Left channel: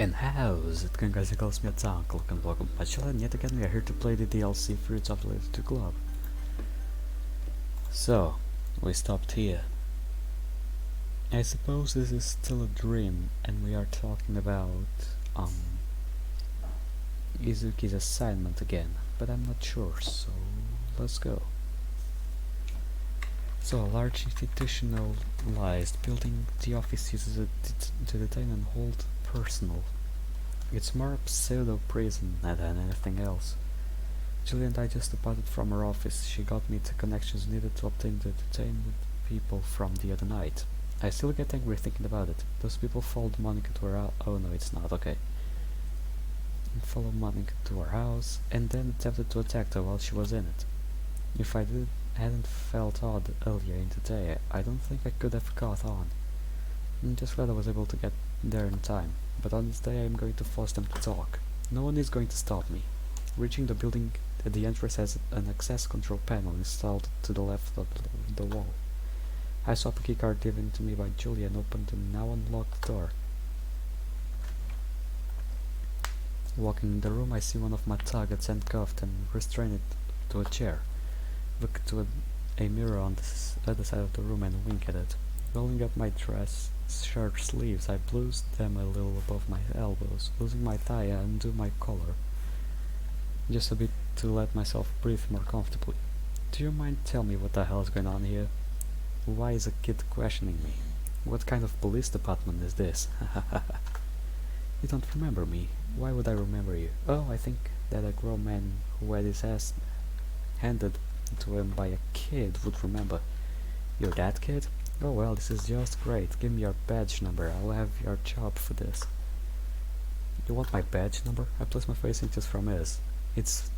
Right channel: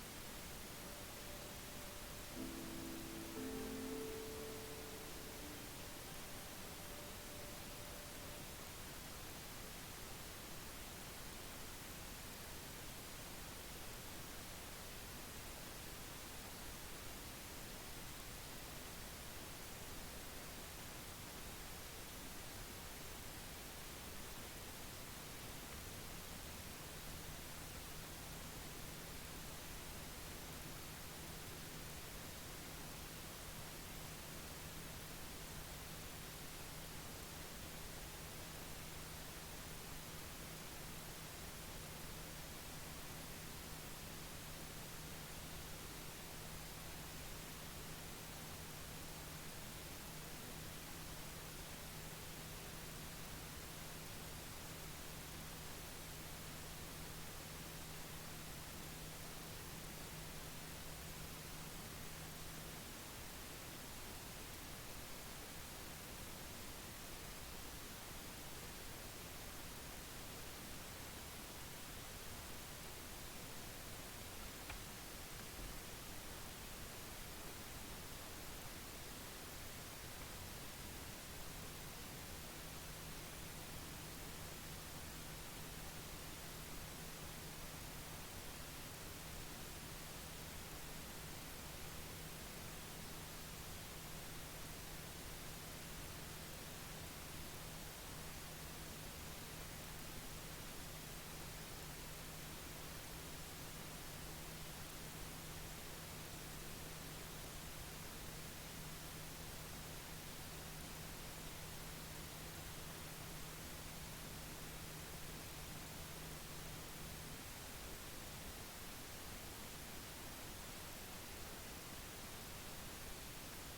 And how's it going, guys? It calls me Uncle and welcome to my channel, and yet again we are here to play the DDLC Fruits of the Little Club. So, we stopped here. I suppose this is still a dream, and we are talking about, Izuki's assignment again, but I'm not sure, so let's go. So, a large institutionalized building, the office uses it to detain and hold personal. It's more a pseudo-prison than anything else. Julie and I just departed from her office. She got me the connections needed to obtain the detained people from the other night. I still get angry thinking about it. Those people followed Monica to her house. Oh no, it's not, okay. Followed Monica to her house, and then attempted to attack her while she was in it. If I hadn't felt odd earlier in the day, I don't think I could have caught on. I'm just glad I was able to get there in time. But on this day I am going to force them to talk. No one is going to stop me. Reaching the building, the entrance has an access control panel installed to the left of the wall. I saw a keycard given to me by Julia and opened the now unlocked door. Walking in the room, I see one of my targets handcuffed and restrained to a chair. Look to a mirror on the other side of the room and wink at it. Rolling up my dress shirt sleeves, I blues them a little above my elbows, losing my tie and undo my collar, just a bit to let myself breathe more comfortably. Do you mind tell me what the hell is going on here? Why is a kid questioning me? What kind of police department is this? You don't remember me. Why would I remember you? Oh, I think that a grown man who had his ass handed to him by a kid would remember. You're that kid? Oh well, this is just great. Give me your badge number. I'll have your job for this. You want my badge number? I place my face inches from his. It's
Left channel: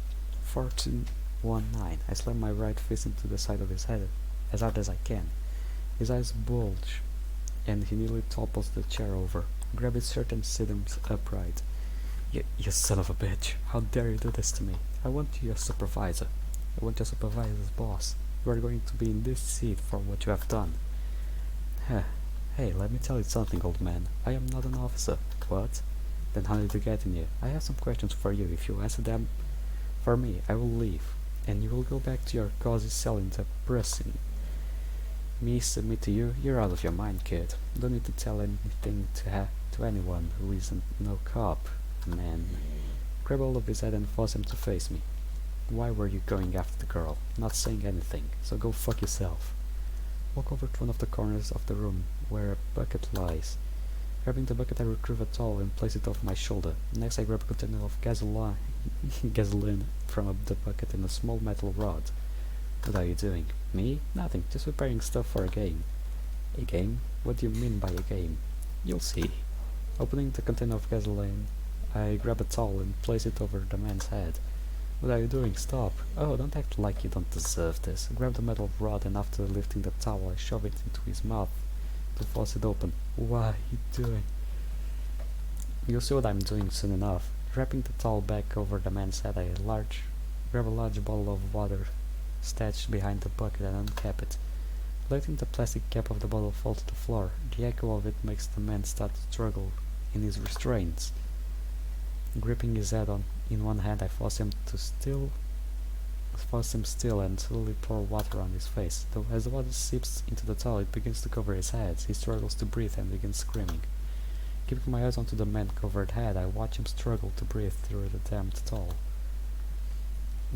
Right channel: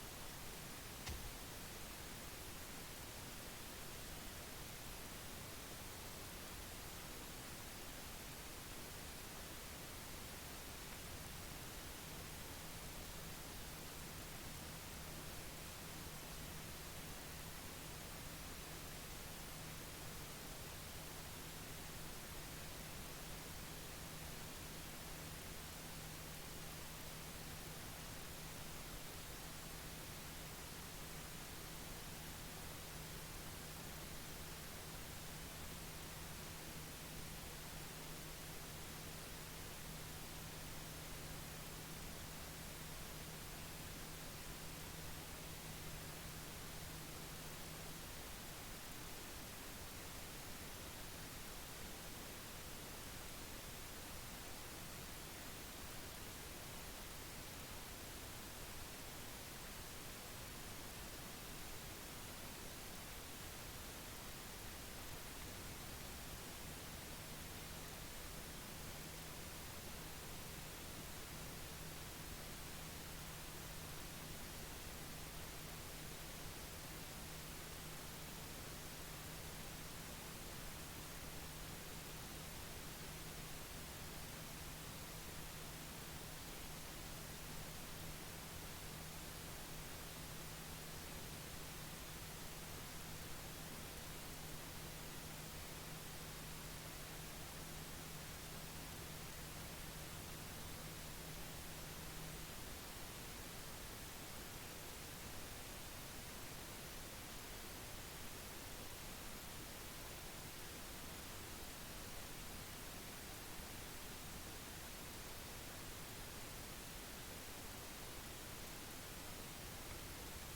4219. I slam my right fist into the side of his head as hard as I can. His eyes bulge, and he nearly topples the chair over. Grab his shirt and sit him upright. You son of a bitch. How dare you do this to me? I want you your supervisor. I want your supervisor's boss. You are going to be in this seat for what you have done. Hey, let me tell you something, old man. I am not an officer. What? Then how did you get in here? I have some questions for you. If you answer them for me, I will leave, and you will go back to your cozy cell in the prison. Me submit to you? You're out of your mind, kid. Don't need to tell anything to anyone who isn't no cop, man. Grab hold of his head and force him to face me. Why were you going after the girl? Not saying anything, so go fuck yourself. Walk over to one of the corners of the room where a bucket lies. Grabbing the bucket, I retrieve a towel and place it over my shoulder. Next, I grab a container of gasoline from the bucket and a small metal rod. What are you doing? Me? Nothing, just preparing stuff for a game. A game? What do you mean by a game? You'll see. Opening the container of gasoline, I grab a towel and place it over the man's head. What are you doing? Stop. Oh, don't act like you don't deserve this. I grab the metal rod and after lifting the towel, I shove it into his mouth to force it open. What are you doing? You'll see what I'm doing soon enough. Wrapping the towel back over the man's head, I grab a large bottle of water stashed behind the bucket and uncap it. Letting the plastic cap of the bottle fall to the floor, the echo of it makes the man start to struggle in his restraints. Gripping his head in one hand, I force him still and slowly pour water on his face. Though as the water seeps into the towel, it begins to cover his head. He struggles to breathe and begins screaming. Keeping my eyes onto the man-covered head, I watch him struggle to breathe through the damned towel.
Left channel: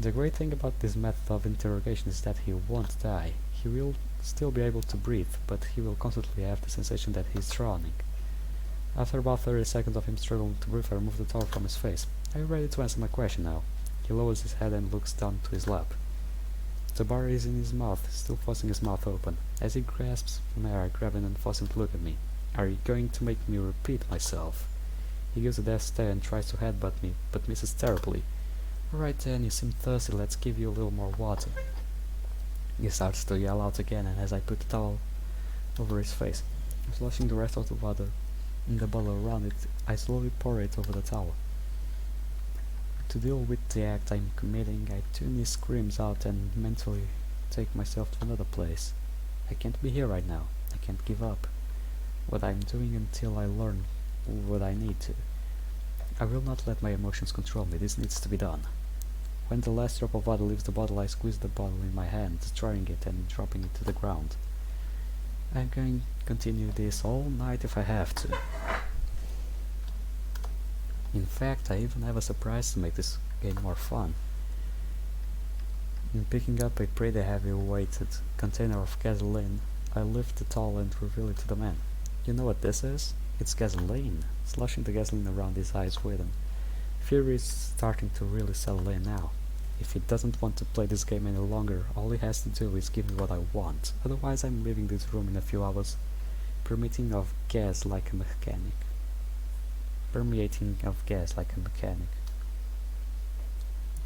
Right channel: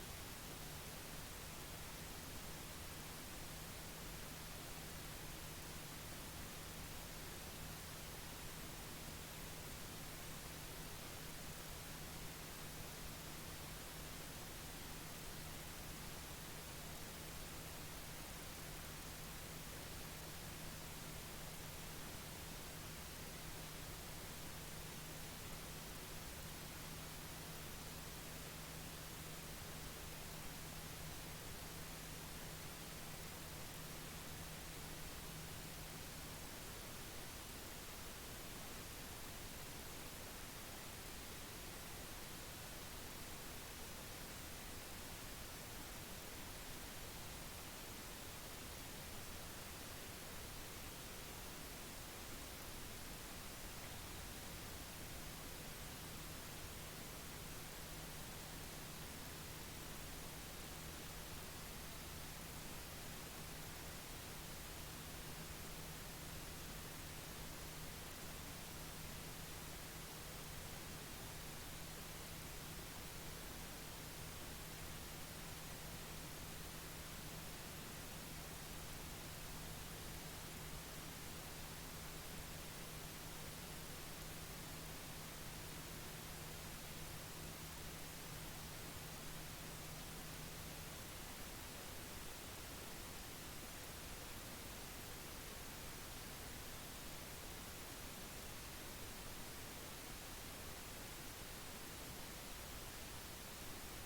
The great thing about this method of interrogation is that he won't die. He will still be able to breathe, but he will constantly have the sensation that he is drowning. After about 30 seconds of him struggling to breathe, I remove the towel from his face. Are you ready to answer my question now? He lowers his head and looks down to his lap. The bar is in his mouth, still forcing his mouth open. As he grasps my air, I grab him and force him to look at me. Are you going to make me repeat myself? He gives a death stare and tries to headbutt me, but misses terribly. Alright then, you seem thirsty, let's give you a little more water. He starts to yell out again, and as I put the towel over his face, sloshing the rest of the water in the bottle around it, I slowly pour it over the towel. To deal with the act I'm committing, I tune his screams out and mentally take myself to another place. I can't be here right now. I can't give up what I'm doing until I learn what I need to. I will not let my emotions control me, this needs to be done. When the last drop of water leaves the bottle, I squeeze the bottle in my hand, destroying it and dropping it to the ground. I'm going to continue this all night if I have to. In fact, I even have a surprise to make this game more fun. In picking up a pretty heavy-weighted container of gasoline, I lift it all and reveal it to the man. You know what this is? It's gasoline, sloshing the gasoline around his eyes with him. Fear is starting to really settle in now. If he doesn't want to play this game any longer, all he has to do is give me what I want. Otherwise, I'm leaving this room in a few hours, permeating of gas like a mechanic.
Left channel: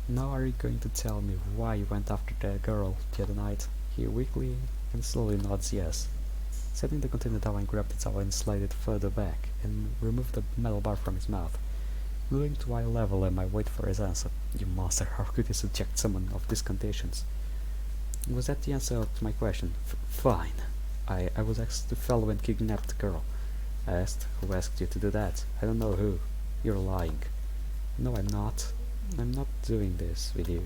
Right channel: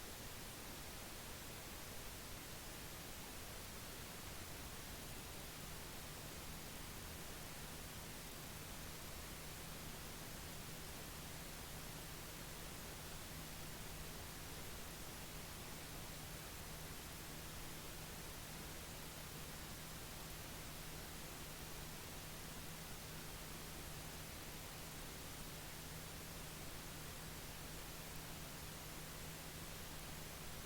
Now are you going to tell me why you went after that girl the other night? He weakly and slowly nods yes. Setting the container down, I grab the towel and slide it further back, and remove the metal bar from his mouth. Moving to eye level, and I wait for his answer. You monster, how could you subject someone of these conditions? Was that the answer to my question? Fine. I was asked to follow and kidnap the girl. I asked, who asked you to do that? I don't know who. You're lying. No, I'm not. I'm not doing this with you.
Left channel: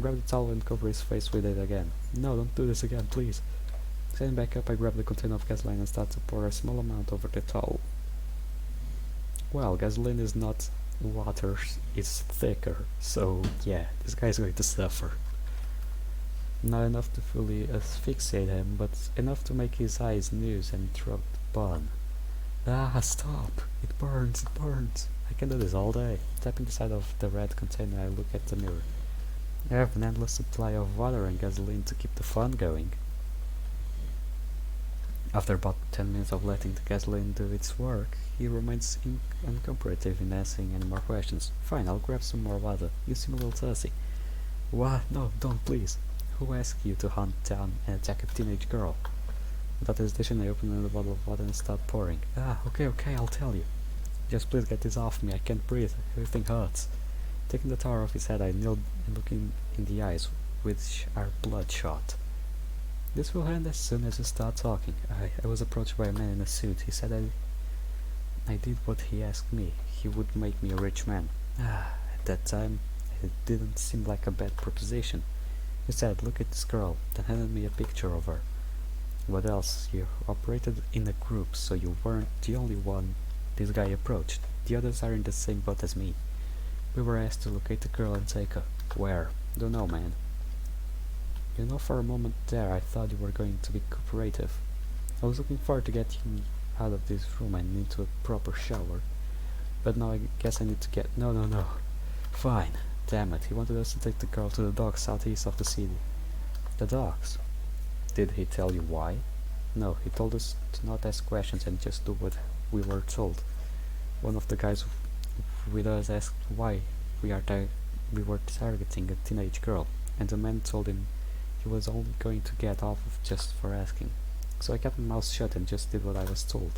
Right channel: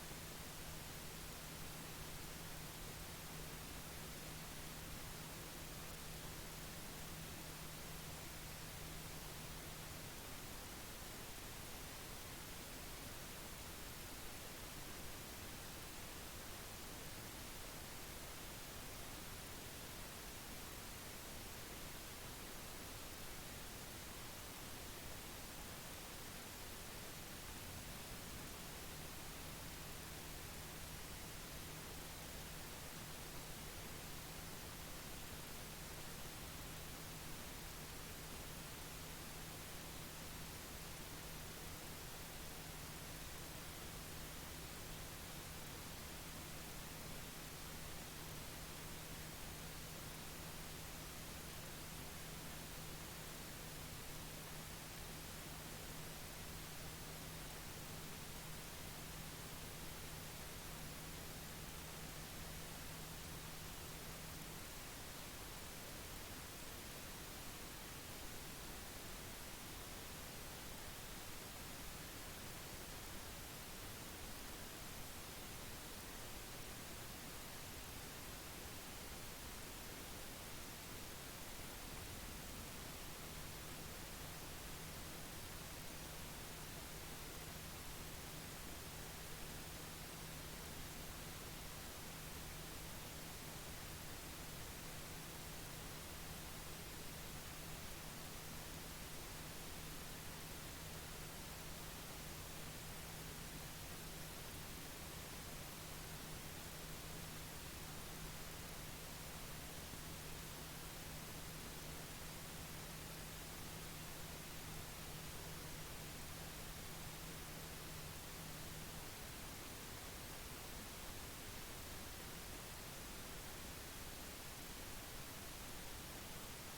Grab the towel and cover his face with it again. No, don't do this again, please. Standing back up, I grab the container of gasoline and start to pour a small amount over the towel. Well, gasoline is not water, it's thicker, so yeah, this guy's going to suffer. Not enough to fully asphyxiate him, but enough to make his eyes muse and throat burn. Ah, stop! It burns, it burns! I can do this all day. Tapping the side of the red container, I look at the mirror. I have an endless supply of water and gasoline to keep the fun going. After about 10 minutes of letting the gasoline do its work, he remains uncooperative in asking any more questions. Fine, I'll grab some more water. You seem a little thirsty. What? No, don't, please. Who asked you to hunt down and attack a teenage girl? Without hesitation, I open another bottle of water and start pouring. Ah, okay, I'll tell you. Just please get this off me, I can't breathe, everything hurts. Taking the towel off his head, I kneel looking in the eyes, which are bloodshot. This will end as soon as you start talking. I was approached by a man in a suit. He said I did what he asked me. He would make me a rich man. At that time, it didn't seem like a bad proposition. He said, look at this girl, then handed me a picture of her. What else? You operated in a group, so you weren't the only one this guy approached. The others are in the same boat as me. We were asked to locate the girl and take her. Where? Don't know, man. You know, for a moment there I thought you were going to be cooperative. I was looking forward to get you out of this room and into a proper shower. But now I guess I need to get... No. Fine. Damn it, he wanted us to take the girl to the docks southeast of the city. The docks? Did he tell you why? No, he told us to not ask questions and just do what we were told. One of the guys with us asked why we were targeting a teenage girl, and the man told him he was only going to get off just for asking. So I kept my mouth shut and just did what I was told.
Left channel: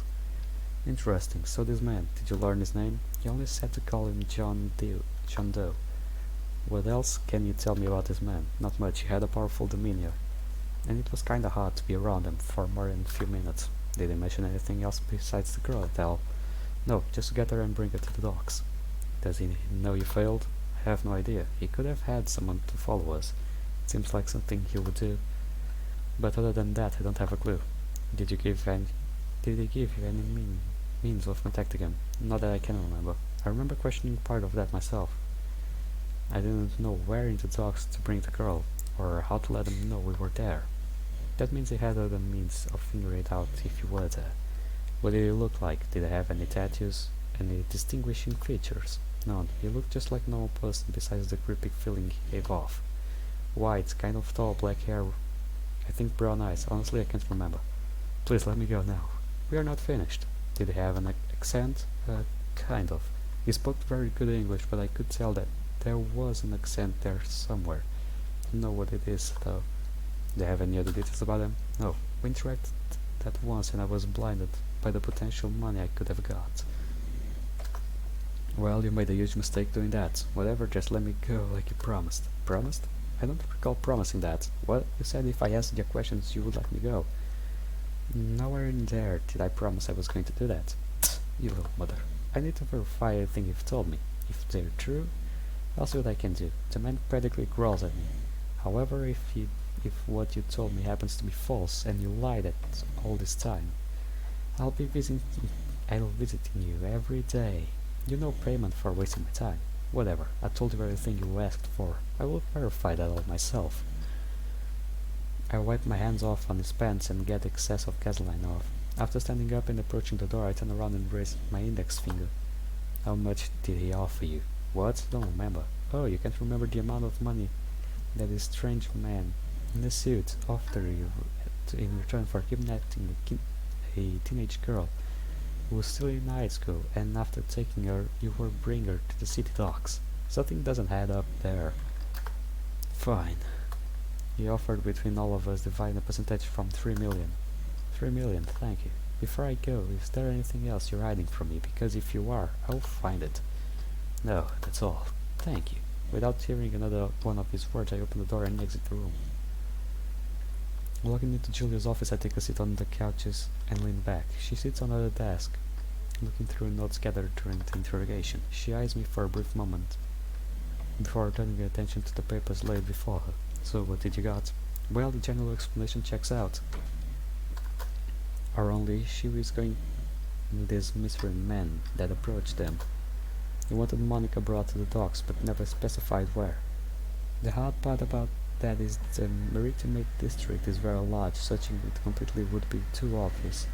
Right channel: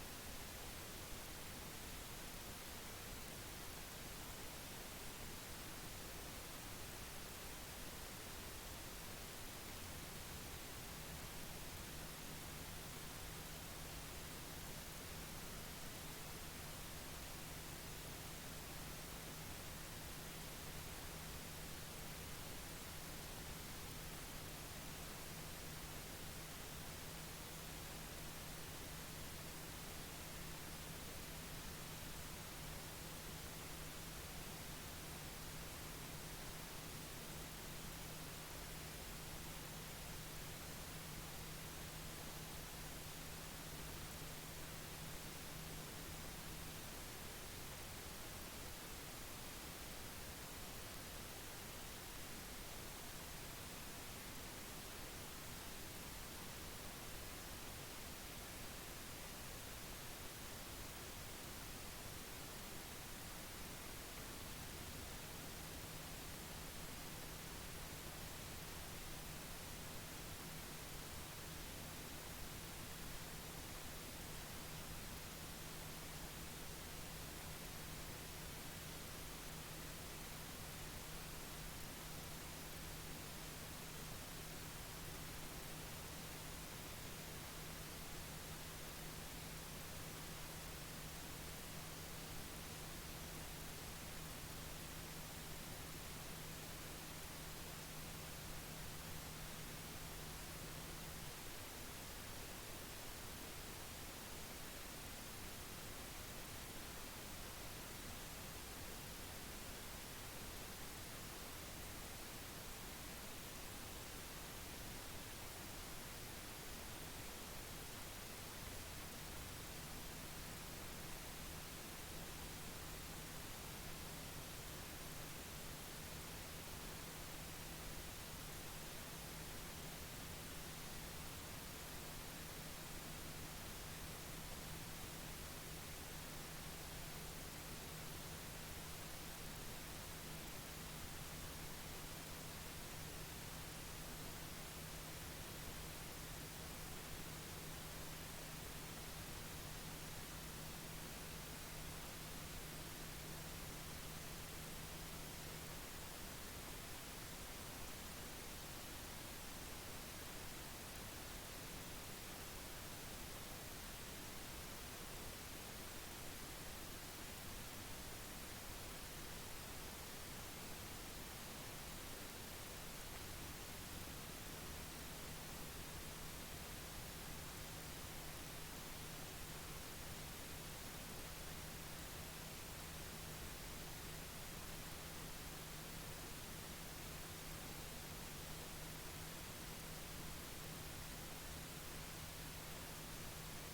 Interesting. So this man, did you learn his name? He only said to call him John Doe. What else can you tell me about this man? Not much. He had a powerful demeanor, and it was kinda hard to be around him for more than a few minutes. Did he mention anything else besides the girl, Val? No, just to get her and bring her to the docks. Does he know you failed? I have no idea. He could have had someone to follow us. Seems like something he would do. But other than that, I don't have a clue. Did he give you any means of contacting him? Not that I can remember. I remember questioning part of that myself. I didn't know where in the docks to bring the girl, or how to let him know we were there. That means he had other means of figuring it out if you were there. What did he look like? Did he have any tattoos? Any distinguishing features? None. He looked just like a normal person besides the creepy feeling he gave off. White, kind of tall, black hair. I think brown eyes. Honestly, I can't remember. Please let me go now. We are not finished. Did he have an accent? Kind of. He spoke very good English, but I could tell that there was an accent there somewhere. You know what it is, though. Do you have any other details about him? No. We interacted that once and I was blinded by the potential money I could have got. Well, you made a huge mistake doing that. Whatever, just let me go like you promised. Promised? I don't recall promising that. What? You said if I answered your questions you would let me go. Nowhere in there did I promise I was going to do that. You little mother. I need to verify everything you've told me. If they're true, I'll see what I can do. The man practically growls at me. However, if what you told me happens to be false and you lied at all this time, I'll be visiting I'll visiting you every day. You know payment for wasting my time. Whatever, I told you everything you asked for. I will verify that all myself. I wipe my hands off on his pants and get excess of gasoline off. After standing up and approaching the door, I turn around and raise my index finger. How much did he offer you? What? Don't remember. Oh, you can't remember the amount of money that this strange man in a suit offered you in return for kidnapping a teenage girl who was still in high school, and after taking her, you will bring her to the city docks. Something doesn't add up there. Fine. He offered between all of us dividing a percentage from 3 million. 3 million, thank you. Before I go, is there anything else you're hiding from me? Because if you are, I'll find it. No, that's all. Thank you. Without hearing another one of his words, I open the door and exit the room. Walking into Julia's office, I take a seat on the couches and lean back. She sits on her desk, looking through notes gathered during the interrogation. She eyes me for a brief moment, before turning her attention to the papers laid before her. So, what did you got? Well, the general explanation checks out. Or only she was going this mystery man that approached them. He wanted Monica brought to the docks, but never specified where. The hard part about that is the maritime district is very large. Searching it completely would be too obvious.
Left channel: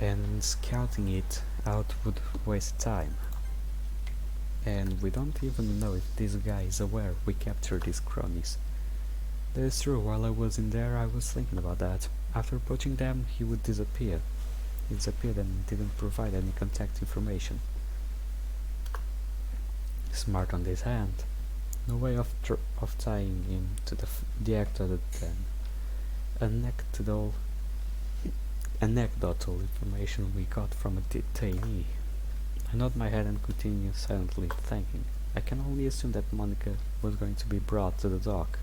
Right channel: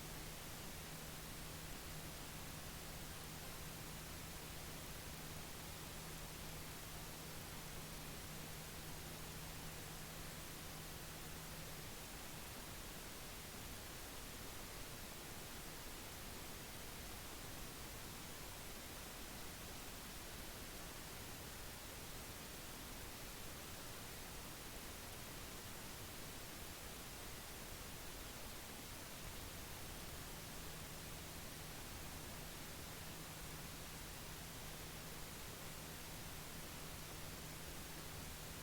And scouting it out would waste time. And we don't even know if this guy is aware we captured his cronies. That is true, while I was in there I was thinking about that. After approaching them, he would disappear. He disappeared and didn't provide any contact information. Smart on this hand. No way of tying him to the act other than anecdotal information we got from a detainee. I nod my head and continue silently thinking. I can only assume that Monica was going to be brought to the dock,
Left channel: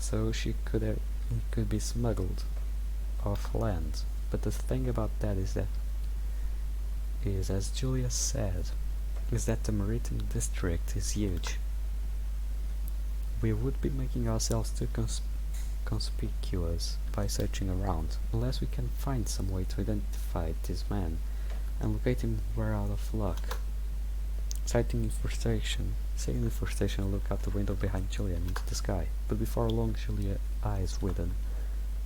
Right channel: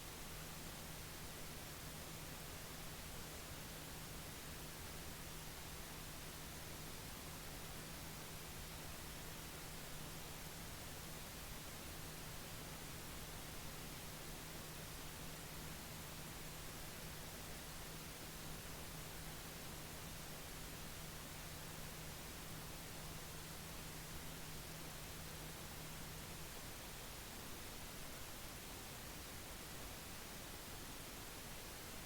so she could be smuggled off land. But the thing about that is, as Julia said, is that the maritime district is huge. We would be making ourselves too conspicuous by searching around, unless we can find some way to identify this man and locate him. We're out of luck. Sitting in frustration, I look out the window behind Julia and into the sky, but before long Julia eyes widen.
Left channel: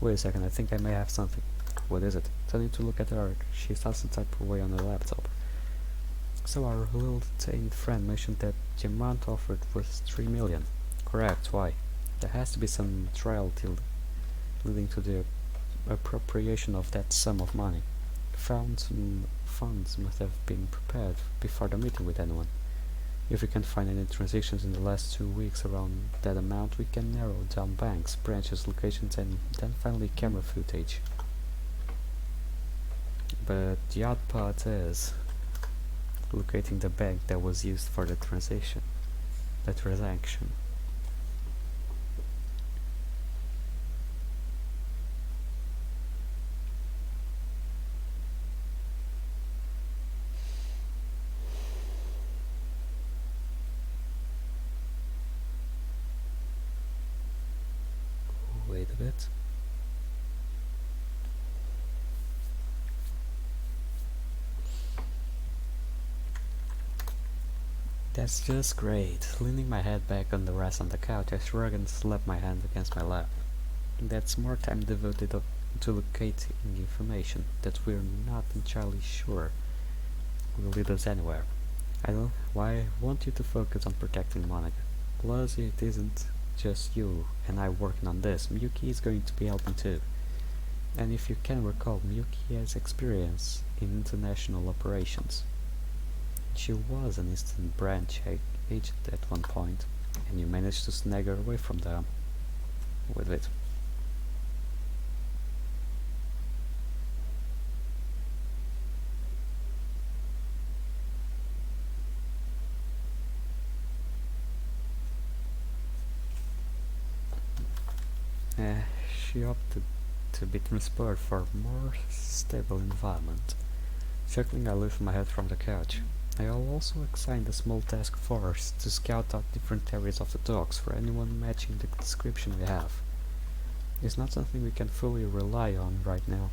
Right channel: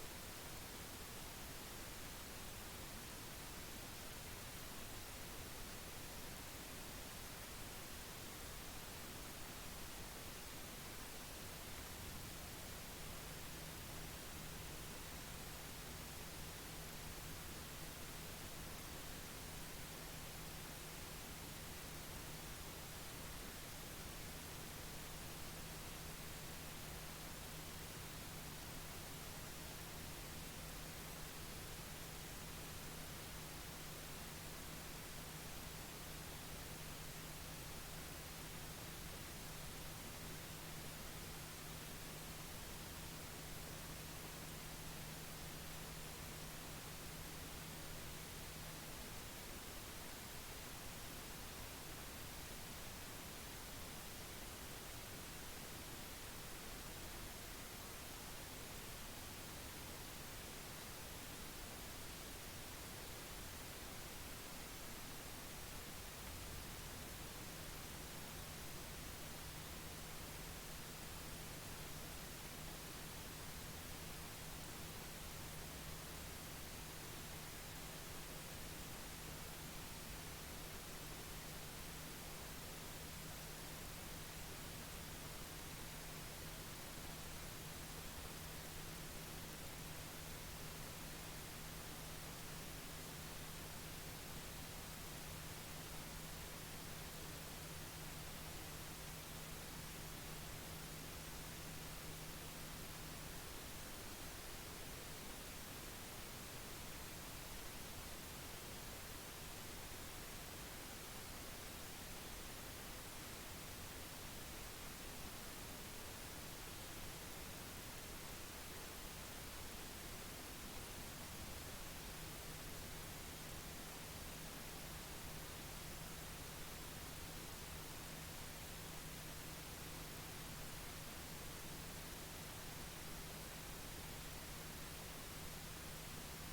Wait a second, I think I may have something. What is it? Turning to look at her, she starts to type away on her laptop. So our little detained friend mentioned that the amount offered was 3 million. Correct, why? There has to be some trial deal leading to the appropriation of that sum of money. Funds must have been prepared before the meeting with anyone. If we can find any transactions in the last 2 weeks around that amount, we can narrow down banks, branches, locations, and then finally camera footage. But the odd part is locating the bank that was used for the transaction. Wait a bit. That's just great. Leaning my head back on the rest on the couch, I shrug and slap my hand against my lap. That's more time devoted to locating information that we're not entirely sure will lead us anywhere. I want you to focus on protecting Monica. Plus, it isn't just you and I working on this. Miyuki is going to be helping too. And if you can recall, Miyuki has experience in international operations. She was an Eastern Branch agent at one point, and you managed to snag her away from them. With it. She opted to be transported for a more stable environment. Chuckling, I lift my head from the couch. I will also assign a small task force to scout out different areas of the docks for anyone matching the description we have. It's not something we can fully rely on right now,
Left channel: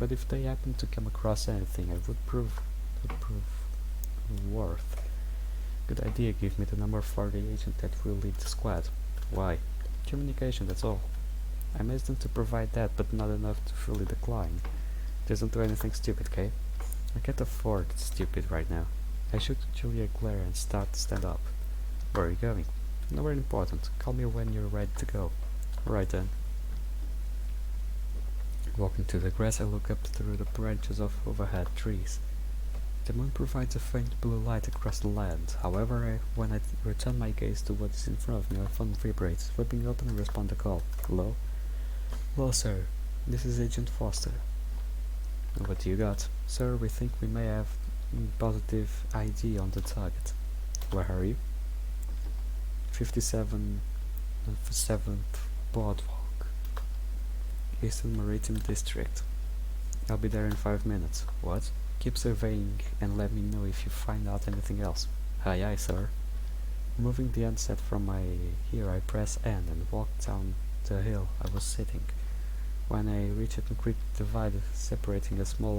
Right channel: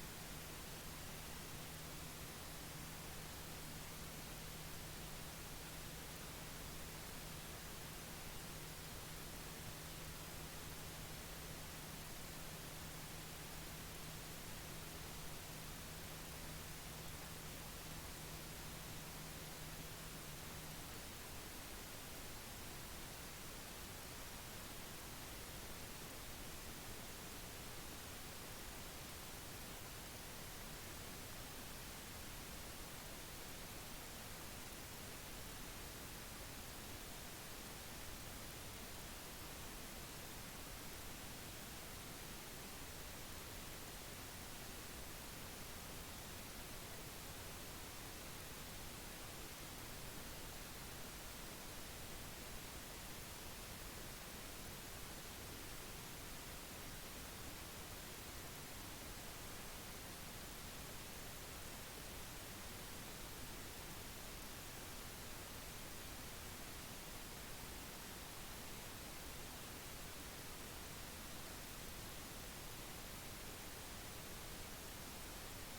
but if they happen to come across anything, it would prove worth. Good idea, give me the number for the agent that will lead the squad. Why? Communication, that's all. I asked them to provide that, but not enough to fully decline. Doesn't do anything stupid, okay? I can't afford stupid right now. I shoot Julia a glare and start to stand up. Where are you going? Nowhere important. Call me when you're ready to go. Alright then. Walking to the grass, I look up through the branches of overhead trees. The moon provides a faint blue light across the land. However, when I return my gaze to what is in front of me, my phone vibrates. Flipping open and respond to call. Hello? Hello, sir. This is Agent Foster. What do you got? Sir, we think we may have positive ID on the target. Where are you? 57 on the 7th Boardwalk, Eastern Maritime District. I'll be there in 5 minutes. What? Keep surveying and let me know if you find out anything else. Aye aye, sir. Moving the handset from my ear, I press N and walk down the hill I was sitting. When I reach a quick divide separating a small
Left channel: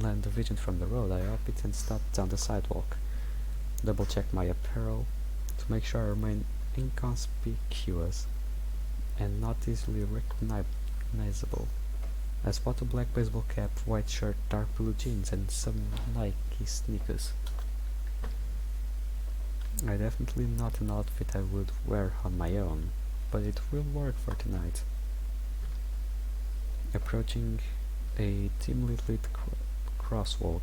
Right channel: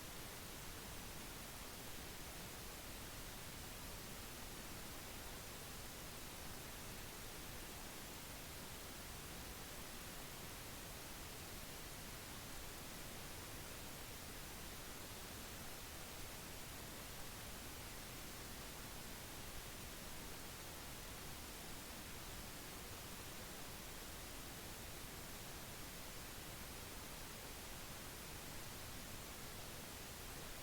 land division from the road, I up it and stop down the sidewalk. Double check my apparel to make sure I remain inconspicuous and not easily recognizable. I spot a black baseball cap, white shirt, dark blue jeans, and some Nike sneakers. Definitely not an outfit I would wear on my own, but it will work for tonight. Approaching a dimly lit crosswalk,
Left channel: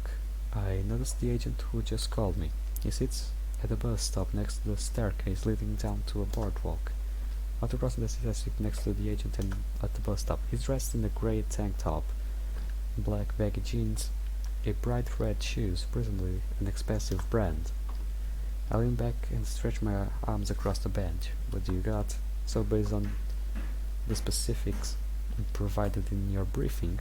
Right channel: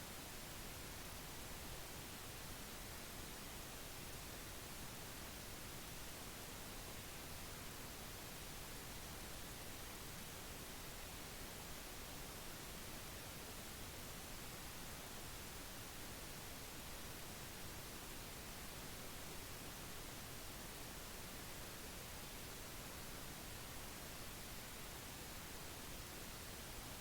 I notice the agent who just called me. He sits at a bus stop next to the staircase leading down to a boardwalk. After crossing the stairs, I sit next to the agent and at the bus stop. He's dressed in a grey tank top, black baggy jeans, a bright red shoes, presumably an expensive brand. I lean back and stretch my arms across the bench. What do you got? So based on the specifics provided in your briefing,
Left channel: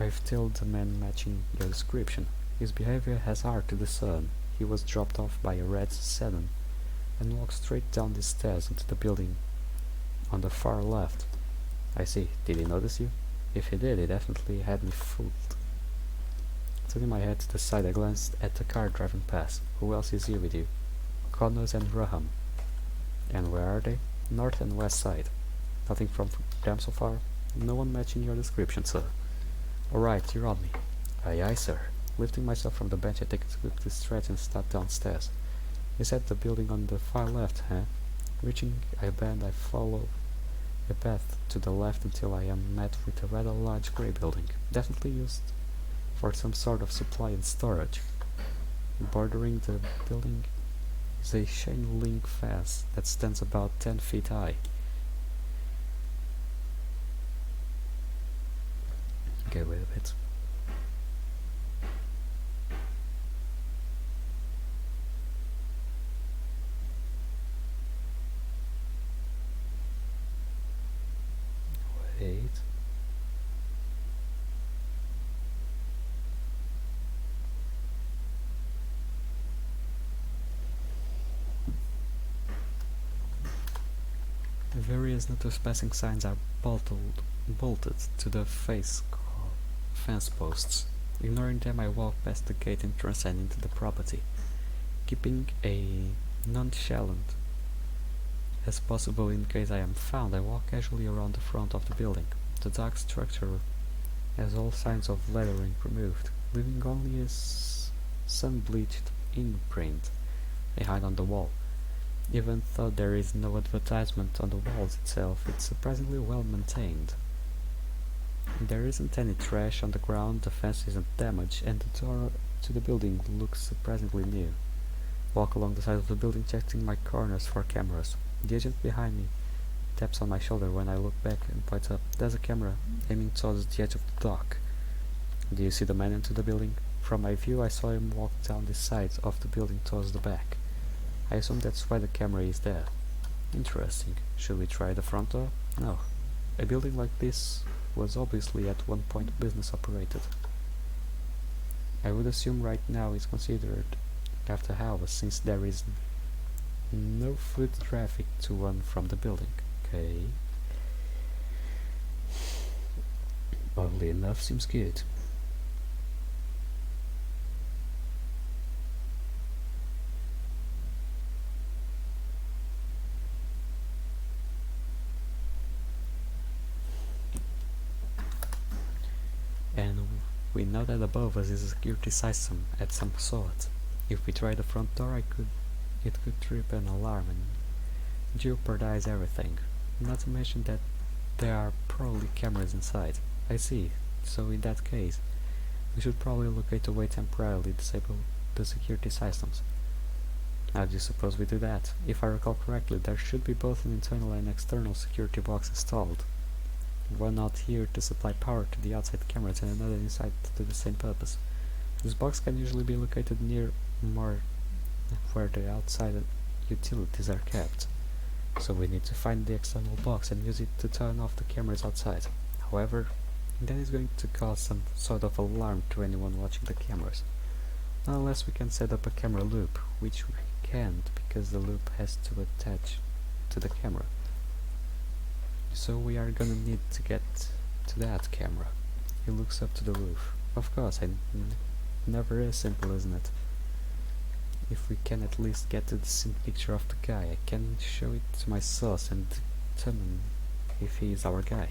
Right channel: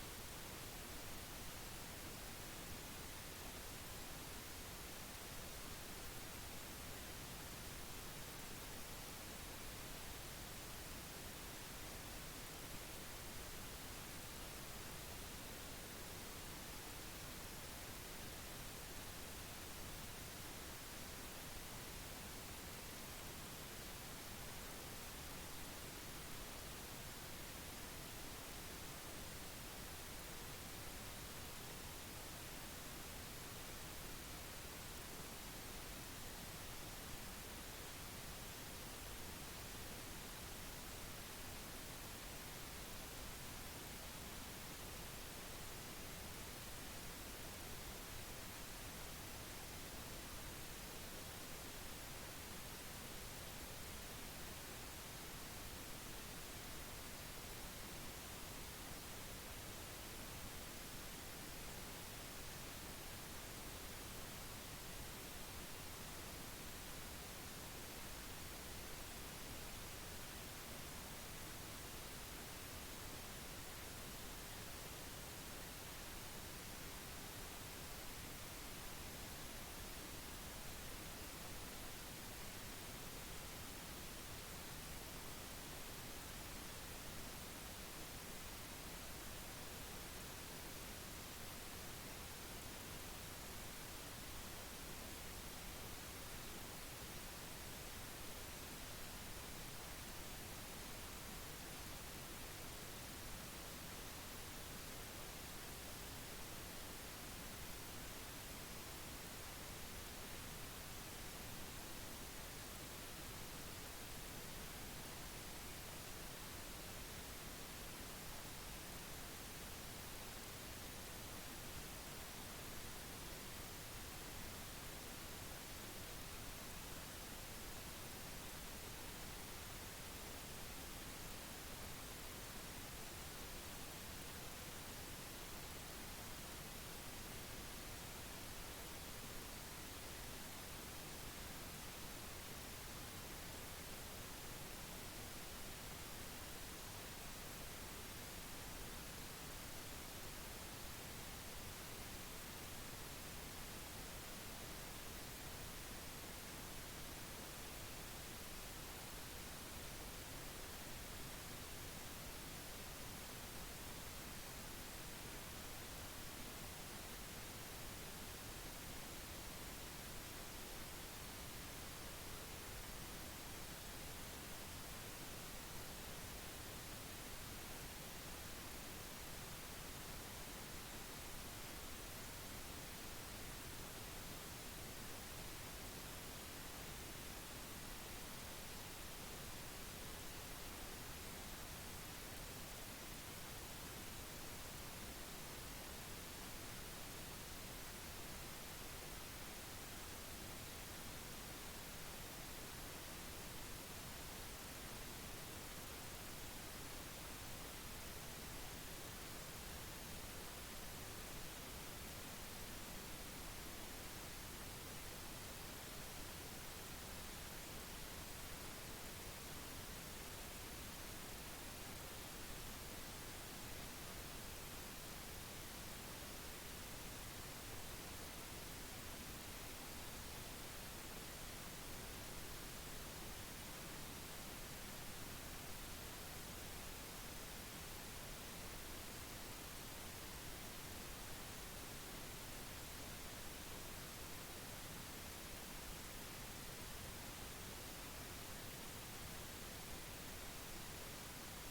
I've told the man matching your description. His behavior has hard to discern. He was dropped off by a red sedan and walked straight down the stairs into the building on the far left. I see. Did he notice you? If he did, he definitely had me fooled. Turning my head to the side, I glanced at the car driving past. Who else is here with you? Connors and Graham. And where are they? North and west side. Nothing from them so far? No one matching your description, sir. Alright, you're on me. Aye aye, sir. Lifting myself from the bench, I take a quick stretch and start downstairs. Is that the building on the far left, huh? Reaching a bend, I follow the path to the left until I am met with a rather large grey building, definitely used for some sort of supply and storage. Bordering the building is a chain link fence that stands about 10 feet high. Okay, wait a bit. Wait. The various no trespassing signs are bolted to the fence posts. Ignoring them, I walk past the gate and transcend into the property. Keeping a nonchalant as possible in case I am found, I walk casually around the front of the building. The dark structure has all signs of lettering removed, leaving only a sun-bleached imprint behind on the wall. Even though there is no advertisement on the walls itself, it's surprisingly well maintained. There isn't any trash on the ground, the fence isn't damaged, and the door to the building looks surprisingly new. Walk along the side of the building, checking my corners for cameras. The agent behind me taps on my shoulder when I look back and points up. There's a camera aiming towards the edge of the dock. Do you see the man into the building? From my view, I saw him walk down the side of the building towards the back. I assume that's why the camera is there. Interesting. Should we try the front door? No. A building like this was obviously at one point business operated. I would assume right now it's considered after hours since there is no foot traffic to run from the building. Okay. Oddly enough, seems good. And we know that above us is a security system at some sort. If we try the front door, it could trip an alarm and jeopardize everything. Not to mention that there are probably cameras inside. I see. So in that case, we should probably locate a way temporarily disable the security systems. How do you suppose we do that? If I recall correctly, there should be both an internal and external security box installed. One out here to supply power to the outside cameras and another inside to do the same purpose. This box can usually be located near more where the outside utilities are kept. So we need to find the external box and use it to turn off the cameras outside. However, that is going to cause some sort of alarm to anyone watching the cameras. Not unless we can set up a camera loop, which we can't because the loop has to attach to the camera. So we are gonna need to get to that camera. He looks up to the roof. Of course, never is simple, isn't it? If we can at least get a decent picture of the guy, I can show it to my source and determine if he is our guy.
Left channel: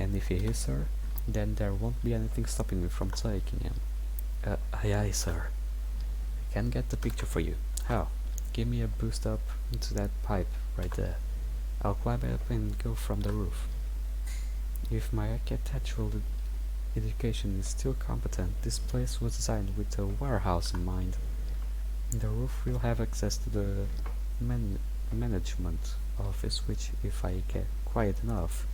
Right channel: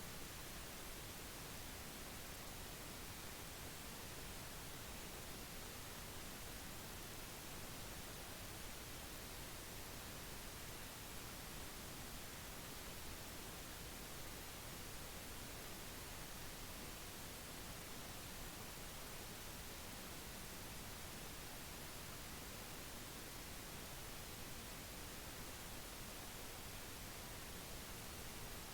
And if he is, sir, then there won't be anything stopping me from taking him. Aye, sir. I can get the picture for you. How? Give me a boost up into that pipe right there. I'll climb up and go from the roof. If my architectural education is still competent, this place was designed with a warehouse in mind. The roof will have access to the management office, which, if I get quiet enough,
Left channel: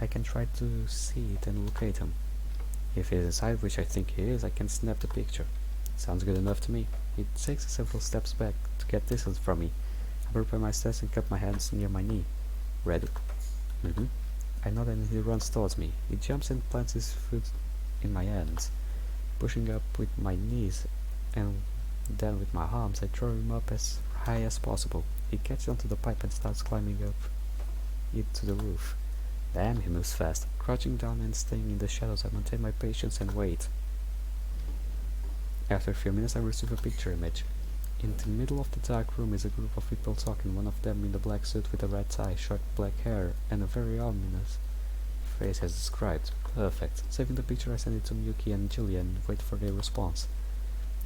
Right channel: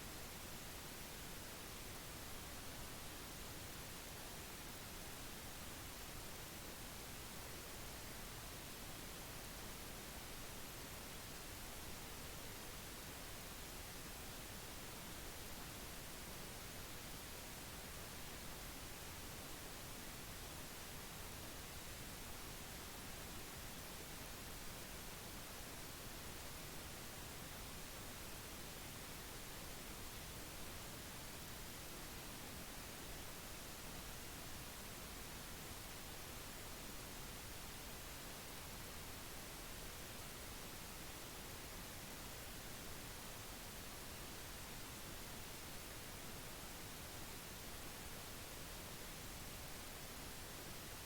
I can try to see it and locate him. If he is inside, which I think he is, I can snap the picture. Sounds good enough to me. He takes several steps back to get distance from me. I prepare my steps and cup my hands near my knee. Ready? I nod and he runs towards me. He jumps and plants his foot in my hands, pushing up with my knees, and then with my arms I throw him up as high as possible. He catches onto the pipe and starts climbing up it to the roof. Damn, he moves fast. Crouching down and staying in the shadows, I maintain my patience and wait. After a few minutes I receive a picture image. In the middle of the dark room is a group of people talking, one of them in the black suit with a red tie, short black hair, and a very ominous face as described. Perfect. Saving the picture I send it to Miyuki and Julia and wait for their response.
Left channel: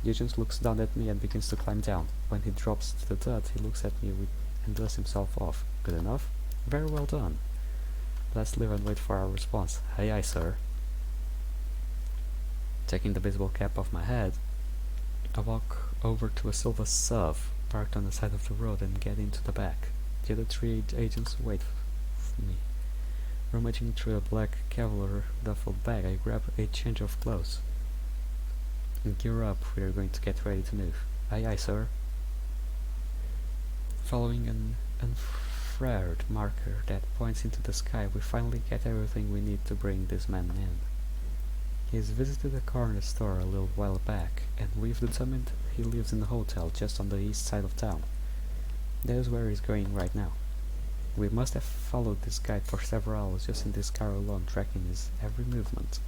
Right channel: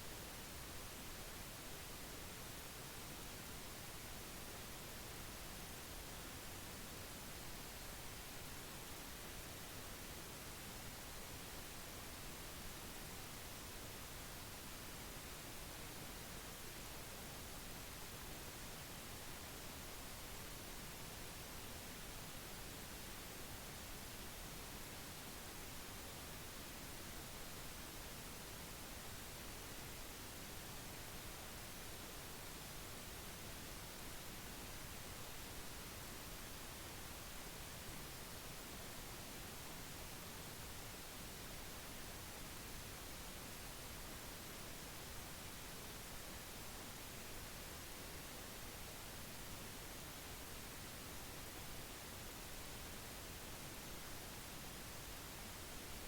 The agent looks down at me and begins to climb down. When he drops to the dirt, he looks at me and dusts himself off. Good enough? Very well done. Let's leave and wait for our response. Aye, sir. Taking the baseball cap off my head, I walk over to a silver surf parked on the side of the road and get into the back. The other three agents wait for me. Rummaging through a black Cavalier duffel bag, I grab a change of clothes. And gear up, we are going to get ready to move. Aye, sir. Following an infrared marker that points into the sky, we finally get everything we need to bring this man in. He's visited a corner store a little while back, and we've determined he lives in a hotel just on the east side of town. That is where he's going right now. We must have followed this guide for several hours just in this car alone, tracking his every movement.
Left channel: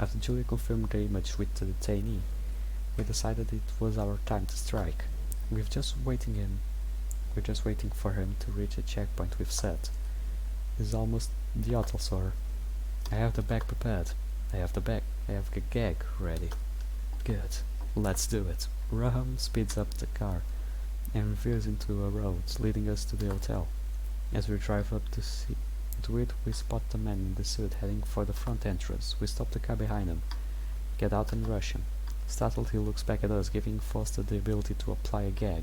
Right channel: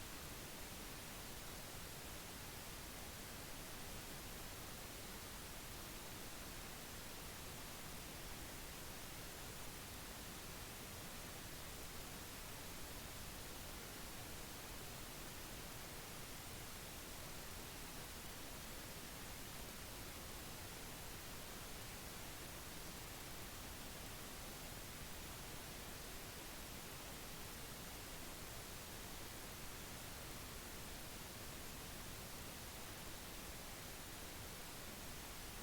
After Julia confirmed the image with the detainee, we decided it was our time to strike. We're just waiting for him to reach a checkpoint we've set. He's almost the auto, sir. I have the bag prepared. I have the gag ready. Good. Let's do it. Raham speeds up the car and veers into a road leading us to the hotel. As we drive up to it, we spot the man in the suit heading for the front entrance. We stop the car behind him, get out and rush him. Startled, he looks back at us, giving Foster the ability to apply a gag,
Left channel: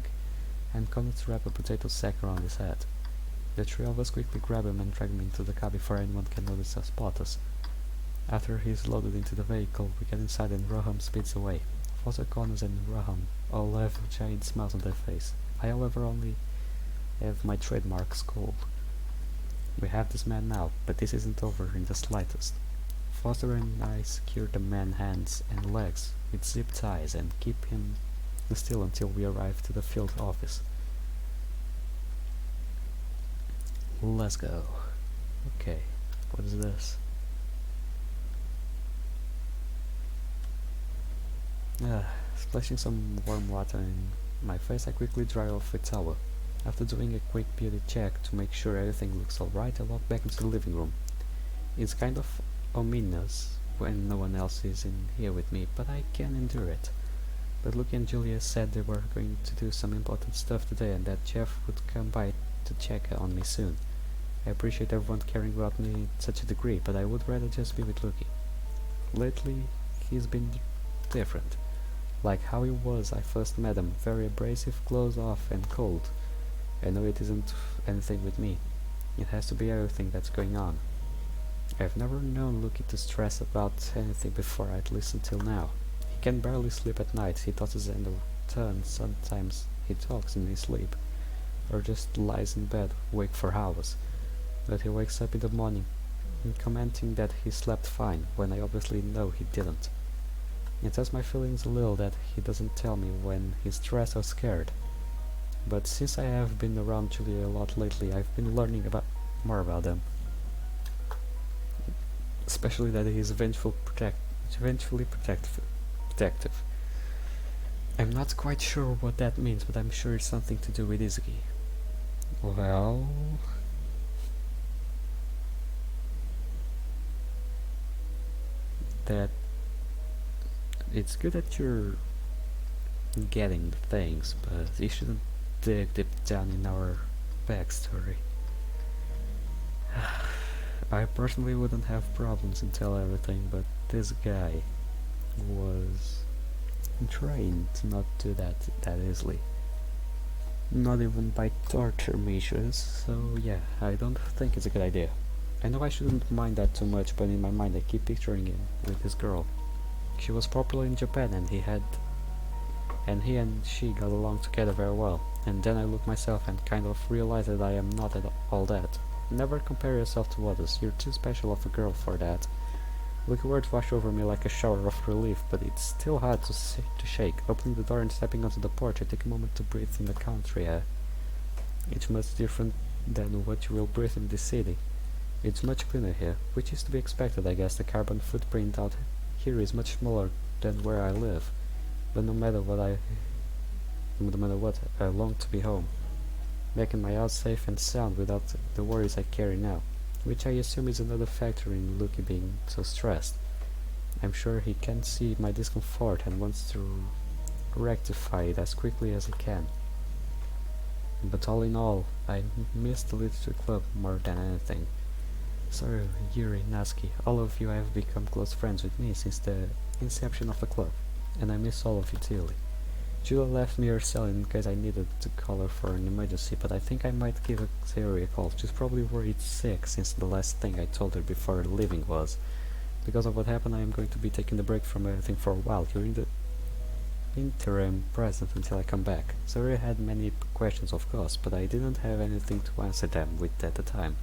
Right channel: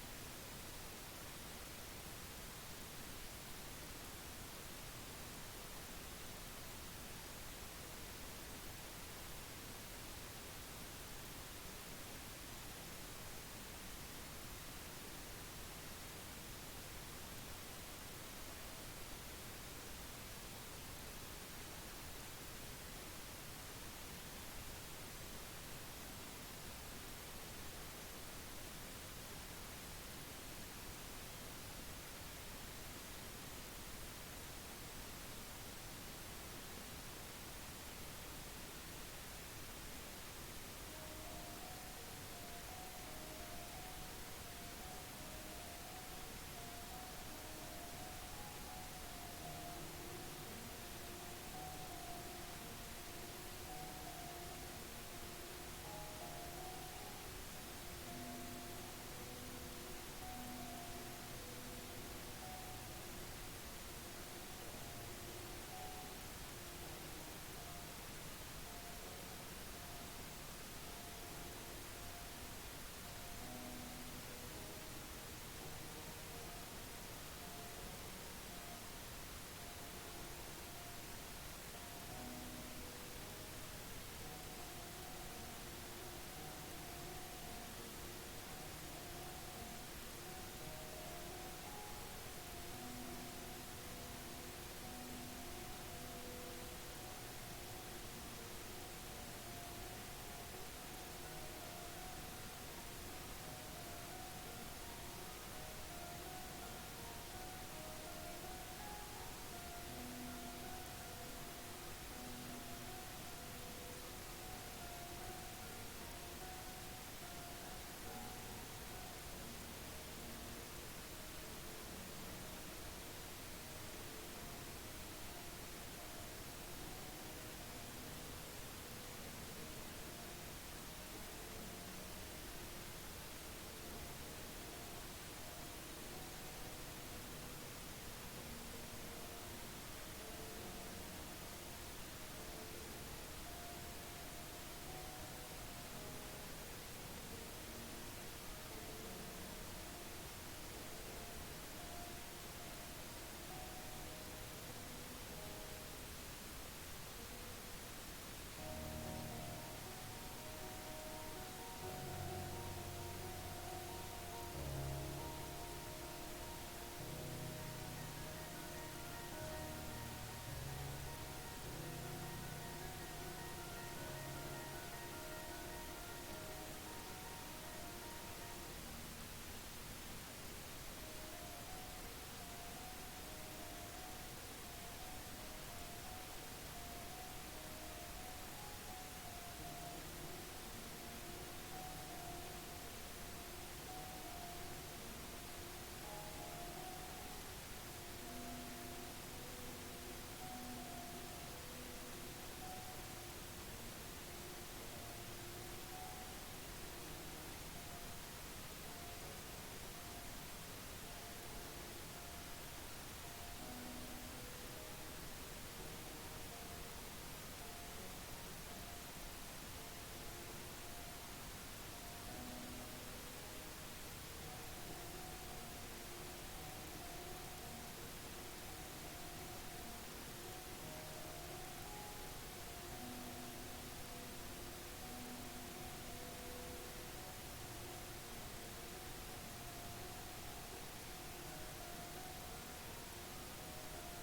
and Connor to wrap a potato sack around his head. The three of us quickly grab him and drag him into the car before anyone can notice or spot us. After he is loaded into the vehicle, we get inside and Raham speeds away. Foster, Connors and Raham all have giant smiles on their face. I, however, only have my trademark scold. We have this man now, but this isn't over in the slightest. Foster and I secure the man's hands and legs with zip ties and keep him still until we arrive to the field office. Let's go. Okay, what is this? Splashing some warm water in my face, I quickly dry off a towel. After doing a quick beauty check to make sure everything looks alright, I walk back into the living room. It's kind of ominous when no one else is in here with me, but I can endure it. But Luke and Julia said they were going to do some important stuff today and that Jeff would come by to check on me soon. I appreciate everyone caring about me to such a degree, but I would rather just be with Lucky. Lately, he's been different. Like how he was I first met him, very abrasive, closed off and cold. I know it isn't anything with me. It has to be everything that's going on. I've never known Lucky to stress about anything before, at least until now. He can barely sleep at night, he tosses and turns, sometimes he talks in his sleep, or just lies in bed, awake for hours. But he wakes up in the morning, commenting that he slept fine, when I obviously know he didn't. It hurts my feelings a little that he doesn't tell me when he's stressed or scared. But since I have been around Julia a lot lately, I've been learning more about them. Especially that he is vengefully protective. I'm not quite sure what that means, but I'm sure it's something to do with Izzy. Well... that it's good that you're getting the things, but you shouldn't dig deep down in our backstory. I personally wouldn't have problems and tell everything, but this guy was trained to not do that easily. Not even by torture measures, so yeah, I don't think it's a good idea. I know I shouldn't mind that too much, but in my mind I keep picturing him with this girl. She was popular in Japan and he and she got along together very well. And then I look myself and kind of realize that I am not at all that. Never compare yourself to others, you're too special of a girl for that. Lucky words wash over me like a shower of relief, but it's still hard to shake. Opening the door and stepping onto the porch, I take a moment to breathe in the country air. It's much different than what you will breathe in the city. It's much cleaner here, which is to be expected, I guess. The carbon footprint out here is much smaller than where I live. But no matter what, I long to be home, making my house safe and sound without the worries I carry now, which I assume is another factor in Lucky being so stressed. I'm sure he can see my discomfort and wants to rectify it as quickly as he can. But all in all, I miss the literature club more than anything. So, Yuri, Natsuki, all of you have become close friends with me since the inception of the club, and I miss all of you dearly. Julia left me her cell in case I needed to call her for an emergency, but I think I might give Theory a call. She's probably worried sick since the last thing I told her before leaving was, because of what happened, I am going to be taking a break from everything for a while. You're in the interim present until I come back. Theory had many questions, of course, but I didn't have anything to answer them with at the time.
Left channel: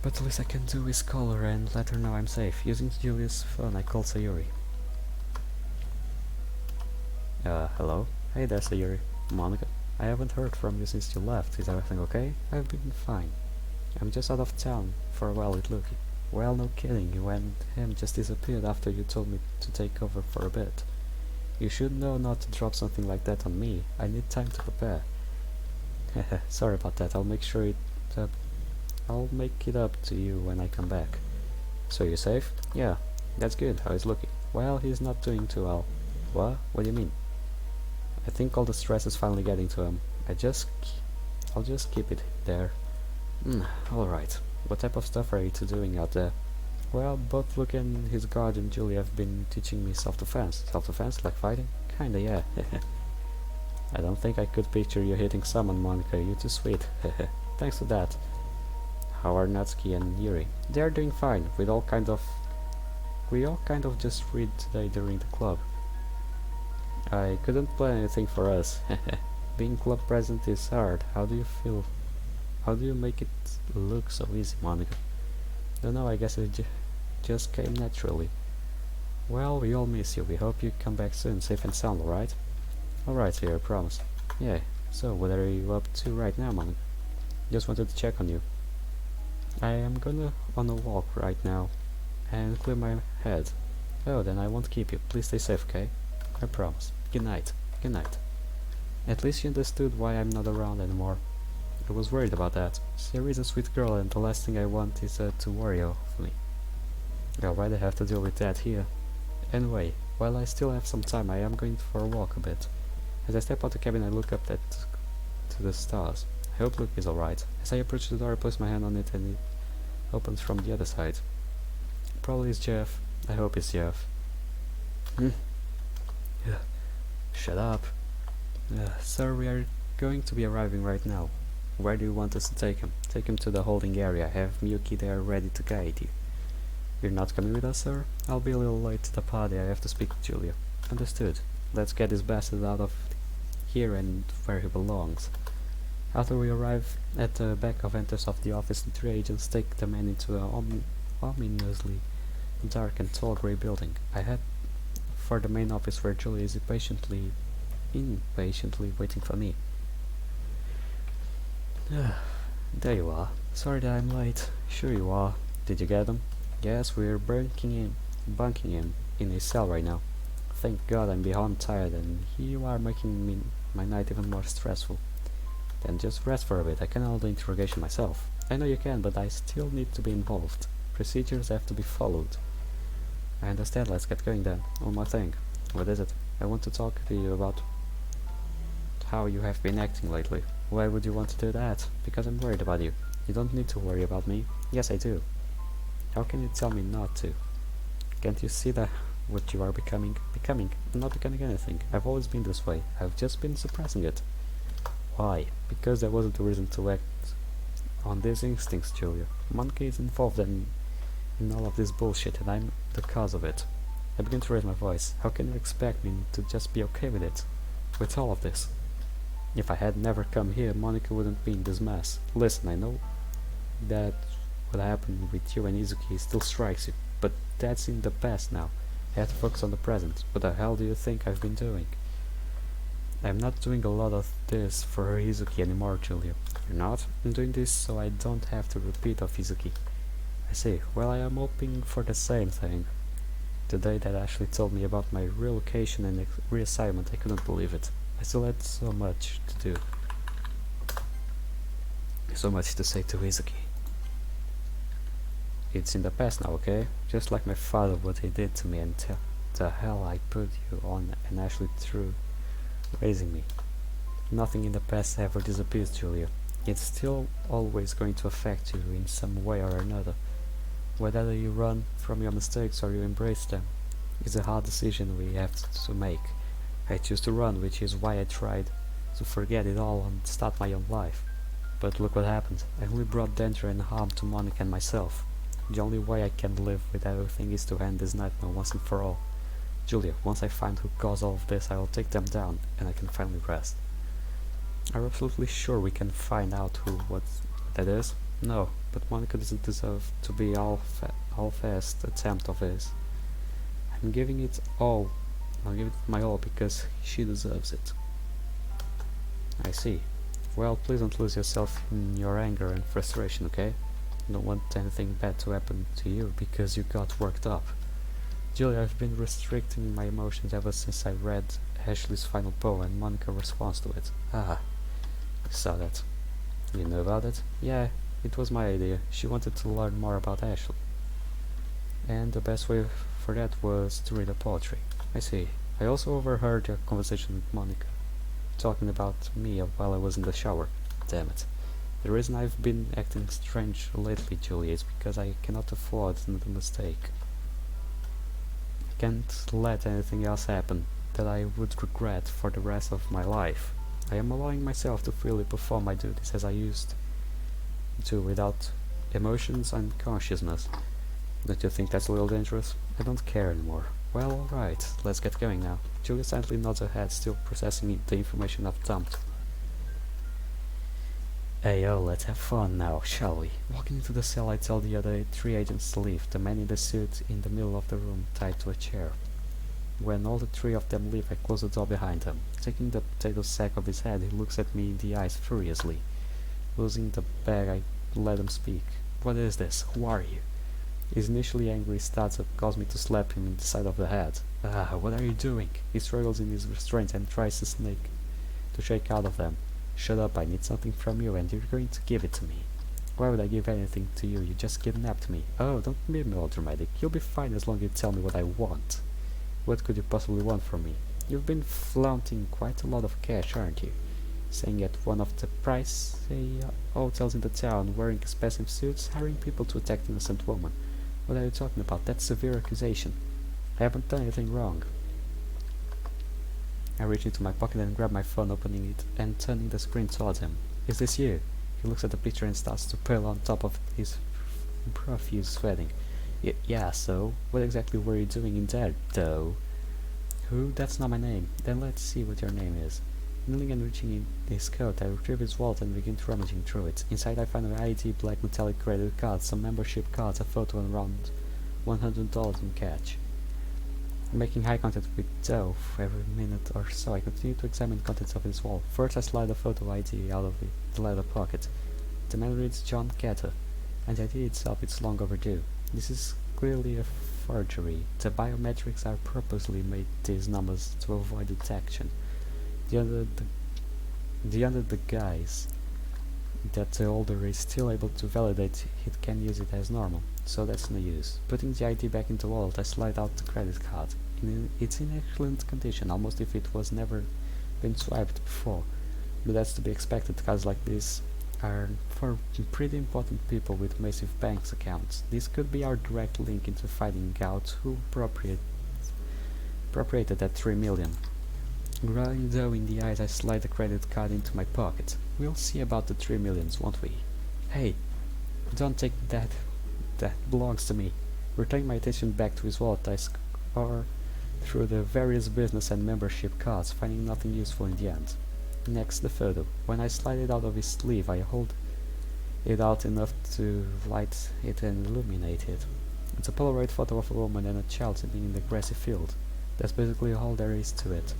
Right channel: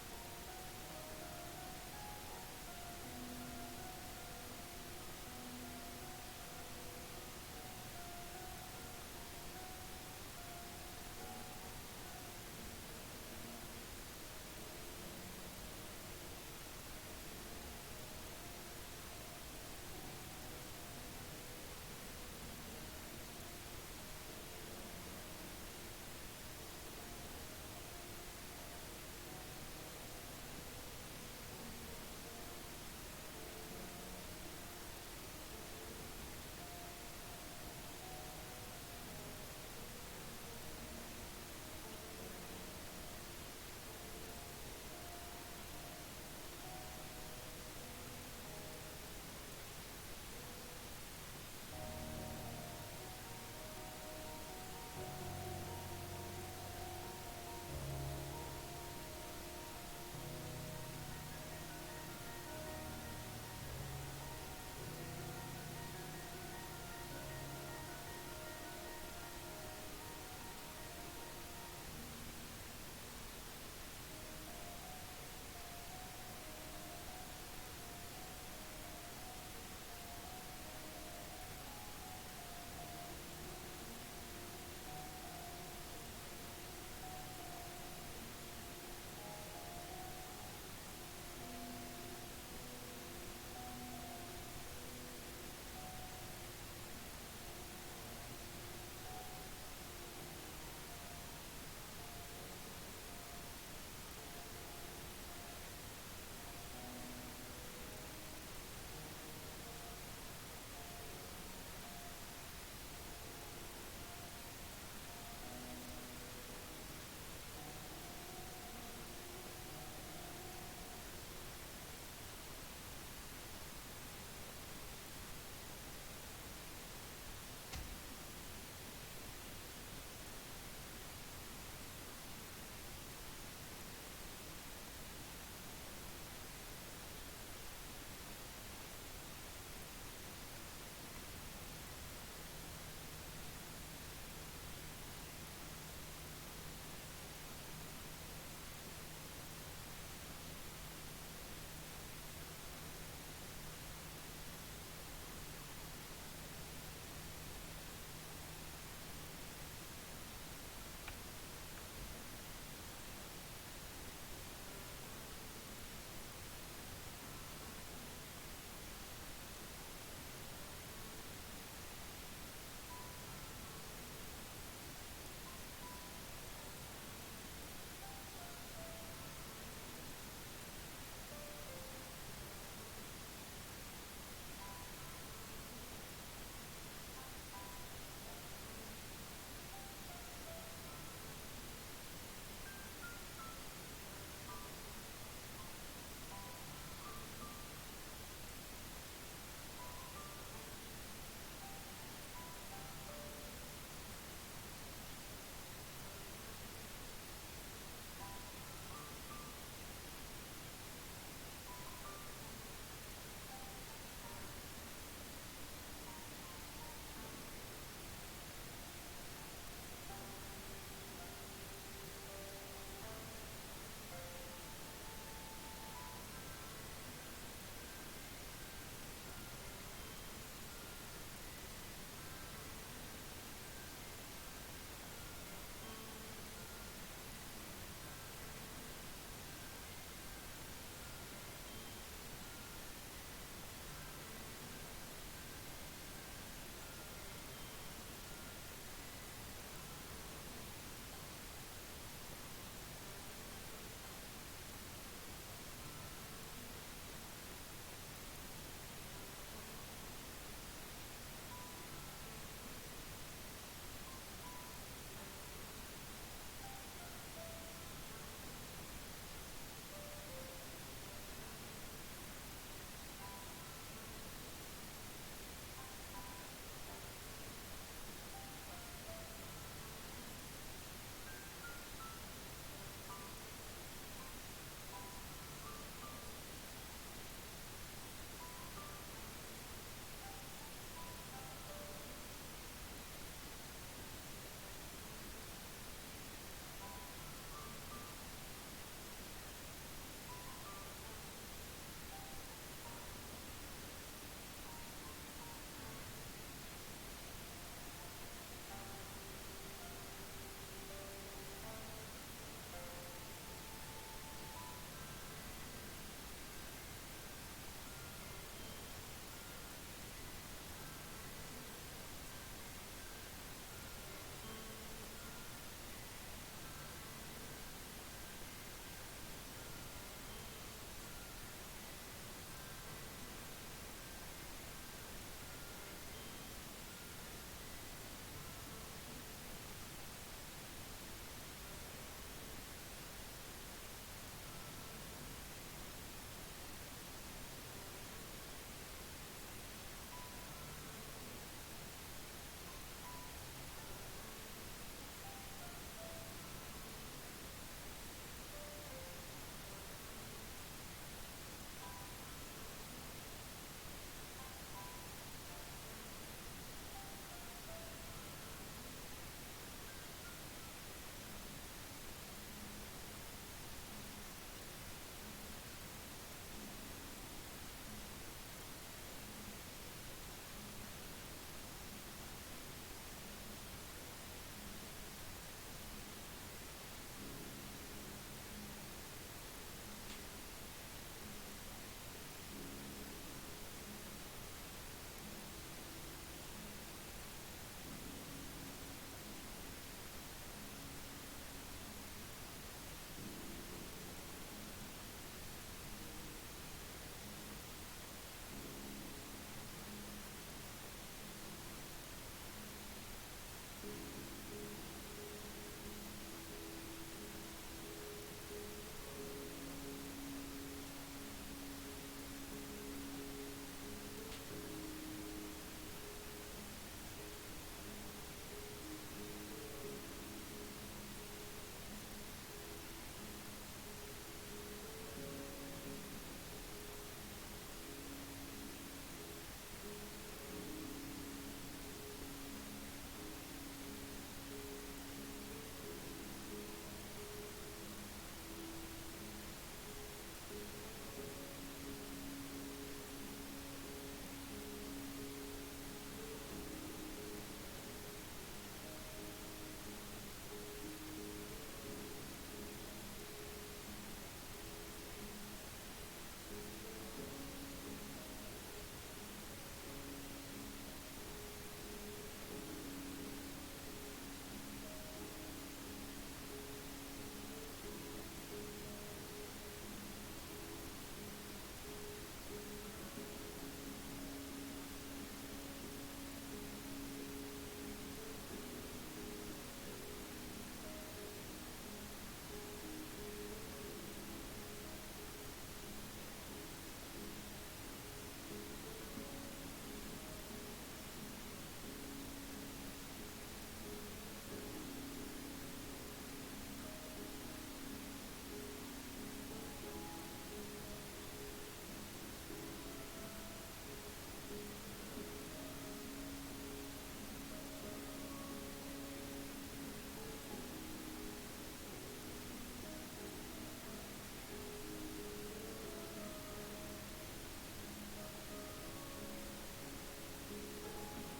But the least I can do is call her and let her know I'm safe. Using Julia's phone, I called Sayuri. Hello? Hey there, Sayuri. Monica? I haven't heard from you since you left. Is everything okay? I've been fine. I'm just out of town for a while with Lucky. Well, no kidding, you and him just disappeared after you told me to take over for a bit. You should know not to drop something like that on me. I need time to prepare. Sorry about that. I'll make it up to you when I come back. So you're safe? Yeah, that's good. How is Lucky? Well, he's not doing too well. What? What do you mean? I think all the stress is finally getting to him. I'll just keep it there. Alright. What type of stuff are you two doing out there? Well, both Luke and his guardian Julie have been teaching me self-defense. Self-defense? Like fighting? Kinda, yeah. I don't think I could picture you hitting someone, Monica. You're too sweet. Thanks for that. How are Natsuki and Yuri? They are doing fine. We all kind of just read today during the club. I couldn't plan anything for us. Being club president is hard. How How do you make it look so easy, Monica? Don't know, I guess it just came naturally. Well, we all miss you. We hope you come back soon, safe and sound, alright? Alright, here, I promise. Yeah, so what are you up to right now, Mom? Just wanted to check on you. I am gonna on a walk right now and clear my head. Oh, then I won't keep you. Please stay safe, okay? I promise. Good night. Good night. At least you understood why I'm not around anymore. I was worried about that. Sarah is a sweet girl and the last thing I want is to worry of me. Yeah, why'd I have to deal with that here? Anyway, while I still have some time, I am going for a walk a bit. As I step out the cabin, I look up to the stars. I hope Luke is alright. As I approach the door, I place my hand on it and it opens from the other side. Probably it's Jeff. I hope it's Jeff. Shut up. Sir, we are going to be arriving right now. Where do you want us to take him? Take him to the holding area. Have Miyuki there ready to guide you. You're not coming with us, sir? I'll be a little late to the party. I have to speak to Julia. Understood. Let's get this bastard out of here and where he belongs. After we arrive at the back of entrance of the office, the three agents take the man into an ominously dark and tall grey building. I head for the main office where Julia is impatiently waiting for me. There you are. Sorry that I'm late. Sure you are. Did you get them? Yes, we're bunking in a cell right now. Thank God I'm beyond tired and you are making my night even more stressful. Then just rest for a bit. I can handle the interrogation myself. I know you can, but I still need to be involved. Procedures have to be followed. I understand, let's get going then. One more thing. What is it? I want to talk to you about how you have been acting lately. Why would you want to do that? Because I'm worried about you. You don't need to worry about me. Yes, I do. How can you tell me not to? Can't you see that what you are becoming? I'm not becoming anything. I've always been this way. I've just been suppressing it. Why? Because there wasn't a reason to act on these instincts, Julia. Monkey is involved in all of this bullshit and I'm the cause of it. I begin to raise my voice. How can you expect me to just be okay with it? With all of this? If I had never come here, Monica wouldn't be in this mess. Listen, I know that what happened with you and Izuki still strikes you, but that's in the past now. I have to focus on the present. What the hell do you think I've been doing? I'm not doing a lot of this for Izuki anymore, Julia. You're not? I'm doing this so I don't have to repeat of Izuki. I see. Well, I am hoping for the same thing. The day that Ashley told me about my relocation and reassignment, I couldn't believe it. I still had so much to do. So much to say to Izuki. It's in the past now, okay? Just like my father, what he did to me and the hell I put you on and Ashley through raising me. Nothing in the past ever disappears, Julia. It's still always going to affect you in some way or another. Whether you run from your mistakes or you embrace them is a hard decision we have to make. I choose to run, which is why I tried to forget it all and start my own life. But look what happened. I only brought danger and harm to Monica and myself. The only way I can live with everything is to end this nightmare once and for all. Julia, once I find who caused all of this, I will take them down, and I can finally rest. Are you absolutely sure we can find out what that is? No, but Monica doesn't deserve to be half-assed attempt of his. I'm giving it all. I'll give it my all because she deserves it. I see. Well, please don't lose yourself in your anger and frustration, okay? I don't want anything bad to happen to you because you got worked up. Julia, I've been restricting my emotions ever since I read Ashley's final poem and Monica's response to it. Ah, I saw that. You knew about it? Yeah, it was my idea. She wanted to learn more about Ashley. And the best way for that was to read a poetry. I see. I also overheard your conversation with Monica, talking about me while I was in the shower. Damn it. The reason I've been acting strange lately, Julie, is because I cannot afford another mistake. I can't let anything else happen that I would regret for the rest of my life. I am allowing myself to freely perform my duties as I used to, without emotions and consciousness. Don't you think that's a little dangerous? I don't care anymore. Well, alright, let's get going now. Julie silently nods her head, still processing the information I've dumped. Hey yo, let's have fun now, shall we? Walking into the cell, I tell the other three agents to leave, the man in the suit in the middle of the room tied to a chair. When all the three of them leave, I close the door behind him. Taking the potato sack off his head, he looks at me in the eyes furiously. Losing the bag, I let him speak. What is this? Who are you? He's initially angry, he starts to cause me to slap him in the side of the head. Ah, what are you doing? He struggles in his restraint and tries to shake out of them. Shut up, I need something from you and you're going to give it to me. Why would I give anything to you? You just kidnapped me. Oh, don't be melodramatic. You'll be fine as long as you tell me what I want. What could you possibly want from me? You've been flaunting quite a lot of cash, aren't you? Staying at one of the pricey hotels in the town, wearing expensive suits, hiring people to attack innocent women. What are you talking about? That's severe accusation. I haven't done anything wrong. I reach into my pocket and grab my phone, opening it and turning the screen towards him. Is this you? He looks at the picture and starts to pale on top of his profuse sweating. Yeah, so? What exactly were you doing in there, though? Who? That's not my name. Then let's see what your name is. Kneeling and reaching in his coat, I retrieve his wallet and begin rummaging through it. Inside I find an ID, black metallic credit card, some membership cards, a photo and around $100 in cash. Making eye contact with Joe every minute or so, I continue to examine the contents of his wallet. First I slide the photo ID out of the leather pocket. The man reads John Carter, and the ID itself is long overdue. This is clearly a forgery. The biometrics are purposely made these numbers to avoid detection. The under the guise that the holder is still able to validate it can use it as normal, so that's no use. Putting the ID back into the wallet, I slide out the credit card. It's in excellent condition, almost if it was never been swiped before. But that's to be expected. Cards like this are for pretty important people with massive bank accounts. This could be our direct link into finding out who appropriated that 3 million. Growing dough in the eyes, I slide the credit card into my pocket. We'll see about the 3 millions, won't we? Hey, don't take that. That belongs to me. Returning my attention back to his wallet, I scour through the various business and membership cards, finding nothing useful in the end. Next, the photo. When I slide it out of his sleeve, I hold it out enough to light it and illuminate it. It's a Polaroid photo of a woman and a child sitting in the grassy field. That's basically all there is to it.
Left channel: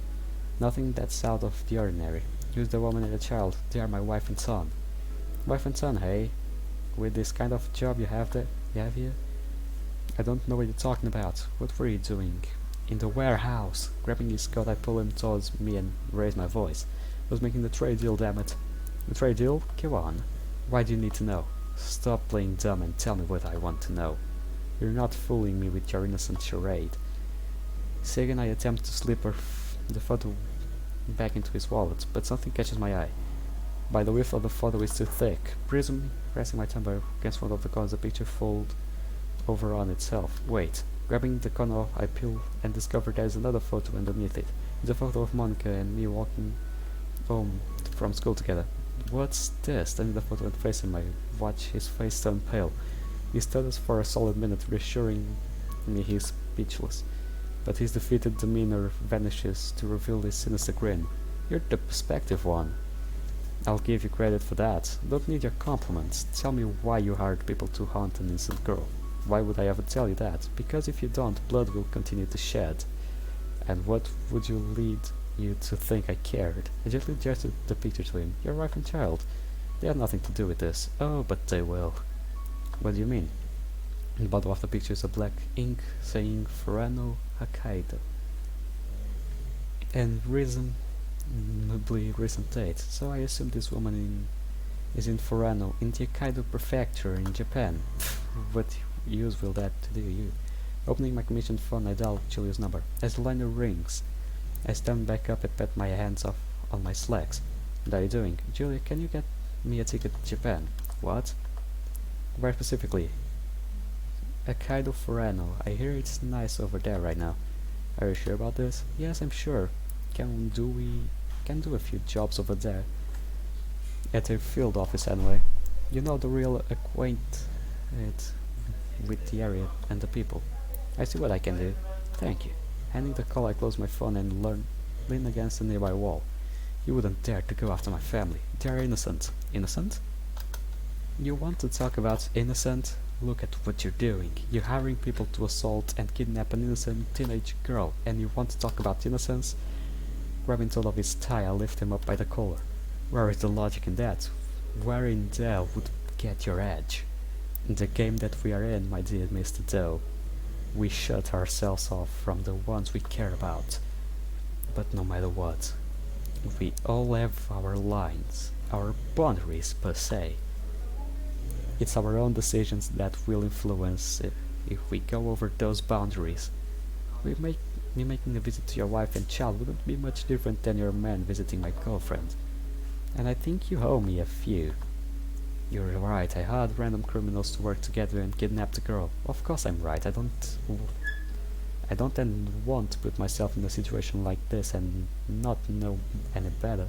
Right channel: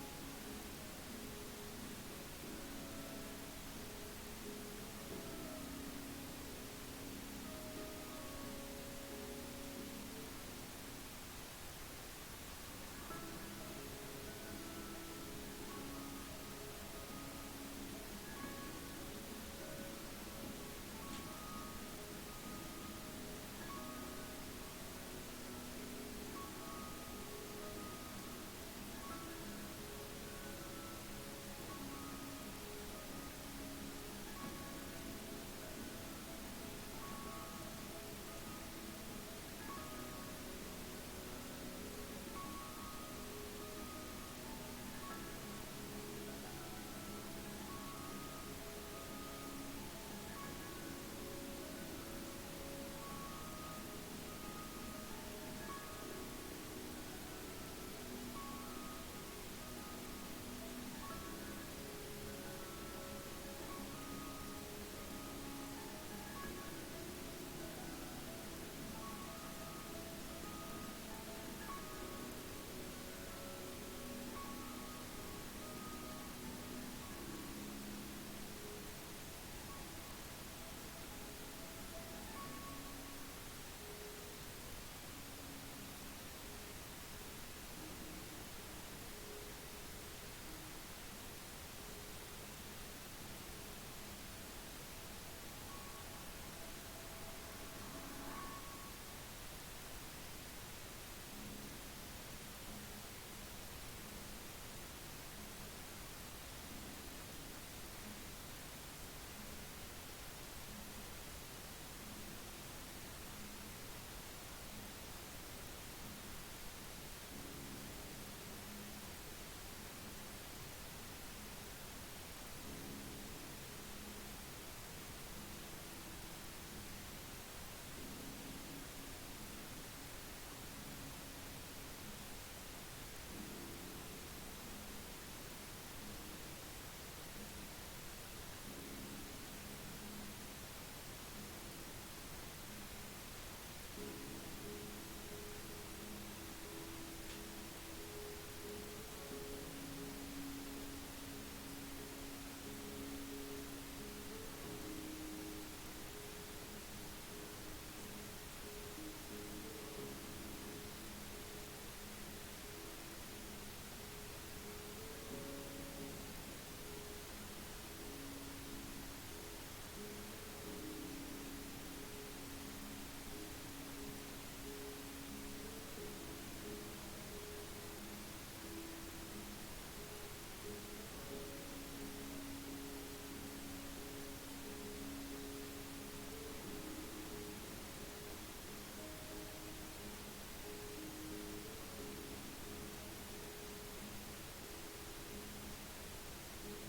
Nothing that's out of the ordinary. Here's the woman and the child. They are my wife and son. Wife and son, hey? With this kind of job you have here? I don't know what you're talking about. What were you doing? In the warehouse. Grabbing his coat, I pull him towards me and raise my voice. I was making the trade deal, damn it. The trade deal? Go on. Why do you need to know? Stop playing dumb and tell me what I want to know. You're not fooling me with your innocent charade. Second, I attempt to slip the photo back into his wallet, but something catches my eye. By the width of the photo is too thick. Pressing my thumb against one of the corners, the picture folds over on itself. Wait. Grabbing the corner, I peel and discover there is another photo underneath it. It's a photo of Monica and me walking home from school together. What's this? Turning the photo and facing him, I watch his face turn pale. He stutters for a solid minute, reassuring me he's speechless. But his defeated demeanor vanishes to reveal his sinister grin. You're the perspective one. I'll give you credit for that. Don't need your compliments. Tell me why you hired people to hunt an innocent girl. Why would I ever tell you that? Because if you don't, blood will continue to shed. And what would you lead you to think I cared? I gently gestured the picture to him. Your wife and child. They had nothing to do with this. Oh, but they will. What do you mean? In the bottom of the picture is a black ink saying Furano Hokkaido. And reasonably recent date. So I assume this woman is in Furano, in the Hokkaido prefecture in Japan. What use will that do you? Opening my commissioned phone, I dial Julia's number. As the line rings, I stand back up and pat my hands off on my slacks. What are you doing? Julia, can you get me a ticket to Japan? What? Very specifically. Hokkaido Furano. I hear it's nice over there right now. Are you sure about this? Yes, I'm sure. Can do a few jobs over there. At their field office anyway. You know, the real acquainted with the area and the people. I see what I can do. Thank you. Handing the call, I close my phone and lean against the nearby wall. You wouldn't dare to go after my family. They are innocent. Innocent? You want to talk about innocent? Look at what you're doing. You're hiring people to assault and kidnap an innocent teenage girl, and you want to talk about innocence? Grabbing hold of his tie, I lift him up by the collar. Where is the logic in that? Where in there would get your edge? In the game that we are in, my dear Mr. Doe, we shut ourselves off from the ones we care about. But no matter what, we all have our lines, our boundaries per se. It's our own decisions that will influence if we go over those boundaries. Me making a visit to your wife and child wouldn't be much different than your man visiting my girlfriend. And I think you owe me a few. You're right, I hired random criminals to work together and kidnap the girl. Of course I'm right, I don't then want to put myself in a situation like this and not know any better.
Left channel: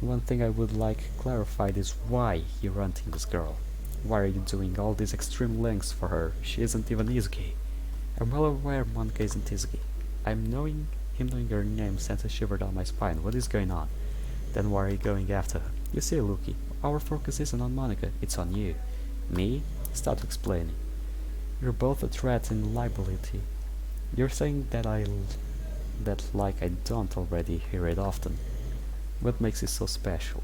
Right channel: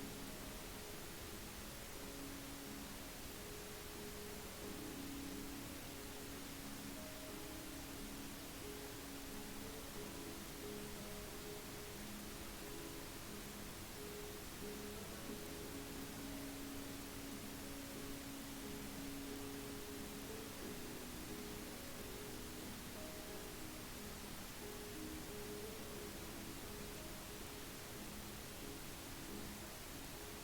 One thing I would like clarified is why you're hunting this girl. Why are you doing all these extreme lengths for her? She isn't even Izuki. I'm well aware Monica isn't Izuki. Him knowing your name sent a shiver down my spine. What is going on? Then why are you going after her? You see, Luki, our focus isn't on Monica, it's on you. Me? Start explaining. You're both a threat and liability. You're saying that like I don't already hear it often. What makes it so special?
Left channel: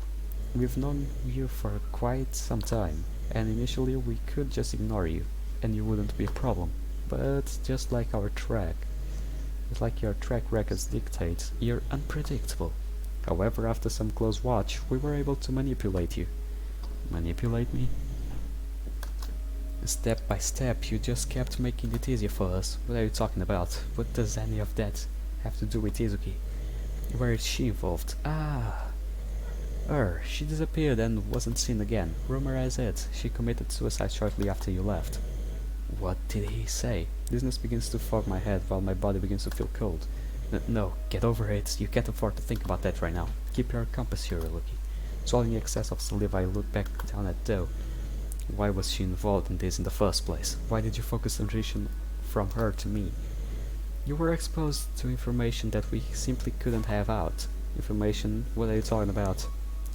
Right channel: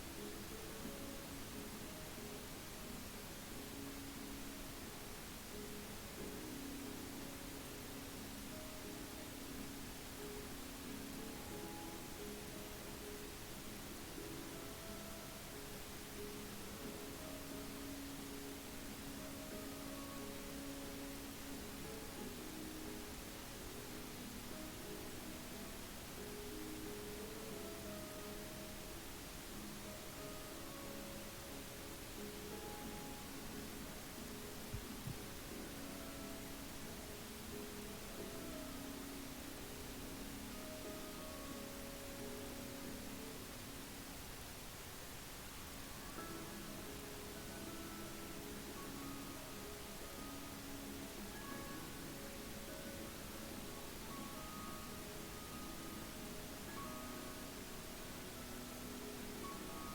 We've known you for quite some time, and initially we could just ignore you, and you wouldn't be a problem. But just like your track records dictate, you're unpredictable. However, after some close watch, we were able to manipulate you. Manipulate me? Step by step, you just kept making it easier for us. What are you talking about? What does any of that have to do with Izuki? Where is she involved? She disappeared and wasn't seen again. Rumor has it, she committed suicide shortly after you left. What did he say? Business begins to fog my head while my body begins to feel cold. No, get over it. You can't afford to think about that right now. Keep your compass here, Lucky. Swallowing excess of saliva, I look back down at Doe. Why was she involved in this in the first place? Why did you focus attention from her to me? You were exposed to information that we simply couldn't have out. Information? What are you talking about?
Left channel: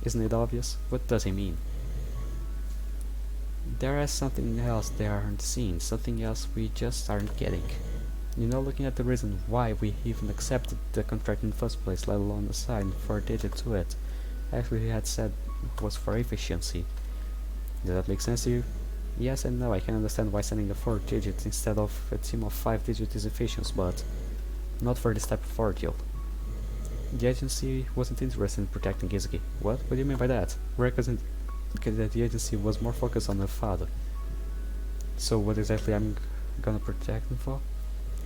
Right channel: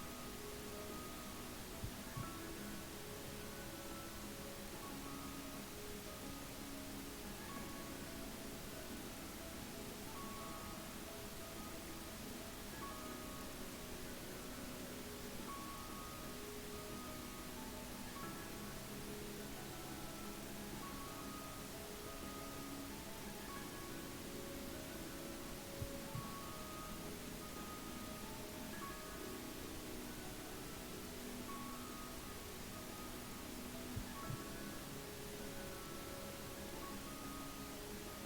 Isn't it obvious? What does he mean? There is something else they aren't seeing, something else we just aren't getting. Looking at the reason why we even accepted the contract in the first place, let alone assigned 4 digits to it, after he had said it was for efficiency. Does that make sense to you? Yes and no, I can understand why sending the 4 digits instead of a team of 5 digits is efficient, but not for this type of ordeal. The agency wasn't interested in protecting Izuki. What? What do you mean by that? Because that the agency was more focused on her father. So what exactly I'm gonna protect him for?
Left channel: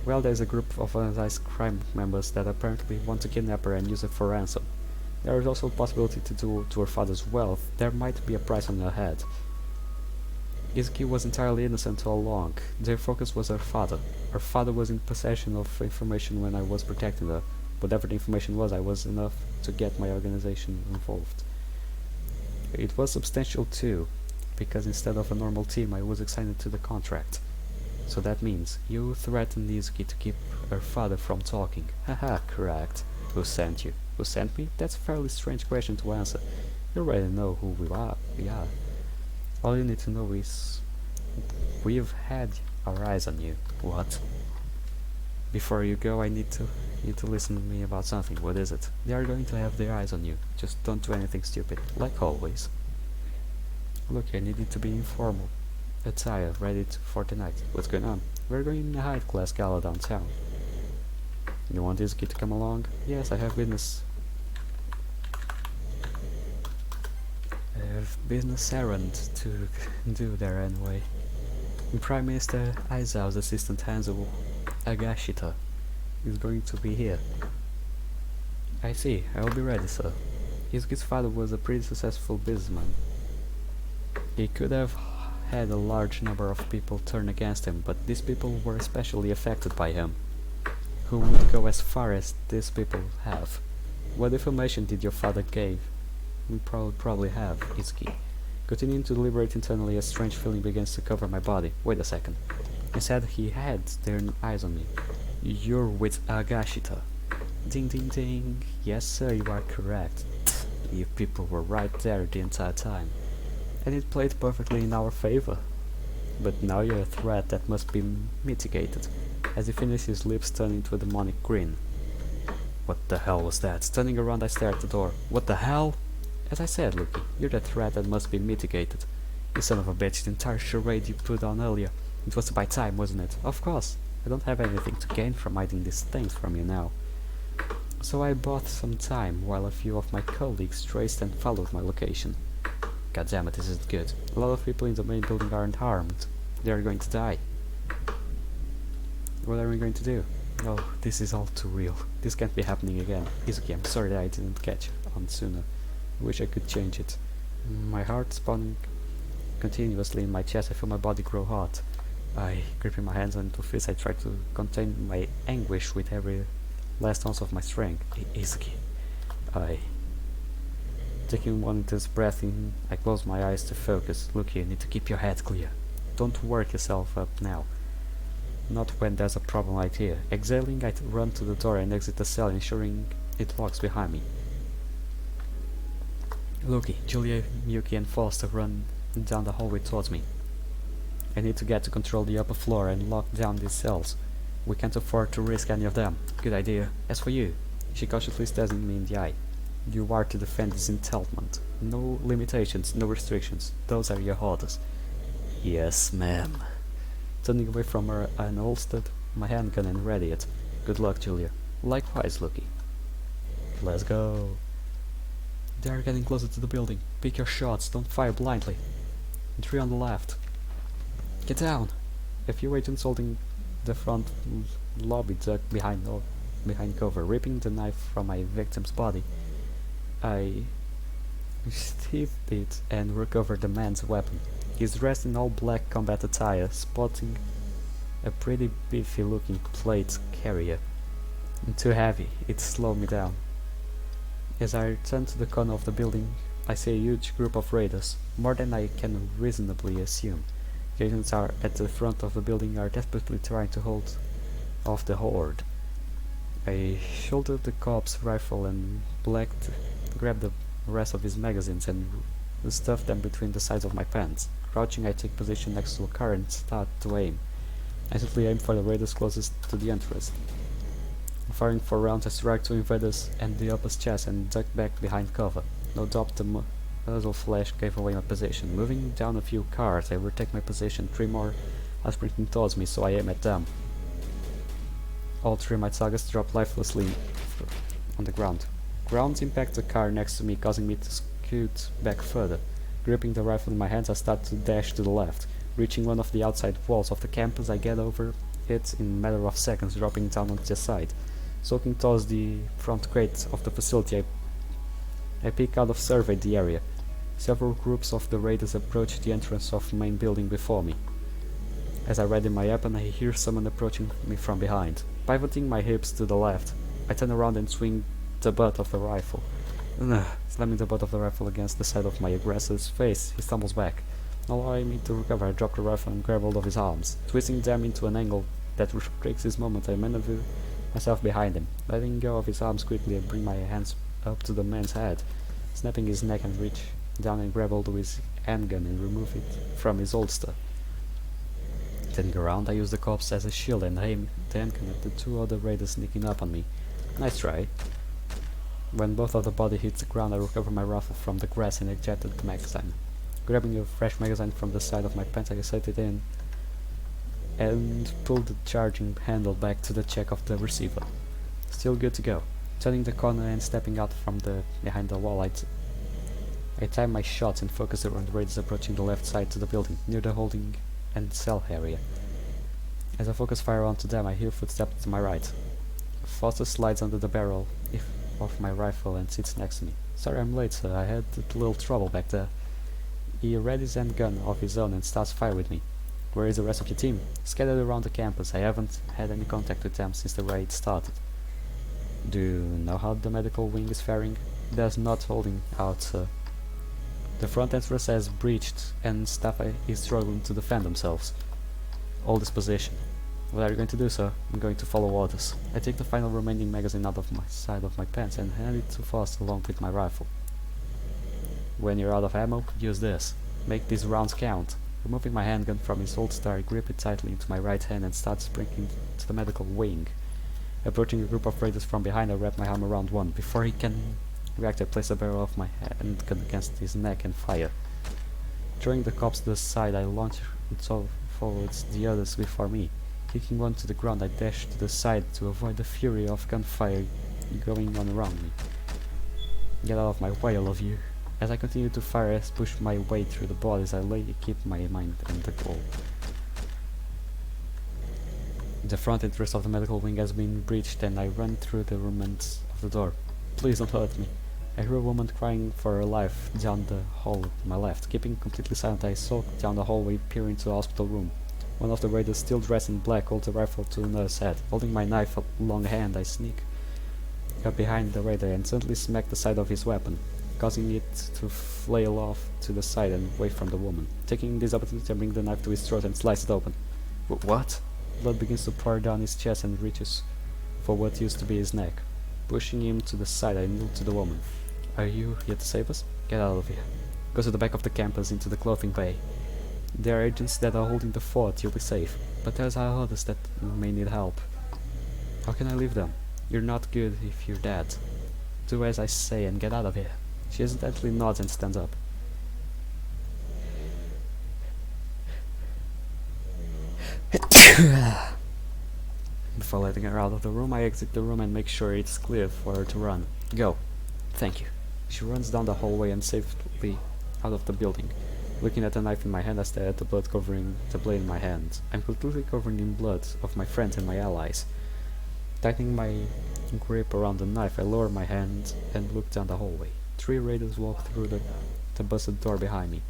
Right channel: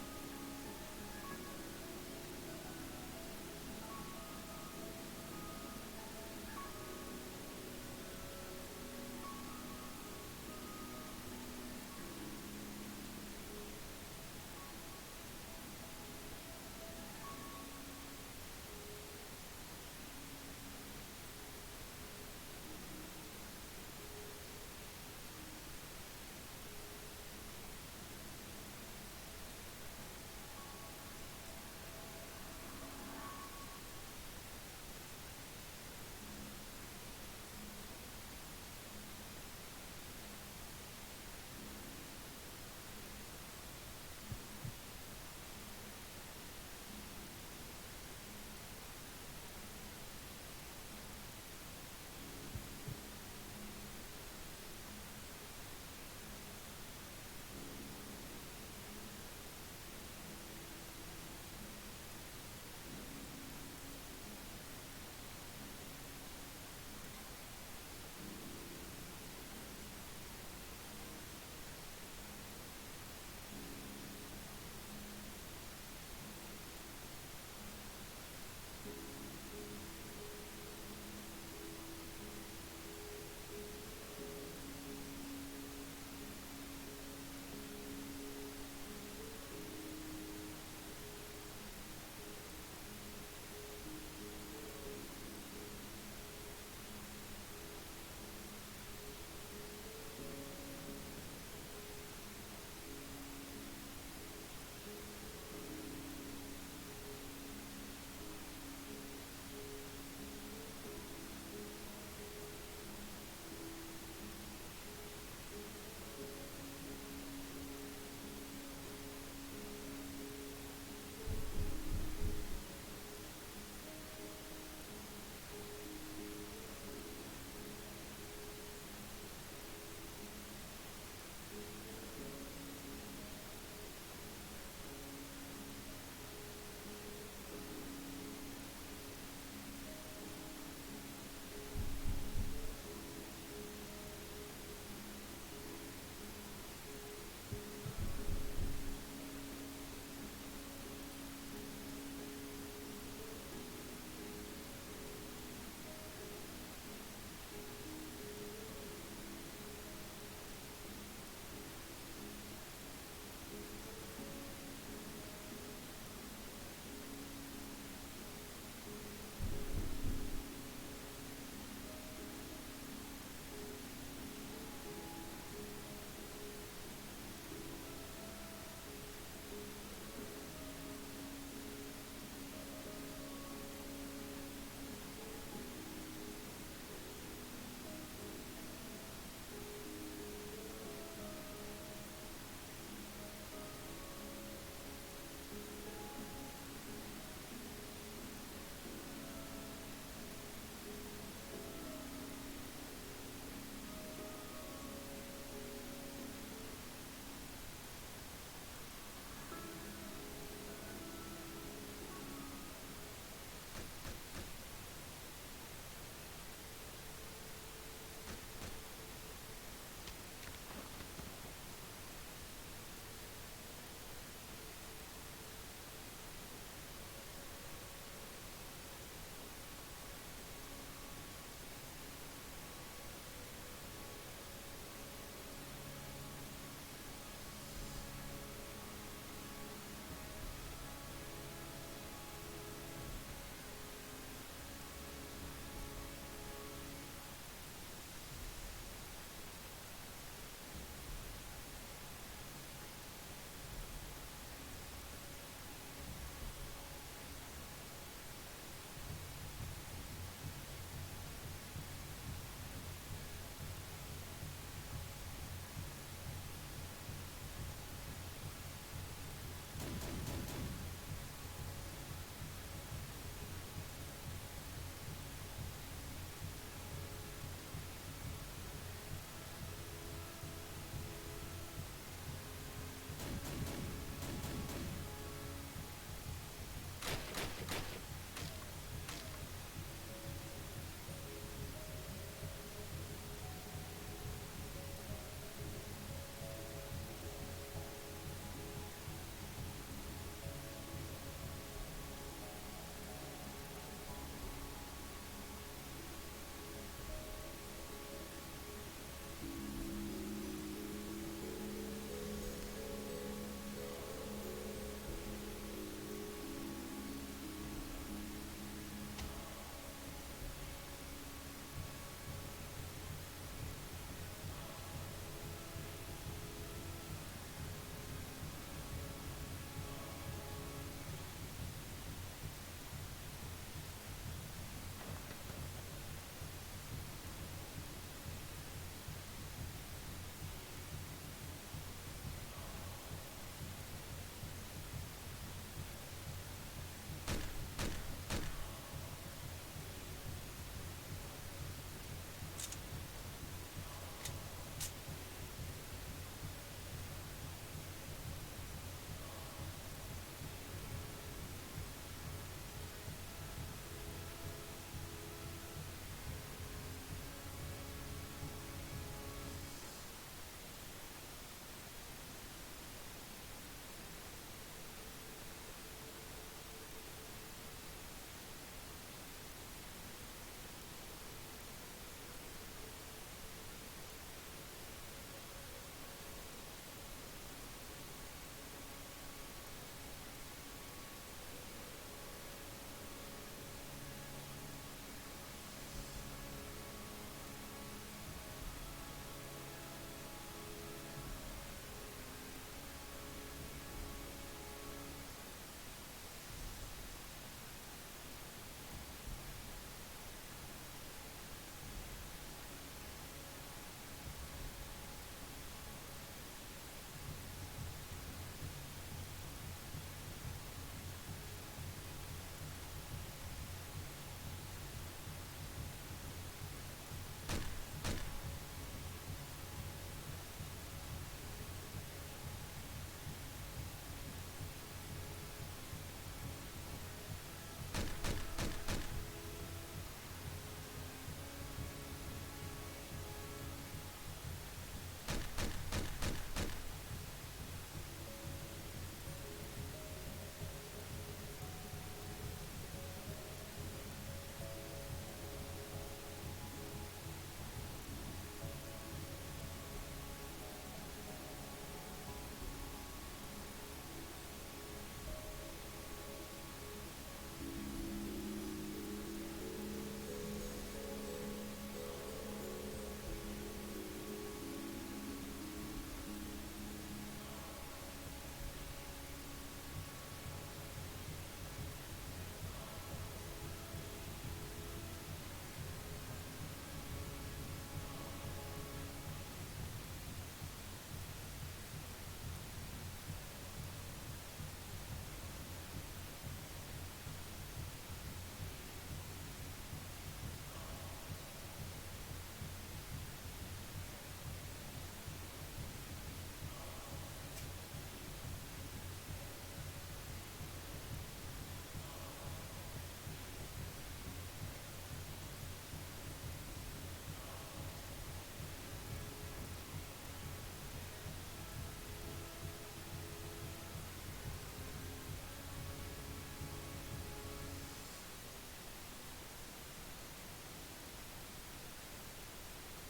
Well, there's a group of organized crime members that apparently want to kidnap her and use her for ransom. There is also a possibility to do to her father's wealth. There might be a price on her head. Izuki was entirely innocent all along. Their focus was her father. Her father was in possession of information when I was protecting her. Whatever the information was, I was enough to get my organization involved. It was substantial too, because instead of a normal team, I was assigned to the contract. So that means you threatened Izuki to keep her father from talking. Haha, correct. Who sent you? Who sent me? That's a fairly strange question to answer. You already know who we are. All you need to know is we've had our eyes on you. What? Before you go, I need to listen to me about something. What is it? They are going to have their eyes on you. Just don't do anything stupid, like always. Look, I need you to be informal. Attire, ready for tonight. What's going on? We're going to a high-class gala downtown. You want Izuki to come along? Yes, I have business errand to do there anyway. And Prime Minister Aizao's assistant Hanzo Agashita is going to be here. I see, I will be ready, sir. Izuki's father was a pretty successful businessman. He could have had a large number of people turn against him, but these people were especially affected by him. Who would go as far as these people have? What information did your father give? We probably have, Izuki. Continuing to deliberate internally, a strange feeling begins to cover my body. Wait a second. He said he had their eyes on me. You're with Agashita. Ding ding ding. Yes sir, you are correct. You people were right there the entire time. and it played perfectly in our favor. But now you're a threat that must be mitigated. As he finished, his lips turned into a demonic grin. What the hell was that? Turning around, I stared at the door. What the hell? As I said, Luke, you're the threat that must be mitigated. You son of a bitch, the entire charade you put on earlier. It was by time, wasn't it? Of course. I don't have anything to gain from hiding these things from you now. So I bought some time while a few of my colleagues traced and followed my location. God damn it, this isn't good. A lot of people in the main building aren't harmed. They are going to die. What are we going to do? Oh, this is all too real. This can't be happening again. Izuki, I'm sorry that I didn't catch on sooner. I wish I could change it. My heart pounding continuously in my chest. I feel my body grow hot. Gripping my hands onto fists, I try to contain my anguish with every last ounce of my strength. Izuki. Taking one intense breath in, I close my eyes to focus. Look, you need to keep your head clear. Don't work yourself up now. Not when there's a problem like here. Exhaling, I run to the door and exit the cell, ensuring it locks behind me. Loki, Julia, Yuki and Foster run down the hallway towards me. I need to get to control the upper floor and lock down these cells. We can't afford to risk any of them. Good idea. As for you, she cautiously stares me in the eye. You are to defend this entitlement. No limitations, no restrictions. Those are your orders. Yes, ma'am. Turning away from her, I unholstered my handgun and ready it. Good luck, Julia. Likewise, Lucky. Let's go. They are getting closer to the building. Pick your shots, don't fire blindly. 3 on the left. Get down! A few agents holding the front lobby ducked behind cover, ripping the knife from my victim's body. I sheathed it and recovered the man's weapon. He's dressed in all black combat attire, sporting a pretty beefy-looking plate carrier. Too heavy, it slowed me down. As I return to the corner of the building, I see a huge group of raiders, more than I can reasonably assume. The agents are at the front of the building are desperately trying to hold off the horde. I shouldered the cop's rifle and grabbed the rest of his magazines and stuffed them between the sides of my pants. Crouching, I take position next to a car and start to aim. I instantly aim for the raiders closest to the entrance. Firing 4 rounds, I struck 2 invaders and the upper's chest and ducked back behind cover. No doubt the muzzle flash gave away my position. Moving down a few cars, I retake my position. 3 more are sprinting towards me, so I aim at them. All 3 of my targets drop lifelessly on the ground. Grounds impact the car next to me, causing me to scoot back further. Gripping the rifle in my hands, I start to dash to the left. Reaching one of the outside walls of the campus, I get over it in a matter of seconds, dropping down on the side. Soaking towards the front gate of the facility, I peek out of survey the area. Several groups of the raiders approach the entrance of the main building before me. As I ready my weapon, I hear someone approaching me from behind. Pivoting my hips to the left, I turn around and swing the butt of the rifle. Slamming the butt of the rifle against the side of my aggressor's face, he stumbles back. Not allowing me to recover, I drop the rifle and grab hold of his arms. Twisting them into an angle that restricts his movement, I maneuver myself behind him, letting go of his arms quickly and bring my hands up to the man's head, snapping his neck and reach down and grab hold of his handgun and remove it from his holster. Turning around, I use the corpse as a shield and aim the handgun at the 2 other raiders sneaking up on me. Nice try. When both of the body hits the ground, I recover my rifle from the grass and ejected the magazine. Grabbing a fresh magazine from the side of my pants, I set it in and pulled the charging handle back to the check of the receiver. Still good to go. Turning the corner and stepping out from behind the wall, I time my shots and focus on the raiders approaching the left side to the building, near the holding and cell area. As I focus fire onto them, I hear footsteps to my right. Foster slides under the barrel of my rifle and sits next to me. Sorry I'm late, sir. I had a little trouble back there. He readies his gun of his own and starts fire with me. Where is the rest of your team? Scattered around the campus. I haven't had any contact with them since the raid started. Do you know how the medical wing is faring? There's not holding out, sir. The front entrance has breached and staff is struggling to defend themselves. Hold this position. What are you going to do, sir? I'm going to follow orders. I take the final remaining magazine out of my side of my pants and hand it to Foster along with my rifle. When you're out of ammo, use this. Make these rounds count. Removing my handgun from his holster, I grip it tightly into my right hand and start sprinting to the medical wing. Approaching a group of raiders from behind, I wrap my arm around one. Before he can react, I place the barrel of my handgun against his neck and fire. Throwing the cops to the side, I launch forwards the others before me. Kicking one to the ground, I dash to the side to avoid the fury of gunfire going on around me. Get out of my way, all of you. As I continue to fire, I push my way through the bodies. I keep my mind on the goal. The front entrance of the medical wing has been breached, and I run through the remnants of the door. Please don't hurt me. I hear a woman crying for her life down the hall to my left. Keeping completely silent, I sulk down the hallway, peer into the hospital room. One of the raiders, still dressed in black, holds a rifle to another's head. Holding my knife up long hand, I sneak up behind the raider and suddenly smack the side of his weapon, causing it to flail off to the side and away from the woman. Taking this opportunity, I bring the knife to his throat and slice it open. What? Blood begins to pour down his chest and reaches for what used to be his neck. Pushing him to the side, I kneel to the woman. Are you here to save us? Get out of here. Go to the back of the campus into the clothing bay. There are agents that are holding the fort. You'll be safe. But there's others that may need help. How can I leave them? You're not good if you're dead. Do as I say and get out of here. She hesitantly nods and stands up. Before letting her out of the room, I exit the room and make sure it's clear for her to run. Go. Thank you. She runs down the hallway and safely out of the building. Looking at the knife in my hand, I stare at the blood covering the blade in my hand. I'm completely covered in blood of my friends and my allies. Tightening my grip around the knife, I lower my hand and look down the hallway. 3 raiders walk through the busted door behind me.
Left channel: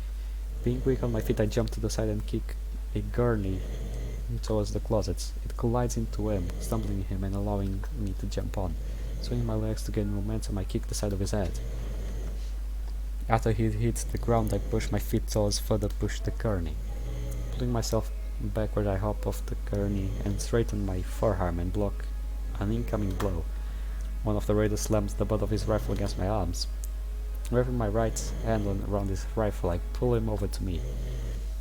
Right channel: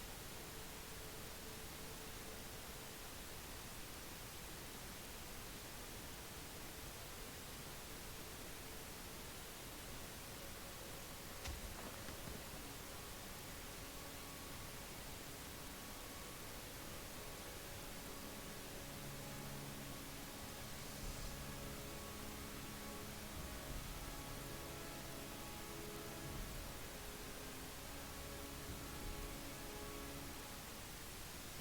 Being quick on my feet, I jump to the side and kick a gurney towards the closets. It collides into him, stumbling him and allowing me to jump on. Swinging my legs to gain momentum, I kick the side of his head. After he hits the ground, I push my feet towards further push the gurney. Pulling myself backward, I hop off the gurney and straighten my forearm and block an incoming blow. One of the raiders slams the butt of his rifle against my arms. Wrapping my right hand around his rifle, I pull him over to me.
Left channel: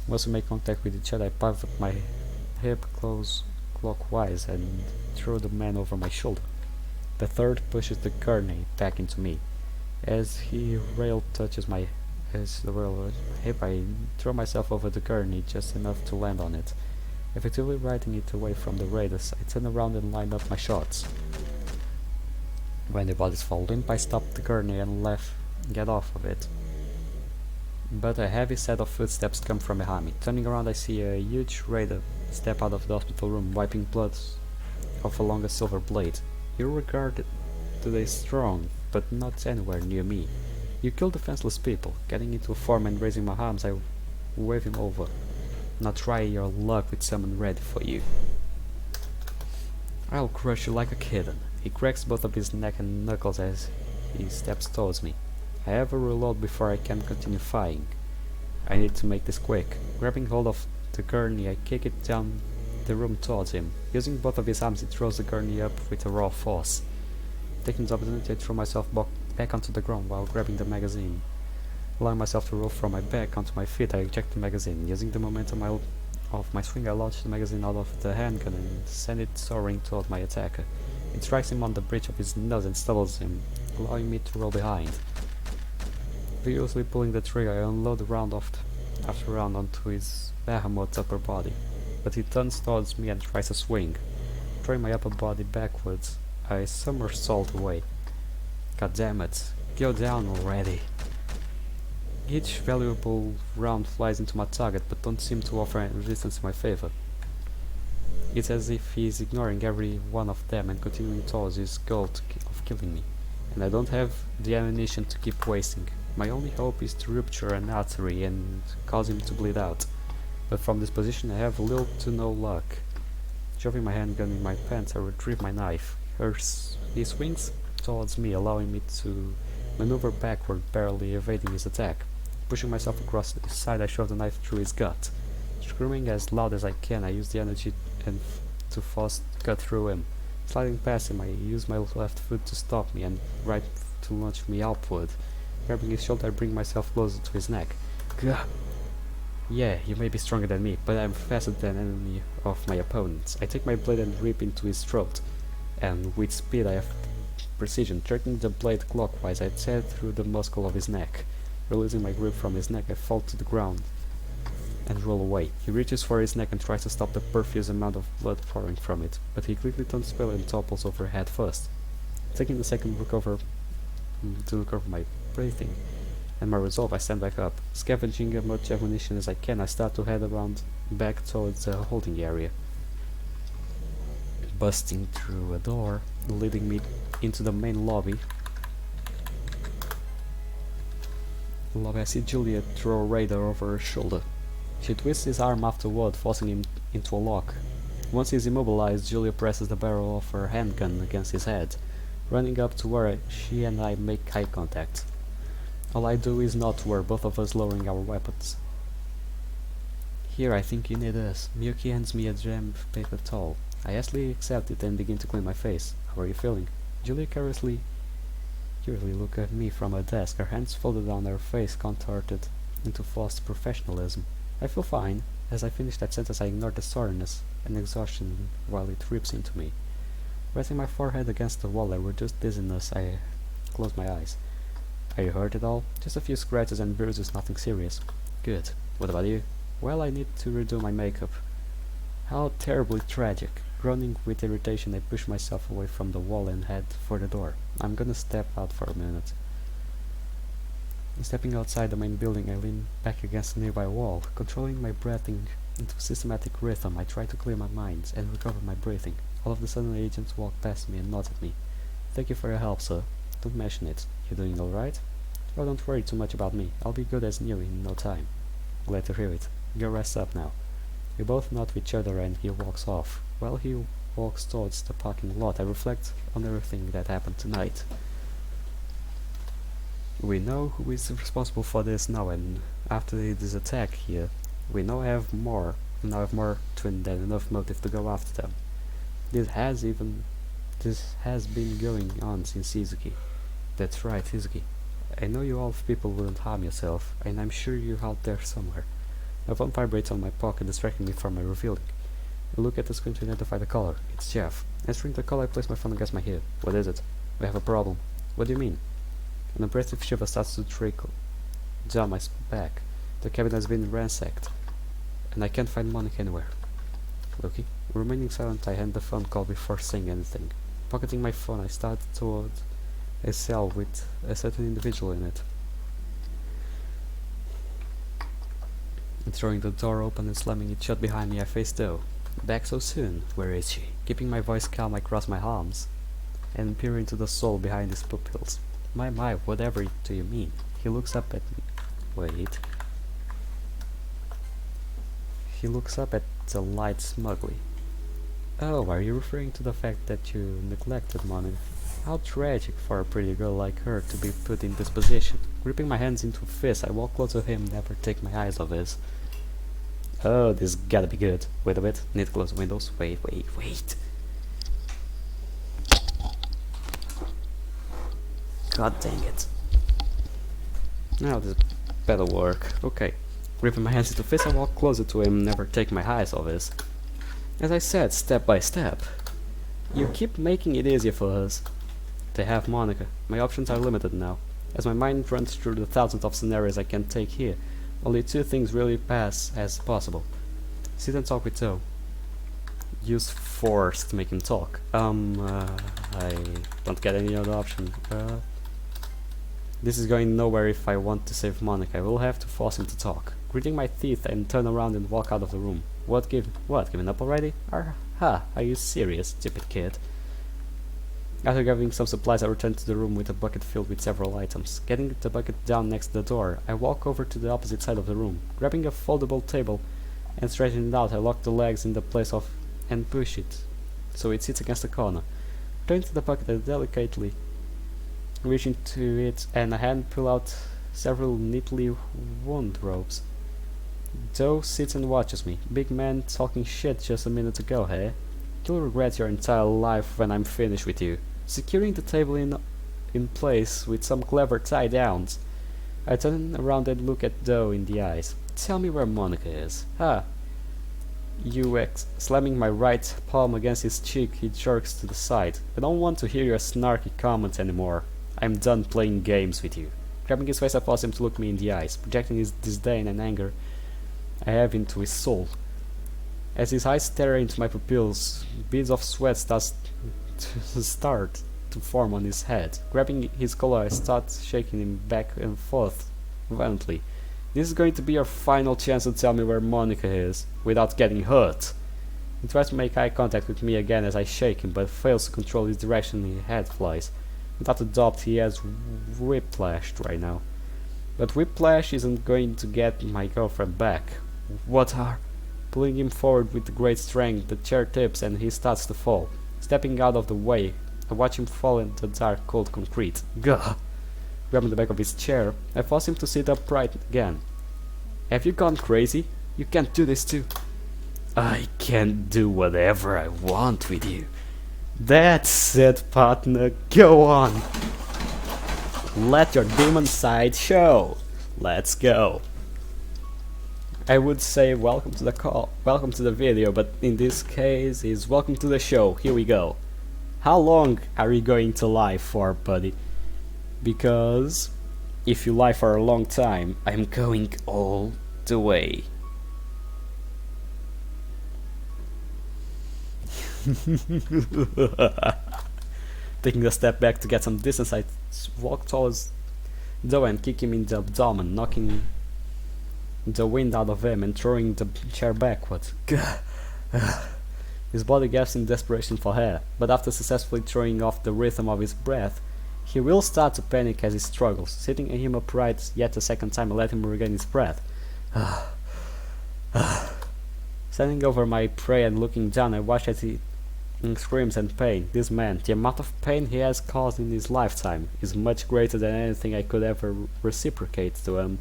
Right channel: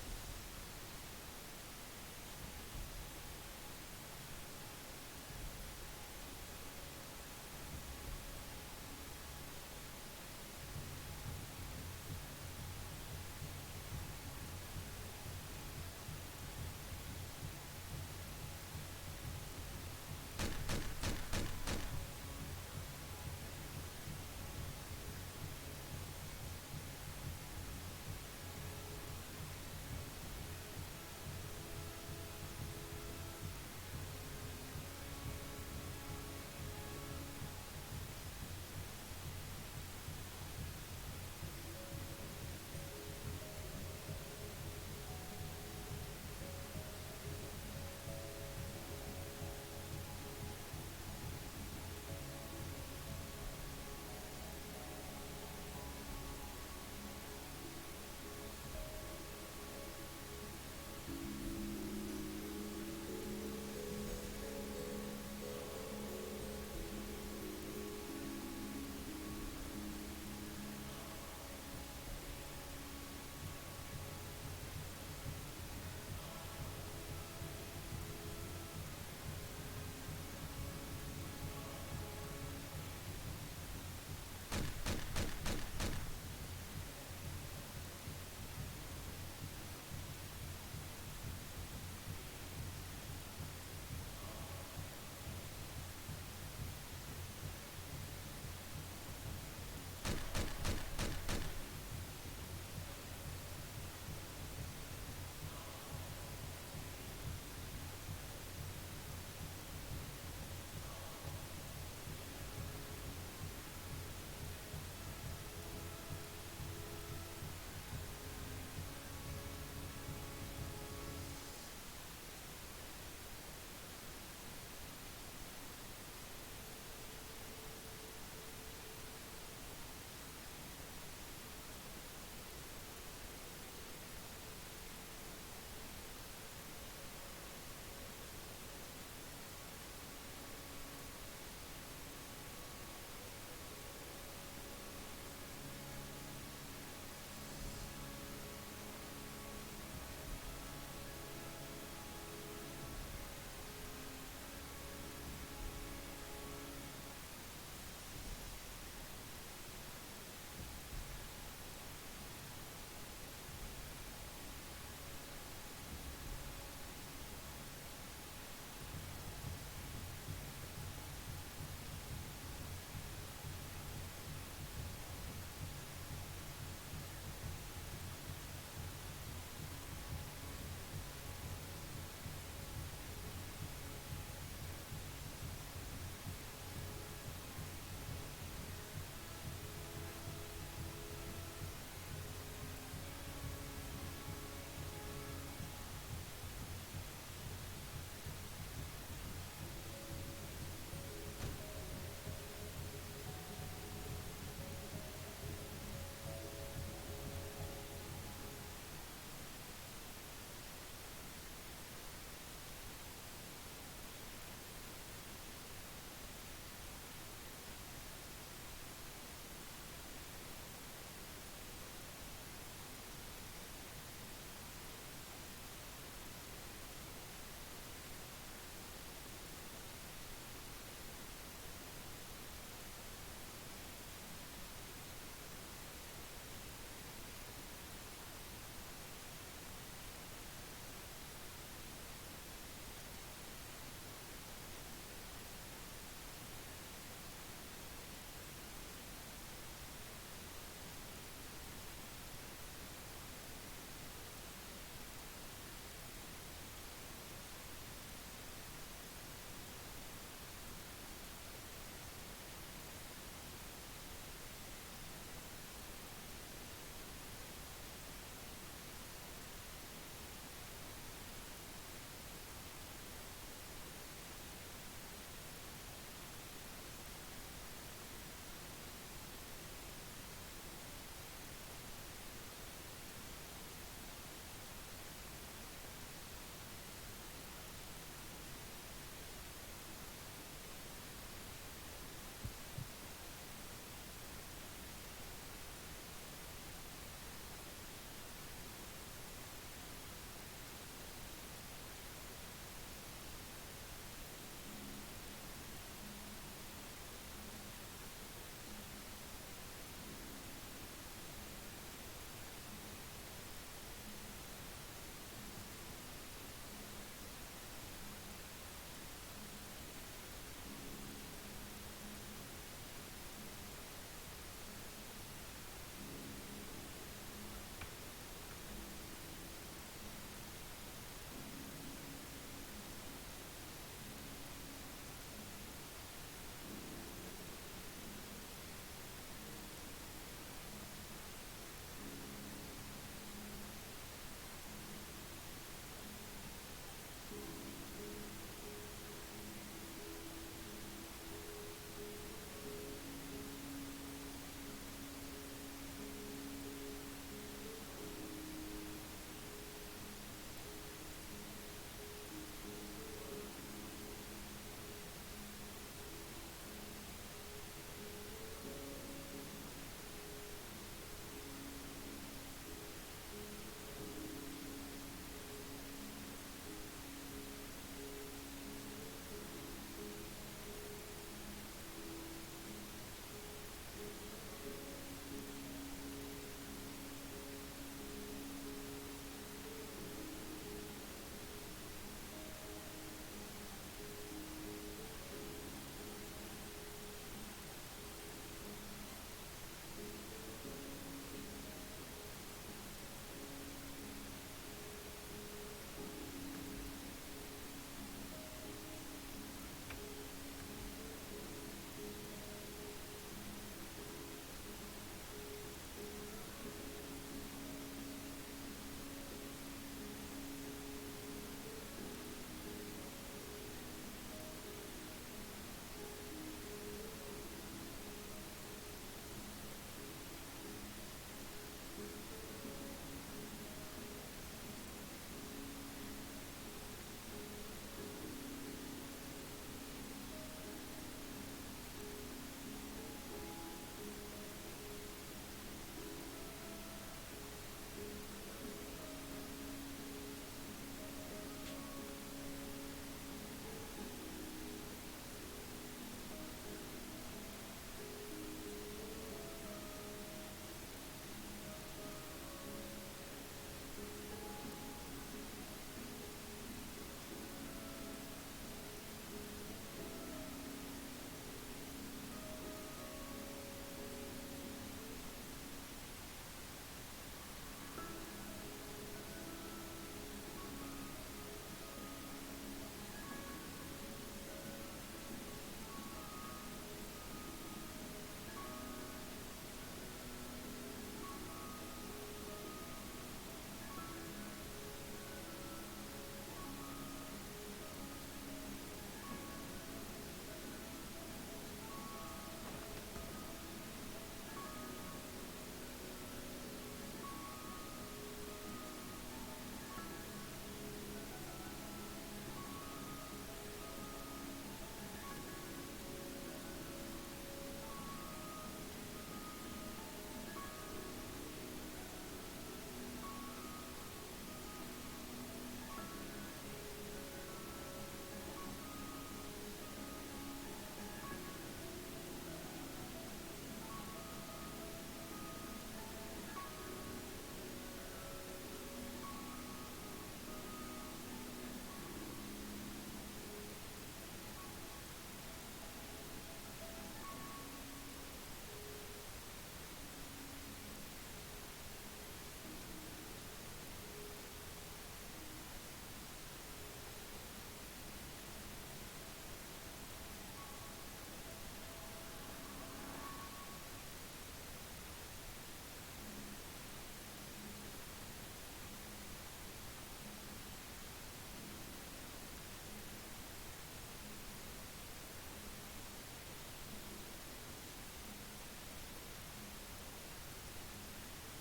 Once we make contact with each other, I pivot my hip clockwise and throw the man over my shoulder. The third pushes the gurney back into me. As the rail touches my hip, I throw myself over the gurney just enough to land on it. Effectively riding it away from the raiders, I turn around and line up my shots. When the bodies fall limp, I stop the gurney and get off of it. But a heavy set of footsteps come from behind me. Turning around, I see a huge raider step out of the hospital room, wiping blood off a longer silver blade. He regarded today strong, but not anywhere near me. You kill defenseless people. Getting into a form and raising my arms, I wave him over. Now try your luck with someone ready for you. I'll crush you like a kitten. He cracks both of his neck and knuckles as he steps towards me. I have a reload before I can continue firing. I need to make this quick. Grabbing hold of the gurney, I kick it down the room towards him. Using both of his arms, he throws the gurney up with a raw force. Taking the opportunity, I throw myself back onto the ground while grabbing the magazine. Allowing myself to roll from my back onto my feet, I eject the magazine. Using the momentum of my swing, I launch the magazine out of the handgun and send it soaring toward my attacker. It strikes him on the bridge of his nose and startles him, allowing me to roll behind. Vigorously pulling the trigger, I unload round after round onto his behemoth's upper body, but he turns towards me and tries to swing. Throwing my upper body backwards, I somersault away. God damn it, go down already. Each valuable round flies into my target, but don't seem to offer any resistance in my favor. It's as if he is ignoring every one of them and continuing towards his goal of killing me. And I don't have the ammunition to keep wasting. My only hope is to rupture an artery and cause him to bleed out. But from this position I have little to no luck. Shoving my handgun in my pants, I retrieve my knife. He swings towards me, allowing me to maneuver backward, barely evading his attack. Pushing myself across the side, I shove the knife through his gut. Screaming as loud as I can, I use the energy to force cut through him. Sliding past him, I use my left foot to stop me and right to launch me upward. Grabbing his shoulder, I bring myself closer to his neck. Gah! Yeah, you may be stronger than me, but I'm faster than any of my opponents. I take my blade and rip into his throat, and with speed I have precision. Turning the blade clockwise, I tear through the muscle of his neck. Releasing my grip from his neck, I fall to the ground and roll away. He reaches for his neck and tries to stop the profuse amount of blood pouring from it, but he quickly turns pale and topples over head first. Taking the second to look over my breathing and my resolve, I stand back up. Scavenging as much ammunition as I can, I start to head around back towards the holding area, busting through a door, leading me into the main lobby. I see Julia throw a radar over her shoulder. She twists his arm afterward, forcing him into a lock. Once he's immobilized, Julia presses the barrel of her handgun against his head. Running up to where she and I make eye contact. All I do is nod to her, both of us lowering our weapons. Here, I think you need us. Miyuki hands me a jam of paper towel. I hastily accept it and begin to clean my face. How are you feeling? Julia curiously look at me from her desk, her hands folded on her face contorted into forced professionalism. I feel fine. As I finish that sentence, I ignore the soreness and exhaustion while it rips into me. Resting my forehead against the wall, I reduce dizziness. I close my eyes. Are you hurt at all? Just a few scratches and bruises, nothing serious. Good. What about you? Well, I need to redo my makeup. How terribly tragic. Groaning with irritation, I push myself away from the wall and head for the door. I'm gonna step out for a minute. Stepping outside the main building, I lean back against a nearby wall. Controlling my breathing into systematic rhythm, I try to clear my mind and recover my breathing. All of a sudden, agents walk past me and nod at me. Thank you for your help, sir. Don't mention it. You doing alright? Oh, don't worry too much about me. I'll be good as new in no time. Glad to hear it. Go rest up now. We both nod to each other and he walks off. While he walks towards the parking lot, I reflect on everything that happened tonight. We know who is responsible for this now, and after this attack here, we now have more than enough motive to go after them. This has been going on since Izuki. That's right, Izuki. I know you all people wouldn't harm yourself, and I'm sure you're out there somewhere. My phone vibrates on my pocket, distracting me from my revealing. I look at the screen to identify the caller. It's Jeff. Answering the call, I place my phone against my ear. What is it? We have a problem. What do you mean? An abrasive shiver starts to trickle down my back. The cabin has been ransacked, and I can't find Monica anywhere. Loki. Remaining silent, I end the phone call before saying anything. Pocketing my phone, I start toward a cell with a certain individual in it. And throwing the door open and slamming it shut behind me, I face Doe. Back so soon? Where is she? Keeping my voice calm, I cross my arms and peer into the soul behind his pupils. My, whatever do you mean? He looks up at me. Wait. He looks up at the light smugly. Oh, are you referring to the fact that you neglected Monin? How tragic for a pretty girl like her to be put in this position. Gripping my hands into fists, I walk close to him, never take my eyes off his. Oh, this gotta be good. Wait a bit, need to close the windows. Wait. God dang it. Now this better work. Okay. Gripping my hands into fists, I walk closer to him, never take my eyes off his. As I said, step by step. You keep making it easier for us. They have Monica. My options are limited now. As my mind runs through the thousands of scenarios I can take here, only two things really pass as possible. Sit and talk with Toe. Use force to make him talk. I don't get any other option. This is going nowhere if I want to save Monica. I will have to force him to talk. Gritting my teeth and turn around and walk out of the room. What, giving up already? Are you serious, stupid kid? After gathering some supplies, I return to the room with a bucket filled with several items. Getting the bucket down next to the door, I walk over to the opposite side of the room. Grabbing a foldable table and straightening it out, I lock the legs in the place of and push it so it sits against the corner. Turn to the bucket and delicately reach into it, and a hand pull out several neatly wound robes. Joe sits and watches me. Big man talking shit just a minute ago, hey? You'll regret your entire life when I'm finished with you. Securing the table in place with some clever tie-downs, I turn around and look at Doe in the eyes. Tell me where Monica is. Ah, slamming my right palm against his cheek, he jerks to the side. I don't want to hear your snarky comments anymore. I'm done playing games with you. Grabbing his face, I force him to look me in the eyes, projecting his disdain and anger I have into his soul. As his eyes stare into my pupils, beads of sweat start to form on his head. Grabbing his collar, I start shaking him back and forth violently. This is going to be your final chance to tell me where Monica is, without getting hurt. He tries to make eye contact with me again as I shake him, but fails to control his direction his head flies. Without a doubt, he has whiplashed right now. But whiplash isn't going to get my girlfriend back. What are... Pulling him forward with great strength, the chair tips and he starts to fall. Stepping out of the way, I watch him fall into dark, cold concrete. Gah! Grabbing the back of his chair, I force him to sit upright again. Have you gone crazy? You can't do this too. I can do whatever I want with you. That's it, partner. Go on. Let your demon side show. Let's go. I would say welcome to the video, but in this case is welcome to the show. Here we go. How long are you going to lie for, buddy? Because if you lie for a long time, I'm going all the way. Taking a step back to get some distance, I walk towards Doe and kick him in the abdomen, knocking the wind out of him and throwing the chair backwards. His body gasps in desperation for air, but after successfully throwing off the rhythm of his breath, he will start to panic as he struggles. Sitting him upright yet a second time, I let him regain his breath. Standing over my prey and looking down, I watch as he screams in pain. This man, the amount of pain he has caused in his lifetime, is much greater than anything I could ever reciprocate to him.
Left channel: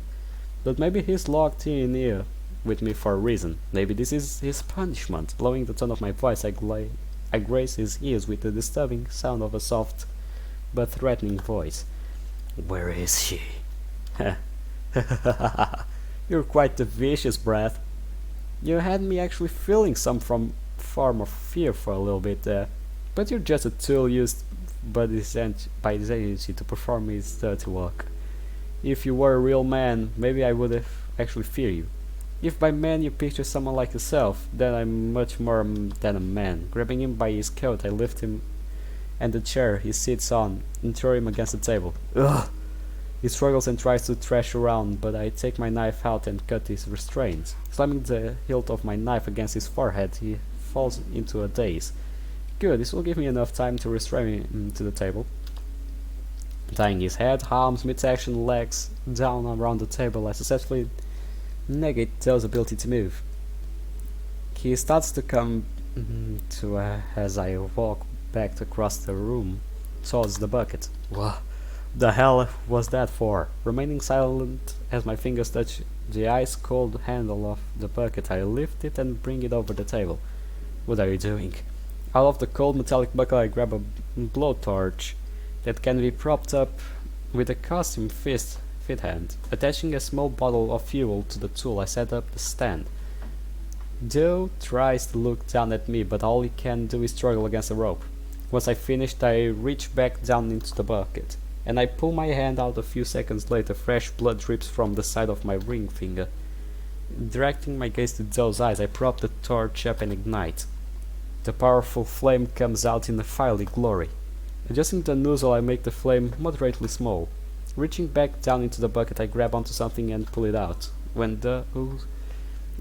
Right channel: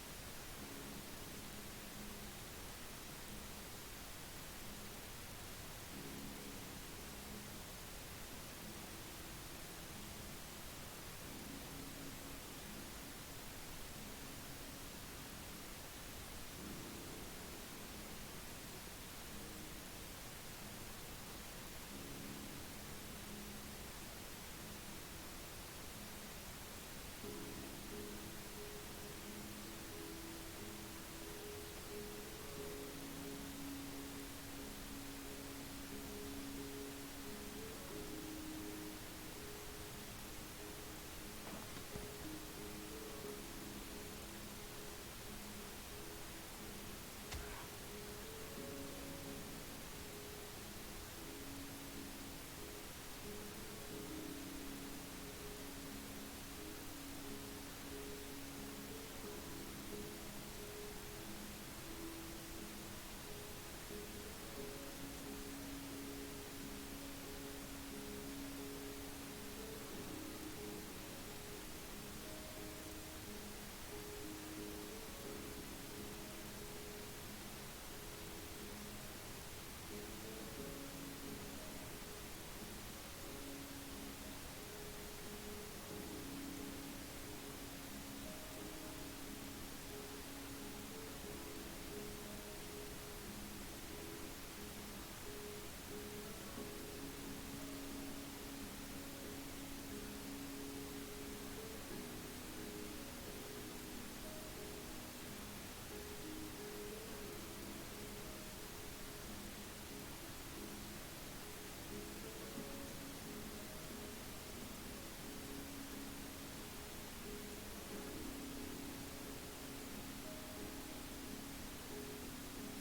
But maybe he's locked in here with me for a reason. Maybe this is his punishment. Blowing the tone of my voice, I graze his ears with the disturbing sound of a soft but threatening voice. Where is she? You're quite the vicious brat. You had me actually feeling some form of fear for a little bit there. But you're just a tool used by this agency to perform his dirty work. If you were a real man, maybe I would have actually feared you. If by man you picture someone like yourself, then I'm much more than a man. Grabbing him by his coat, I lift him and the chair he sits on and throw him against the table. Ugh! He struggles and tries to thrash around, but I take my knife out and cut his restraints. Slamming the hilt of my knife against his forehead, he falls into a daze. Good, this will give me enough time to restrain him to the table. Tying his head, arms, midsection, legs down around the table, I successfully negate Joe's ability to move. He starts to come to as I walk back across the room towards the bucket. What the hell was that for? Remaining silent as my fingers touch the ice-cold handle of the bucket, I lift it and bring it over the table. What are you doing? Out of the cold metallic bucket, I grab a blowtorch that can be propped up with a custom fit hand. Attaching a small bottle of fuel to the tool, I set up the stand. Joe tries to look down at me, but all he can do is struggle against the rope. Once I finished, I reach back down into the bucket, and I pull my hand out. A few seconds later, fresh blood drips from the side of my ring finger. Directing my gaze to Joe's eyes, I prop the torch up and ignite. The powerful flame comes out in a fiery glory. Adjusting the nozzle, I make the flame moderately small. Reaching back down into the bucket, I grab onto something and pull it out. When the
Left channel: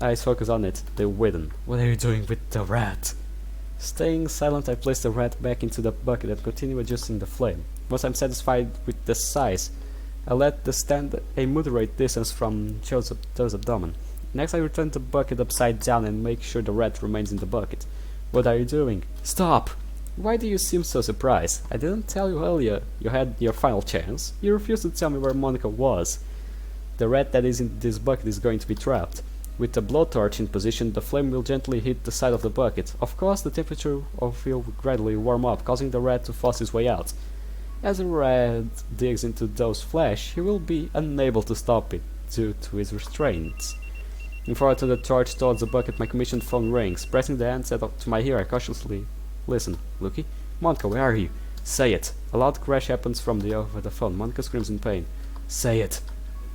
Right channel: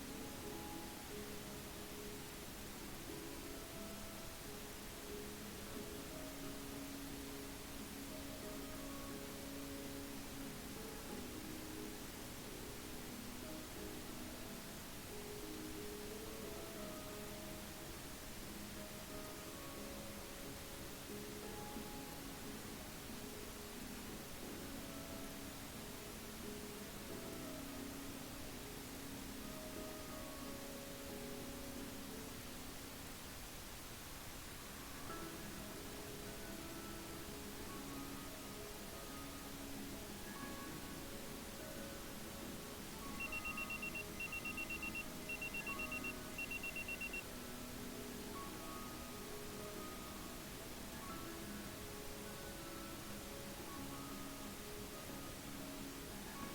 eyes focus on it, they widen. What are you doing with the rat? Staying silent, I place the rat back into the bucket and continue adjusting the flame. Once I'm satisfied with the size, I let the stand a moderate distance from Joe's abdomen. Next, I return the bucket upside down and make sure the rat remains in the bucket. What are you doing? Stop! Why do you seem so surprised? I didn't tell you earlier you had your final chance. You refused to tell me where Monica was. The rat that is in this bucket is going to be trapped. With the blowtorch in position, the flame will gently hit the side of the bucket. Of course, the temperature of it will gradually warm up, causing the rat to force his way out. As the rat digs into Joe's flesh, he will be unable to stop it due to his restraints. Before I turn the torch towards the bucket, my commissioned phone rings. Pressing the handset up to my ear, I cautiously listen. Lucky? Monica, where are you? Say it. A loud crash happens from over the phone. Monica screams in pain. Say it.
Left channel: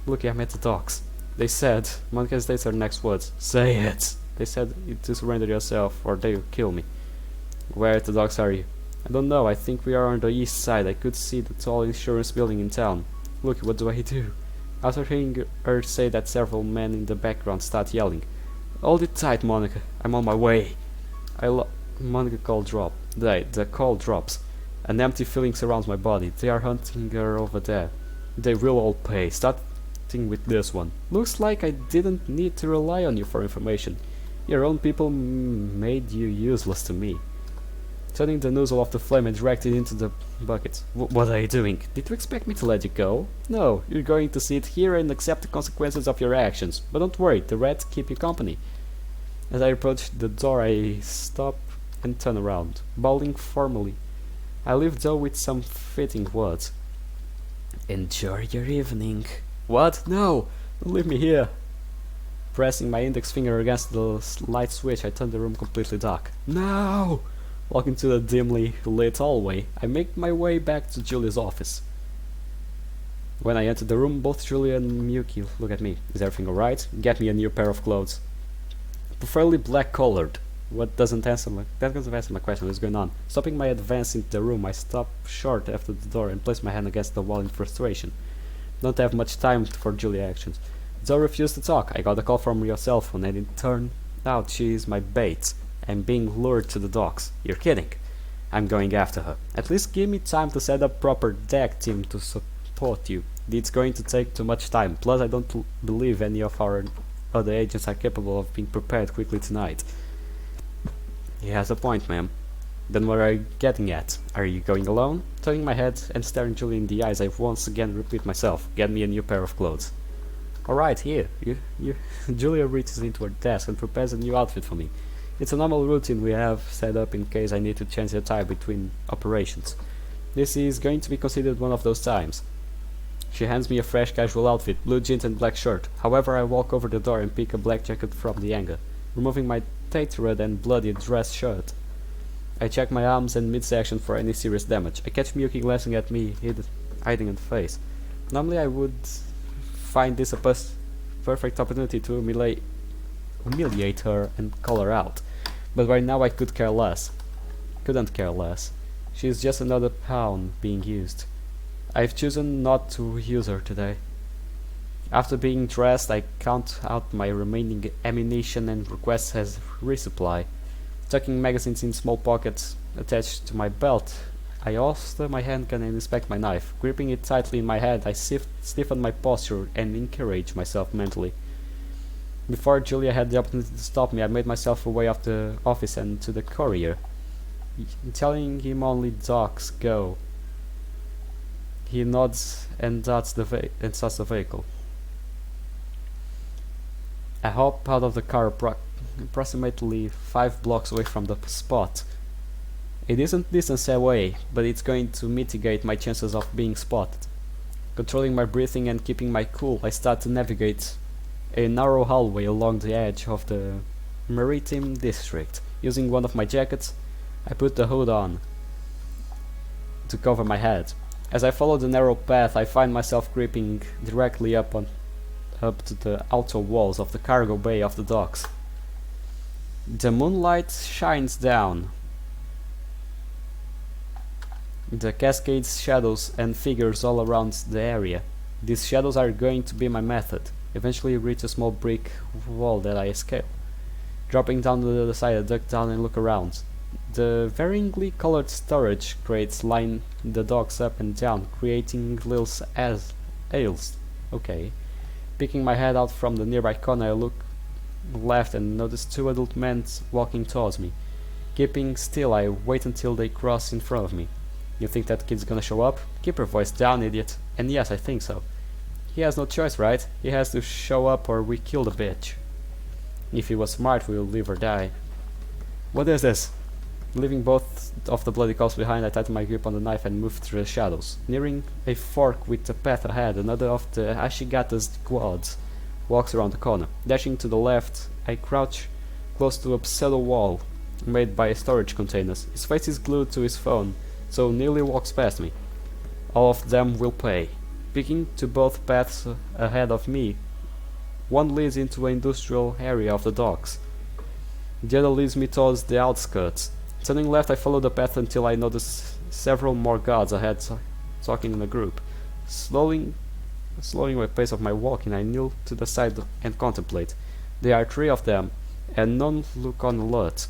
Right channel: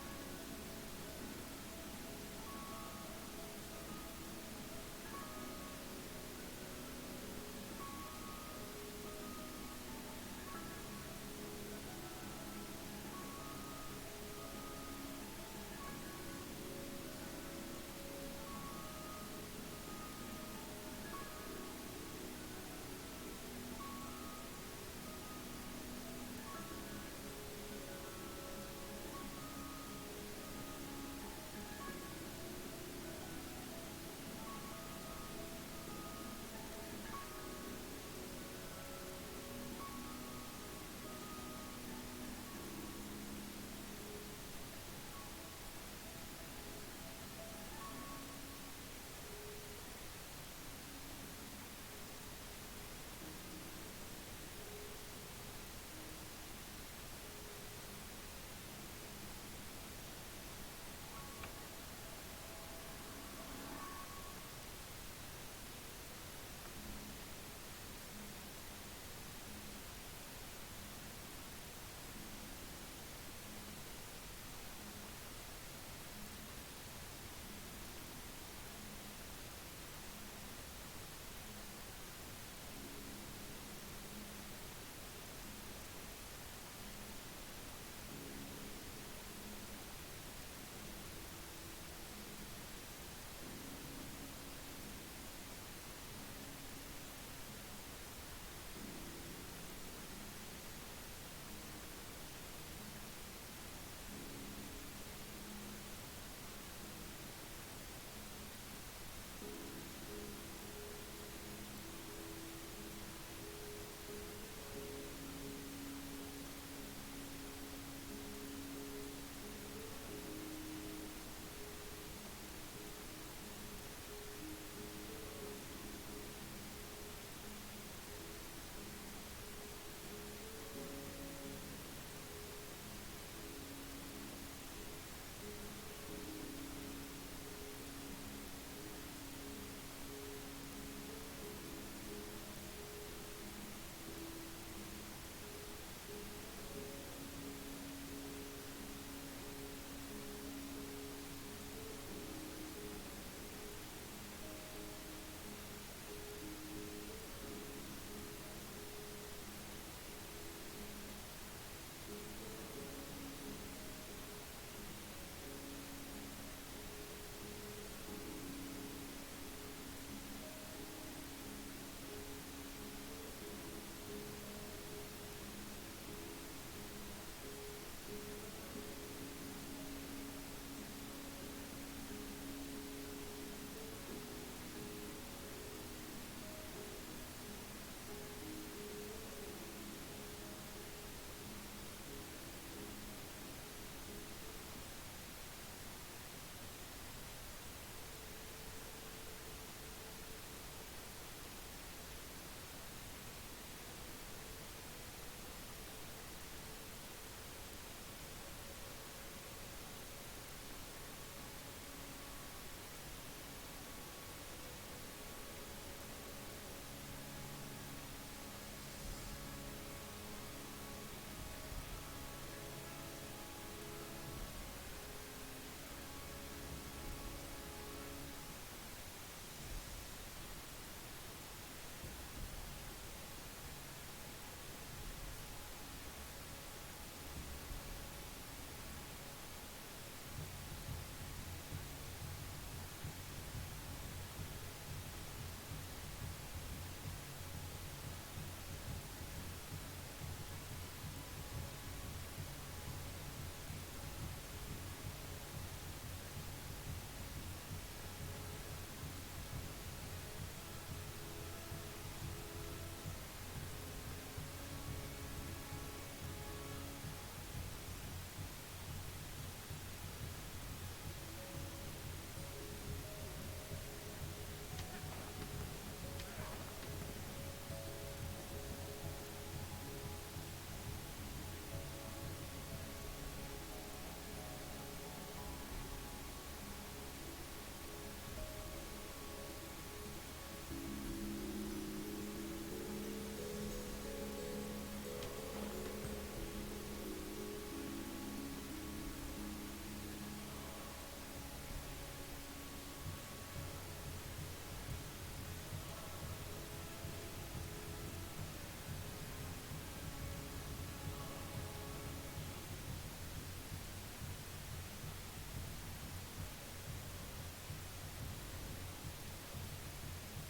Lucky, I'm at the docks. They said. Monica states her next words. Say it. They said to surrender yourself or they will kill me. Where at the docks are you? I don't know. I think we are on the east side. I could see the tall insurance building in town. Look, what do I do? After hearing her say that, several men in the background start yelling. Hold it tight, Monica. I'm on my way. Monica the call drops. An empty feeling surrounds my body. They are hunting her over there. They will all pay. Starting with this one. Looks like I didn't need to rely on you for information. Your own people made you useless to me. Turning the nozzle off the flame and dragged it into the bucket. What are you doing? Did you expect me to let you go? No, you're going to sit here and accept the consequences of your actions. But don't worry, the rats keep you company. As I approach the door, I stop and turn around, bowing formally. I leave though with some fitting words. Enjoy your evening. What? No! Don't leave me here! Pressing my index finger against the light switch, I turn the room completely dark. No! Walking to the dimly lit hallway, I make my way back to Julia's office. When I enter the room, both Julia and Miyuki look at me. Is everything alright? Get me a new pair of clothes. Preferably black-colored. That doesn't answer my question. What's going on? Stopping my advance into the room, I stop short after the door and place my hand against the wall in frustration. Don't have much time for Julia actions. Zoe refused to talk. I got a call from your cell phone and it turned out she is my bait. I'm being lured to the docks. You're kidding. I'm going after her. At least give me time to set up proper deck team to support you. It's going to take too much time. Plus, I don't believe any of our other agents are capable of being prepared quickly tonight. He has a point, ma'am. Then what are you getting at? Are you going alone? Turning my head and staring Julie in the eyes, I once again repeat myself. Get me a new pair of clothes. Alright, here. Julia reaches into her desk and prepares a new outfit for me. It's a normal routine we have set up in case I need to change the attire between operations. This is going to be considered one of those times. She hands me a fresh casual outfit, blue jeans and black shirt. However, I walk over the door and pick a black jacket from the hanger, removing my tattooed and bloody dress shirt. I check my arms and midsection for any serious damage. I catch Miyuki glancing at me, hiding in the face. Normally I would find this a perfect opportunity to humiliate her and call her out. But right now I couldn't care less. She is just another pawn being used. I've chosen not to use her today. After being dressed, I count out my remaining ammunition and request as resupply. Tucking magazines in small pockets attached to my belt, I holster my handgun and inspect my knife. Gripping it tightly in my hand, I stiffen my posture and encourage myself mentally. Before Julia had the opportunity to stop me, I made myself away of the office and to the courier, telling him only dogs go. He nods and starts the vehicle. I hop out of the car approximately 5 blocks away from the spot. It isn't distance away, but it's going to mitigate my chances of being spotted. Controlling my breathing and keeping my cool, I start to navigate a narrow hallway along the edge of the maritime district. Using one of my jackets, I put the hood on to cover my head. As I follow the narrow path, I find myself creeping directly up to the outer walls of the cargo bay of the docks. The moonlight shines down. The cascades, shadows and figures all around the area. These shadows are going to be my method. Eventually reach a small brick wall that I escape. Dropping down to the other side, I duck down and look around. The varyingly colored storage crates line the docks up and down, creating little aisles. Okay. Picking my head out from the nearby corner, I look left and notice 2 adult men walking towards me. Keeping still, I wait until they cross in front of me. You think that kid's gonna show up? Keep your voice down, idiot. And yes, I think so. He has no choice, right? He has to show up or we kill the bitch. If he was smart, we will leave her die. What is this? Leaving both of the bloody cops behind, I tighten my grip on the knife and move through the shadows. Nearing a fork with the path ahead, another of the Ashigata's squads walks around the corner. Dashing to the left, I crouch close to a pseudo wall made by storage containers. His face is glued to his phone, so Neely walks past me. All of them will pay. Picking to both paths ahead of me, one leads into the industrial area of the docks. The other leads me towards the outskirts. Turning left, I follow the path until I notice several more guards ahead talking in a group. Slowing the pace of my walking, I kneel to the side and contemplate. There are 3 of them, and none look on alert,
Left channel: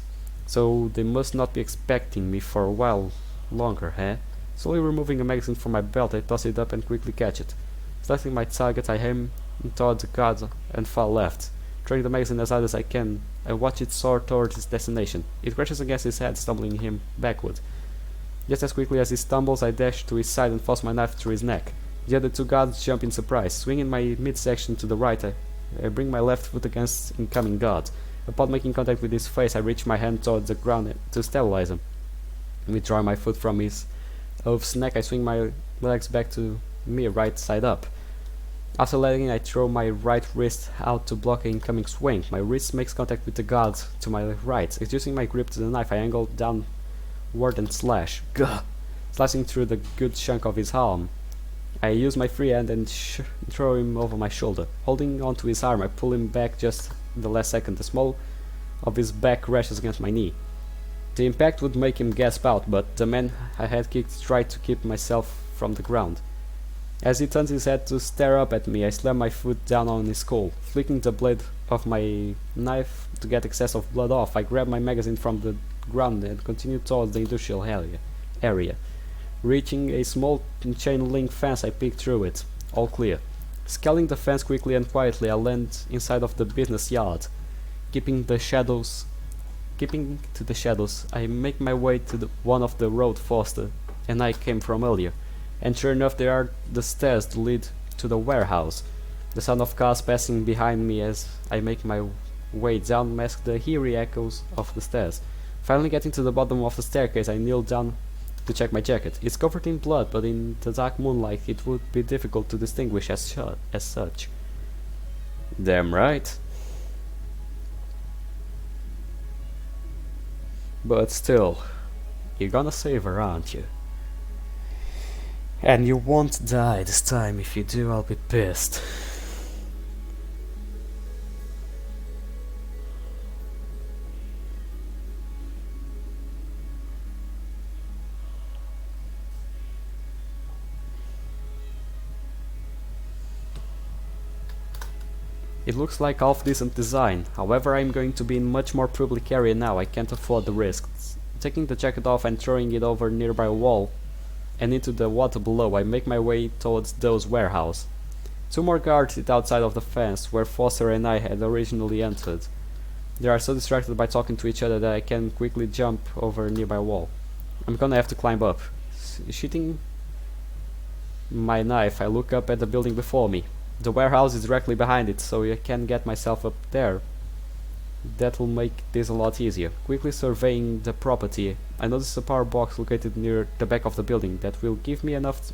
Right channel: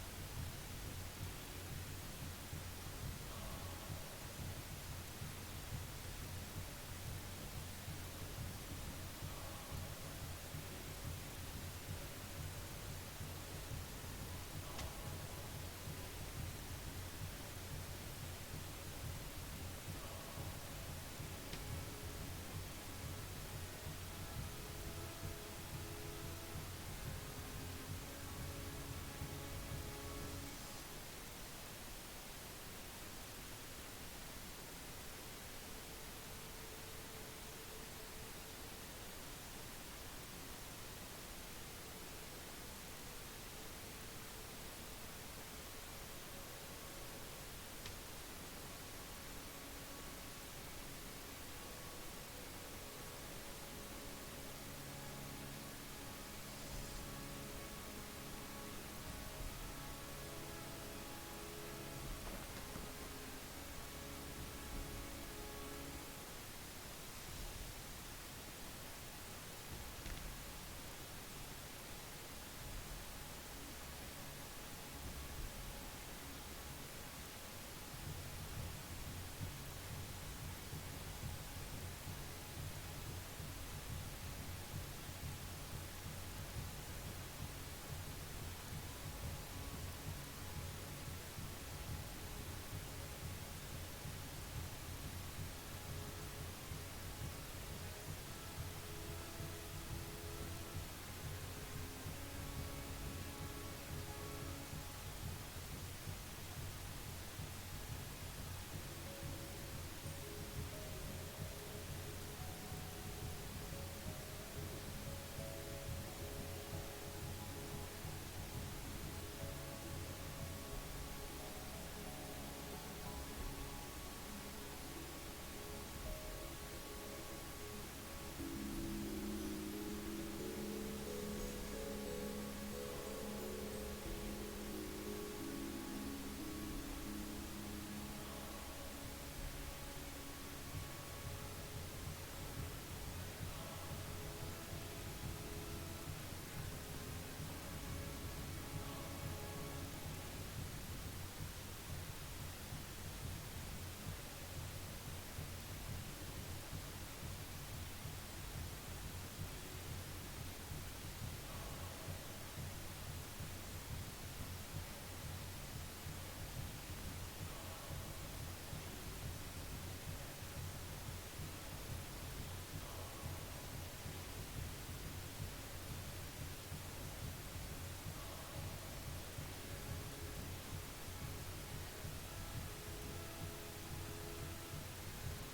so they must not be expecting me for a while longer, eh? Slowly removing a magazine from my belt, I toss it up and quickly catch it. Selecting my target, I aim towards the guard and far left. Throwing the magazine as hard as I can, I watch it soar towards its destination. It crashes against his head, stumbling him backward. Just as quickly as he stumbles, I dash to his side and force my knife through his neck. The other 2 guards jump in surprise. Swinging my midsection to the right, I bring my left foot against incoming guard. Upon making contact with his face, I reach my hand towards the ground to stabilize him. Withdrawing my foot from his oaf's neck, I swing my legs back to me, right side up. After landing, I throw my right wrist out to block an incoming swing. My wrist makes contact with the guard to my right. Using my grip to the knife, I angle downward and slash. Gah! Slicing through the good chunk of his arm. I use my free hand and throw him over my shoulder. Holding onto his arm, I pull him back just in the last second. The small of his back crashes against my knee. The impact would make him gasp out, but the man I had kicked tried to keep myself from the ground. As he turns his head to stare up at me, I slam my foot down on his skull. Flicking the blade of my knife to get excess of blood off, I grab my magazine from the ground and continue towards the industrial area. Reaching a small chain link fence, I peek through it. All clear. Scaling the fence quickly and quietly, I land inside of the business yard. Keeping to the shadows, I make my way to one of the road Foster and I came from earlier. And sure enough, there are the stairs that lead to the warehouse. The sound of cars passing behind me as I make my way down mask the eerie echoes of the stairs. Finally getting to the bottom of the staircase, I kneel down to check my jacket. It's covered in blood, but in the dark moonlight it would be difficult to distinguish as such. Damn right. But still, you're gonna save her, aren't you? And you won't die this time. If you do, I'll be pissed. It looks like half decent design, however I'm going to be in much more public area now, I can't afford the risks. Taking the jacket off and throwing it over a nearby wall and into the water below, I make my way towards Doe's warehouse. 2 more guards sit outside of the fence where Foster and I had originally entered. They are so distracted by talking to each other that I can quickly jump over a nearby wall. I'm gonna have to climb up. Shooting my knife, I look up at the building before me. The warehouse is directly behind it, so I can get myself up there. That will make this a lot easier. Quickly surveying the property, I notice a power box located near the back of the building that will give me enough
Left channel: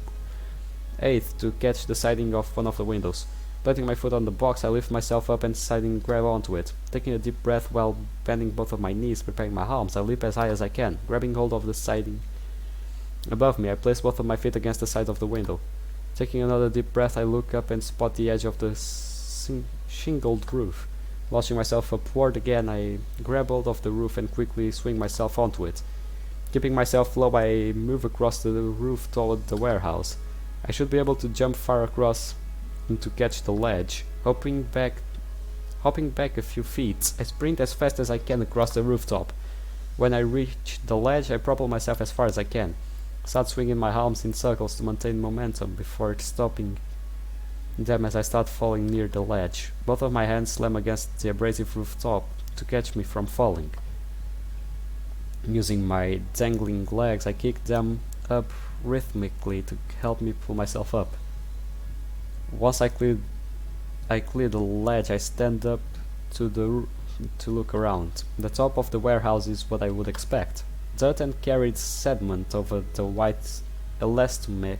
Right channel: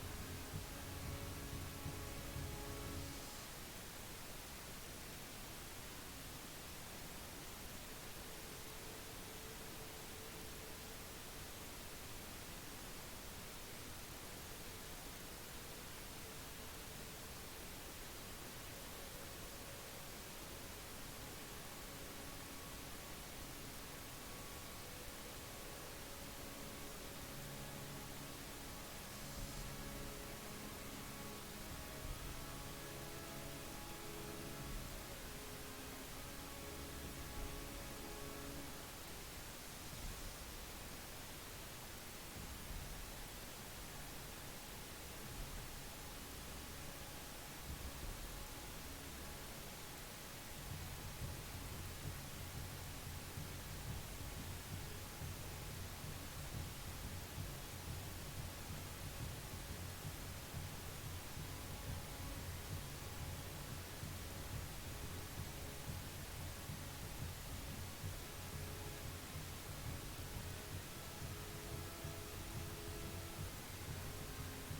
aid to catch the siding of one of the windows. Planting my foot on the box, I lift myself up and siding grab onto it. Taking a deep breath while bending both of my knees, preparing my arms, I leap as high as I can. Grabbing hold of the siding above me, I place both of my feet against the side of the window. Taking another deep breath, I look up and spot the edge of the shingled roof. Launching myself upward again, I grab hold of the roof and quickly swing myself onto it. Keeping myself low, I move across the roof toward the warehouse. I should be able to jump far across and to catch the ledge. Hopping back a few feet, I sprint as fast as I can across the rooftop. When I reach the ledge, I propel myself as far as I can. Start swinging my arms in circles to maintain momentum before stopping them as I start falling near the ledge. Both of my hands slam against the abrasive rooftop to catch me from falling. Using my dangling legs, I kick them up rhythmically to help me pull myself up. Once I clear the ledge, I stand up to look around. The top of the warehouse is what I would expect. Dirt and carried sediment over the white elastomeric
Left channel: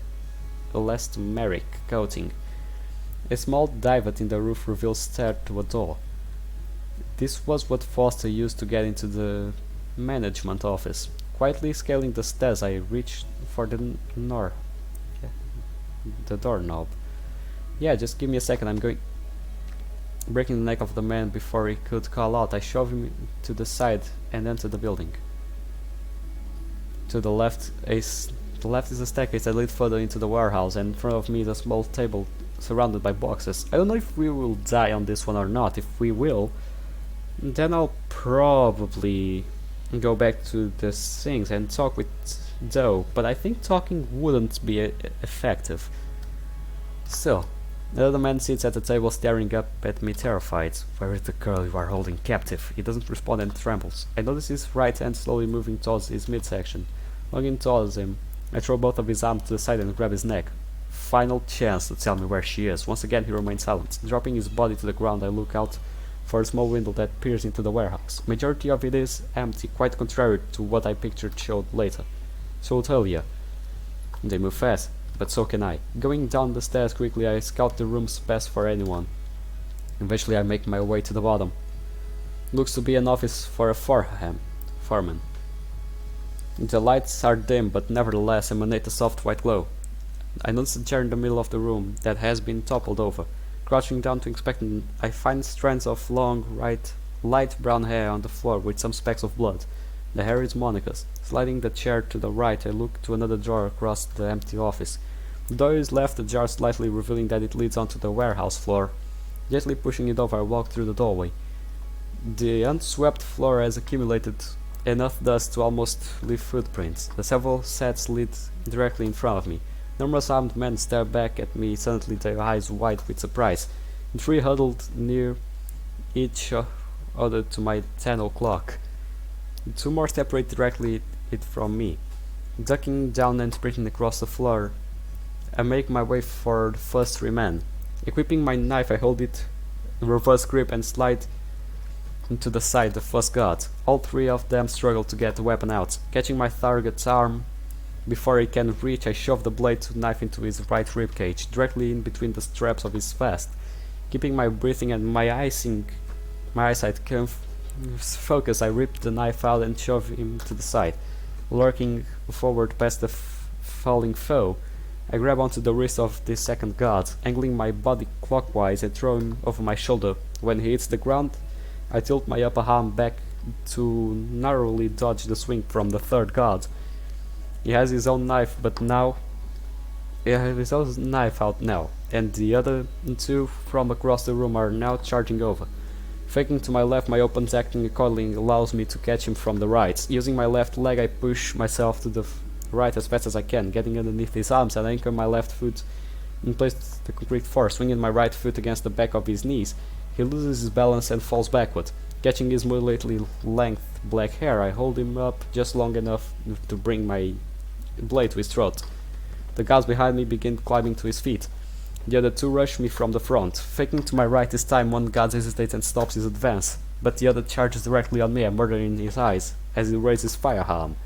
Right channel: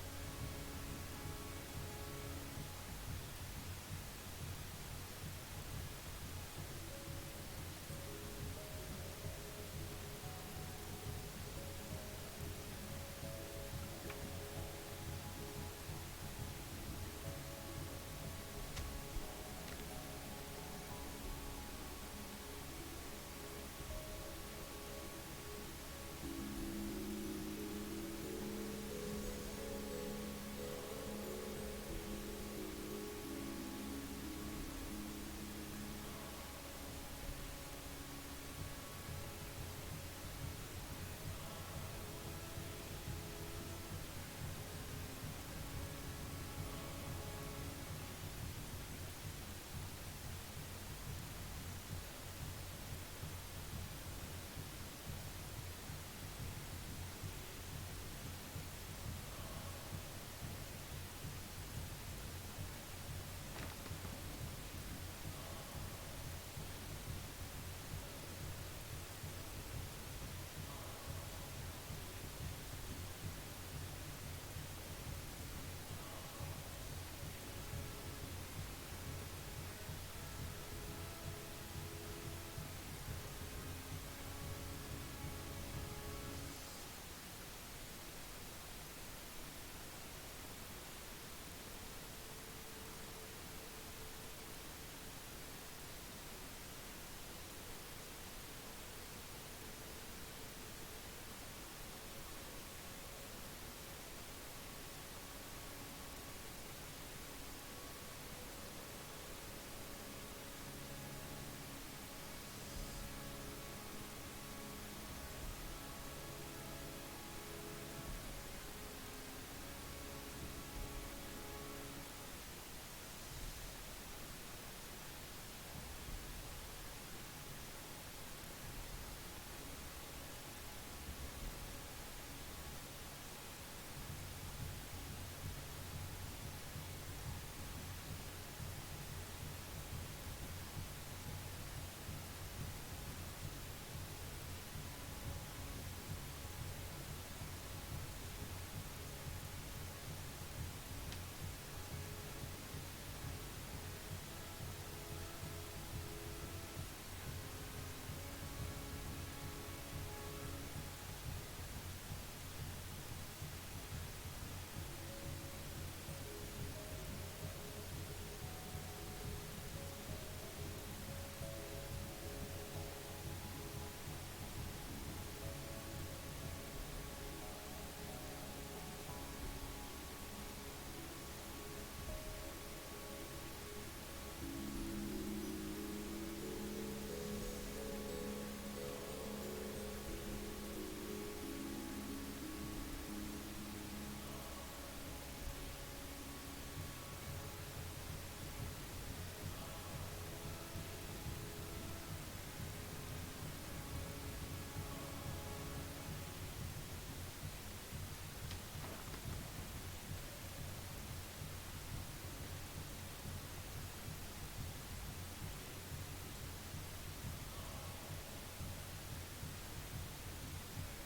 coating. A small divot in the roof reveals stair to a door. This was what Foster used to get into the management office. Quietly scaling the stairs, I reached for the doorknob. Yeah, just give me a second, I'm going... Breaking the neck of the man before he could call out, I shoved him to the side and entered the building. To the left is a staircase that leads further into the warehouse, and in front of me is a small table surrounded by boxes. I don't know if we will die on this one or not. If we will, then I'll probably go back to the things and talk with Doe, but I think talking wouldn't be effective. Still, the other man sits at the table staring up at me terrified. Where is the girl you are holding captive? He doesn't respond and trembles. I notice his right hand slowly moving towards his midsection. Looking towards him, I throw both of his arms to the side and grab his neck. Final chance to tell me where she is. Once again he remains silent. Dropping his body to the ground, I look out for a small window that peers into the warehouse. Majority of it is empty, quite contrary to what I pictured showed later. So I'll tell ya. They move fast, but so can I. Going down the stairs quickly, I scout the rooms best for anyone. Eventually I make my way to the bottom. Looks to be an office for a foreman. The lights are dim, but nevertheless emanate a soft white glow. I notice a chair in the middle of the room that has been toppled over. Crouching down to inspect it, I find strands of long, light brown hair on the floor with some specks of blood. The hair is Monica's. Sliding the chair to the right, I look to another door across the empty office. The door is left ajar slightly, revealing that it leads onto the warehouse floor. Gently pushing it over, I walk through the doorway. The unswept floor has accumulated enough dust to almost leave footprints. The several sets lead directly in front of me. Numerous armed men stare back at me, suddenly their eyes wide with surprise. Three huddled near each other to my 10 o'clock. Two more separate directly from me. Ducking down and sprinting across the floor, I make my way for the first three men. Equipping my knife, I hold it in reverse grip and slide to the side the first guard. All three of them struggle to get the weapon out. Catching my target's arm before he can reach, I shove the blade of the knife into his right ribcage, directly in between the straps of his vest. Keeping my breathing and my eyesight focused, I rip the knife out and shove him to the side. Lurking forward past the falling foe, I grab onto the wrist of the second guard, angling my body clockwise and throw him over my shoulder. When he hits the ground, I tilt my upper arm back to narrowly dodge the swing from the third guard. He has his own knife, but now he has his own knife out now, and the other two from across the room are now charging over. Faking to my left, my open acting accordingly allows me to catch him from the right. Using my left leg, I push myself to the right as fast as I can, getting underneath his arms and anchor my left foot in place with the concrete force, swinging my right foot against the back of his knees. He loses his balance and falls backward. Catching his moderately length black hair, I hold him up just long enough to bring my blade to his throat. The guards behind me begin climbing to his feet. The other two rush me from the front. Faking to my right this time, one guard hesitates and stops his advance, but the other charges directly on me, a murder in his eyes, as he raises his firearm.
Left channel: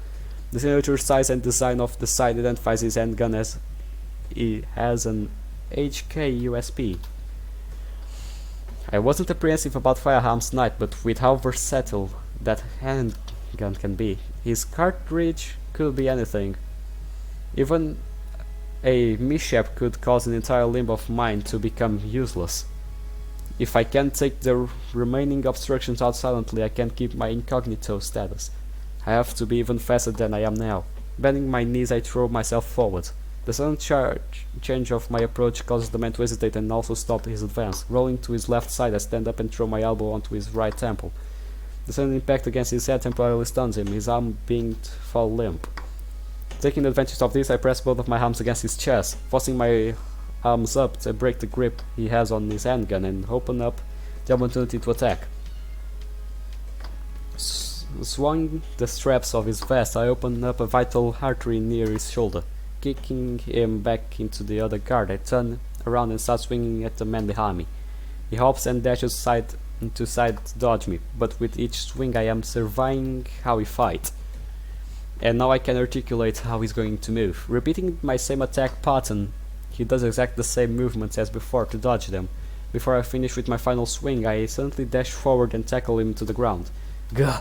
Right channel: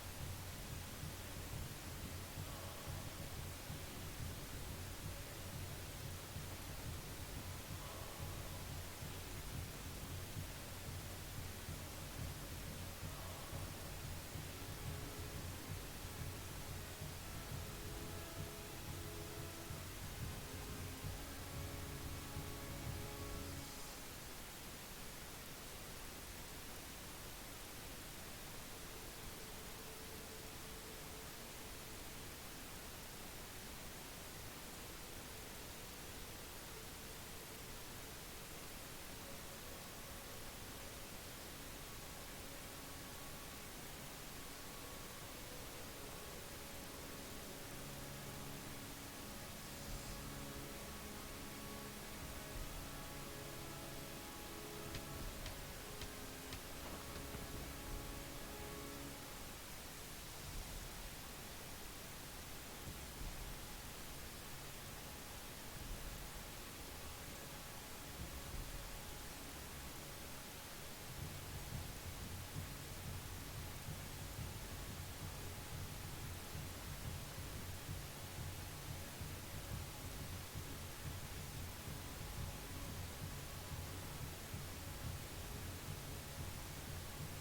The signature size and design of the side identifies his handgun as he has an HK USP. I wasn't apprehensive about firearms tonight, but with how versatile that handgun can be, his cartridge could be anything. Even a mishap could cause an entire limb of mine to become useless. If I can't take the remaining obstructions out silently, I can't keep my incognito status. I have to be even faster than I am now. Bending my knees, I throw myself forward. The sudden change of my approach causes the man to hesitate and also stop his advance. Rolling to his left side, I stand up and throw my elbow onto his right temple. The sudden impact against his head temporarily stuns him, his arm being to fall limp. Taking advantage of this, I press both of my arms against his chest, forcing my arms up to break the grip he has on his handgun and open up the opportunity to attack. Swung the straps of his vest, I open up a vital artery near his shoulder. Kicking him back into the other guard, I turn around and start swinging at the man behind me. He hops and dashes side to side to dodge me, but with each swing I am surveying how he fights. And now I can articulate how he's going to move. Repeating my same attack pattern, He does exactly the same movements as before to dodge them. Before I finish with my final swing, I suddenly dash forward and tackle him to the ground. Gah!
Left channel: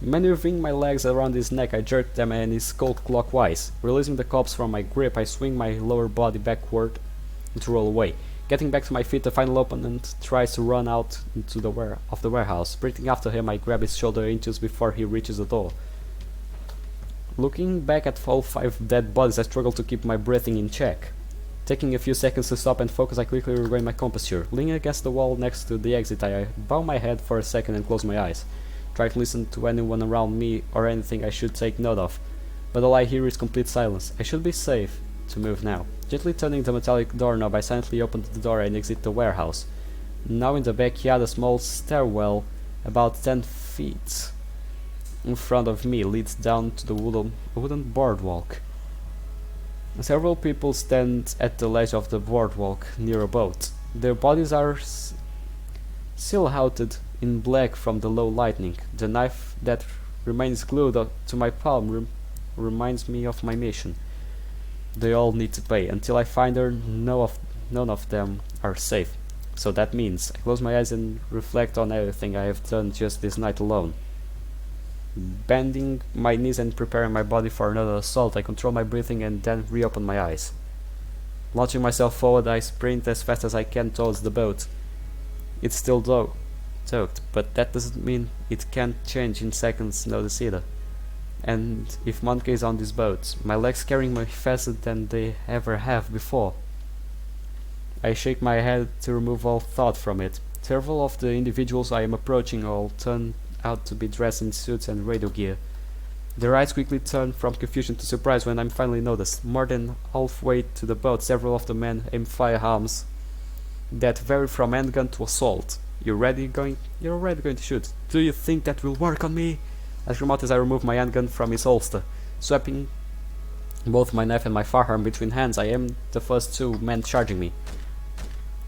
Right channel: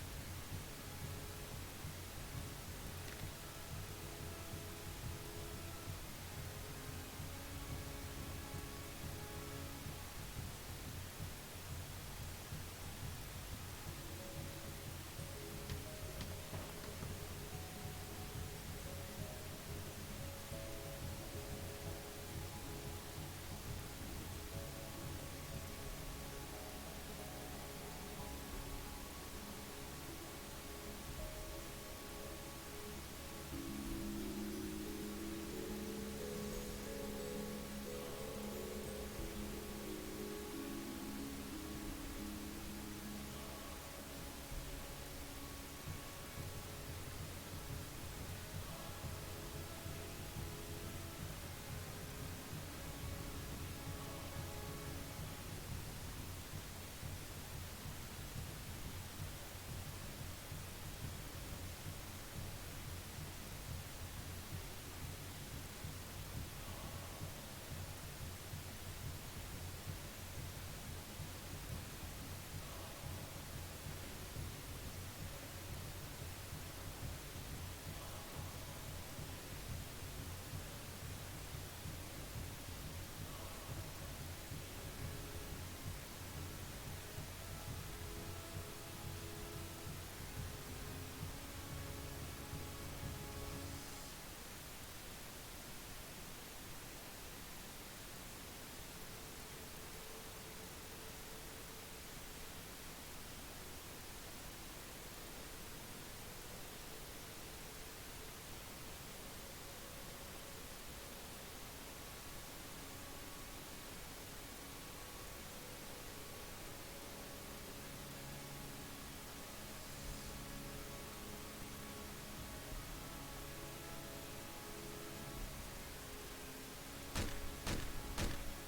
Maneuvering my legs around his neck, I jerk them and he skull clockwise. Releasing the cops from my grip, I swing my lower body backward to roll away. Getting back to my feet, the final opponent tries to run out into the warehouse. Sprinting after him, I grab his shoulder inches before he reaches the door. Looking back at all 5 dead bodies, I struggle to keep my breathing in check. Taking a few seconds to stop and focus, I quickly regain my composure. Leaning against the wall next to the exit, I bow my head for a second and close my eyes. Try to listen to anyone around me or anything I should take note of, but all I hear is complete silence. I should be safe to move now. Gently turning the metallic doorknob, I silently open the door and exit the warehouse. Now in the backyard, a small stairwell about 10 feet in front of me leads down to the wooden boardwalk. Several people stand at the ledge of the boardwalk near a boat. Their bodies are silhouetted in black from the low lighting. The knife that remains glued to my palm reminds me of my mission. They all need to pay. Until I find her, none of them are safe. So that means I close my eyes and reflect on everything I have done just this night alone. Bending my knees and preparing my body for another assault, I control my breathing and then reopen my eyes. Launching myself forward, I sprint as fast as I can towards the boat. It's still soaked, but that doesn't mean it can't change in seconds notice either. And if Monica is on this boat, my legs carrying me faster than they ever have before. I shake my head to remove all thought from it. Several of the individuals I am approaching all turn out to be dressed in suits and radio gear. Their eyes quickly turn from confusion to surprise when I'm finally noticed. More than halfway to the boat, several of the men aim firearms that vary from handgun to assault. You're already going to shoot. Do you think that will work on me? I scream out as I remove my handgun from his holster. Swapping both my knife and my firearm between hands, I aim the first 2 men charging me.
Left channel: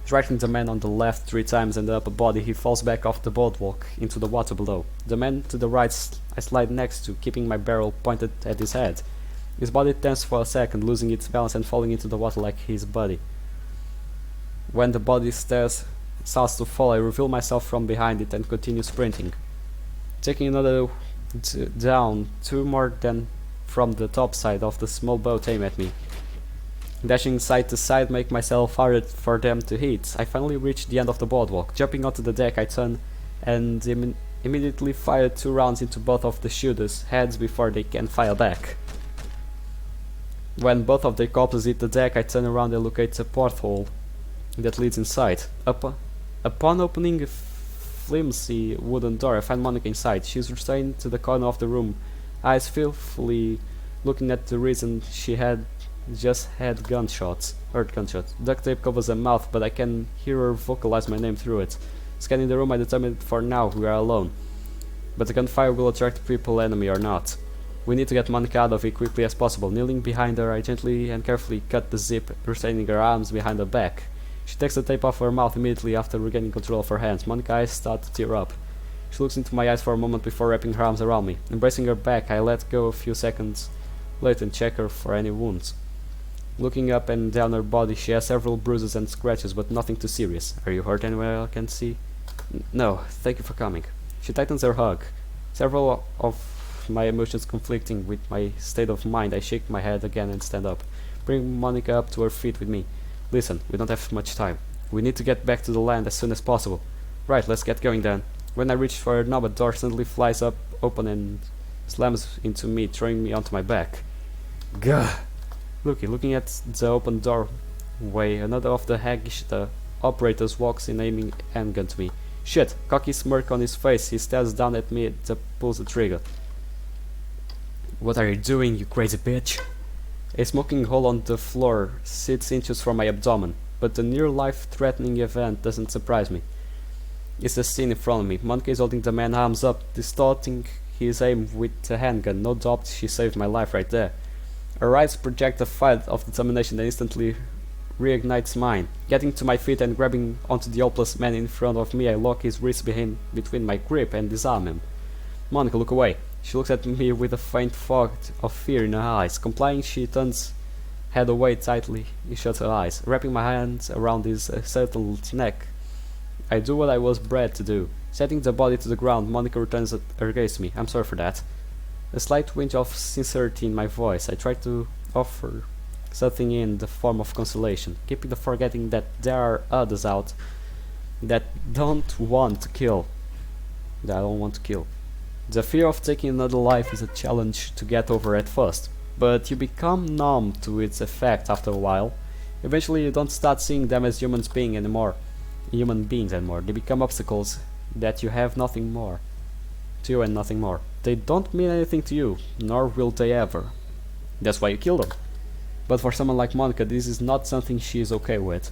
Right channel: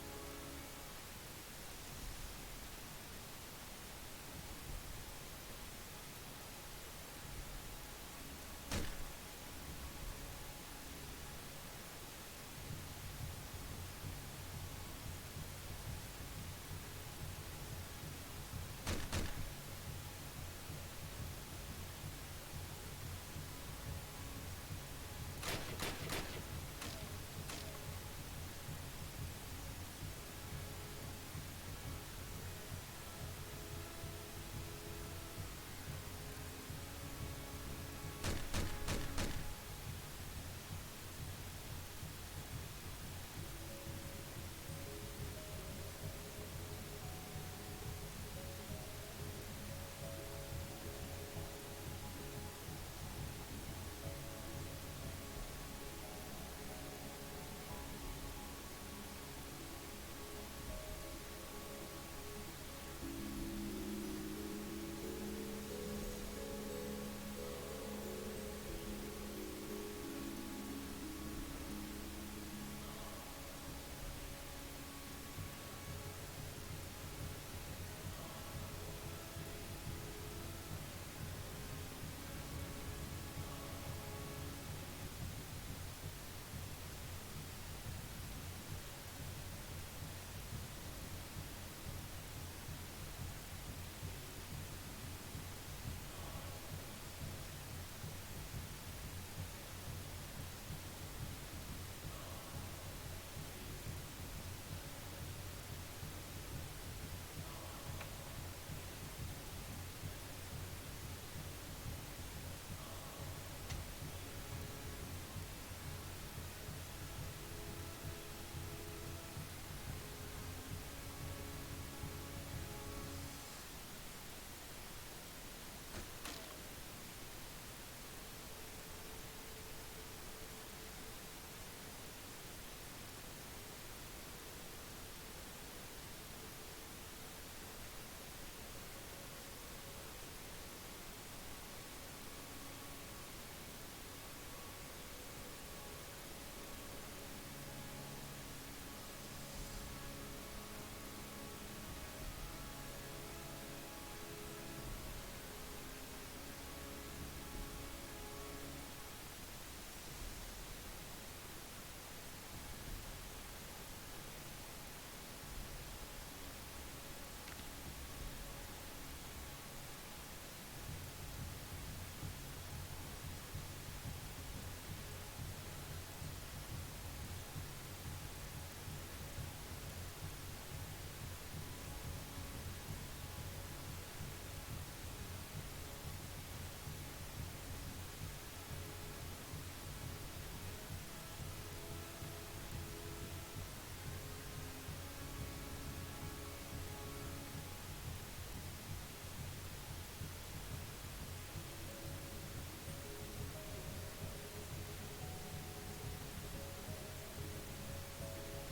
Striking the man on the left 3 times in the upper body, he falls back off the boardwalk into the water below. The man to the right I slide next to, keeping my barrel pointed at his head. His body turns for a second, losing its balance and falling into the water like his body. When the body starts to fall, I reveal myself from behind it and continue sprinting. Taking another down, 2 more than from the top side of the small boat aim at me. Dashing side to side, make myself harder for them to hit. I finally reach the end of the boardwalk. Jumping onto the deck, I turn and immediately fire 2 rounds into both of the shooters' heads before they can fire back. When both of their corpses hit the deck, I turn around and locate a porthole that leads inside. Upon opening a flimsy wooden door, I find Monica inside. She's restrained to the corner of the room, eyes fearfully looking at the reason she had just heard gunshots. Duct tape covers her mouth, but I can hear her vocalize my name through it. Scanning the room, I determine for now we are alone. But the gunfire will attract people, enemy or not. We need to get Monica out of it quickly as possible. Kneeling behind her, I gently and carefully cut the zip, retaining her arms behind her back. She takes the tape off her mouth immediately after regaining control of her hands. Monica's eyes start to tear up. She looks into my eyes for a moment before wrapping her arms around me. Embracing her back, I let go a few seconds later and check her for any wounds. Looking up and down her body, she has several bruises and scratches, but nothing too serious. Are you hurt anywhere I can see? No, thank you for coming. She tightens her hug. Several of my emotions conflicting with my state of mind, I shake my head again and stand up. Bring Monica up to her feet with me. Listen, we don't have much time. We need to get back to the land as soon as possible. Right, let's get going then. When I reach for her knob, a door suddenly flies open and slams into me, throwing me onto my back. Gah! Looking at the open doorway, another of the haggish operators walks in, aiming handgun to me. Shit! Cocky smirk on his face, he stares down at me and pulls the trigger. What are you doing, you crazy bitch? A smoking hole on the floor sits inches from my abdomen, but the near life-threatening event doesn't surprise me. It's the scene in front of me. Monica is holding the man's arms up, distorting his aim with the handgun. No doubt she saved my life right there. Her eyes project a fire of determination that instantly reignites mine. Getting to my feet and grabbing onto the helpless man in front of me, I lock his wrist between my grip and disarm him. Monica, look away. She looks at me with a faint fog of fear in her eyes. Complying, she turns head away tightly, shut her eyes, wrapping my hands around his settled neck. I do what I was bred to do. Setting the body to the ground, Monica returns her gaze to me. I'm sorry for that. A slight twinge of sincerity in my voice. I try to offer something in the form of consolation, keeping the forgetting that there are others out that don't want to kill. That I don't want to kill. The fear of taking another life is a challenge to get over at first, but you become numb to its effect after a while. Eventually you don't start seeing them as human beings anymore. They become obstacles that you have nothing more to you and nothing more. They don't mean anything to you, nor will they ever. That's why you kill them. But for someone like Monica, this is not something she is okay with.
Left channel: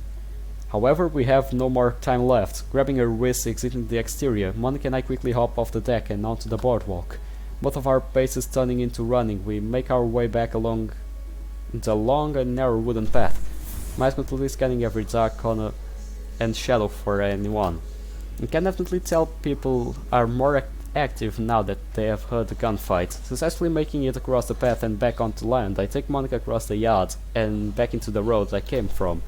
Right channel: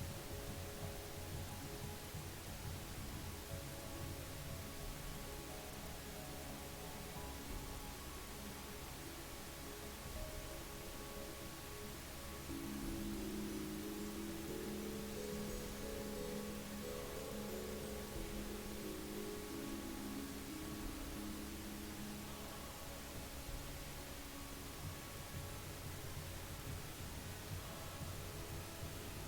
However, we have no more time left. Grabbing her wrist exiting the exterior, Monica and I quickly hop off the deck and onto the boardwalk. Both of our paces turning into running, we make our way back along the long and narrow wooden path, my eyes completely scanning every dark corner and shadow for anyone. You can definitely tell people are more active now that they have heard the gunfight. Successfully making it across the path and back onto land, I take Monica across the yard and back into the road I came from.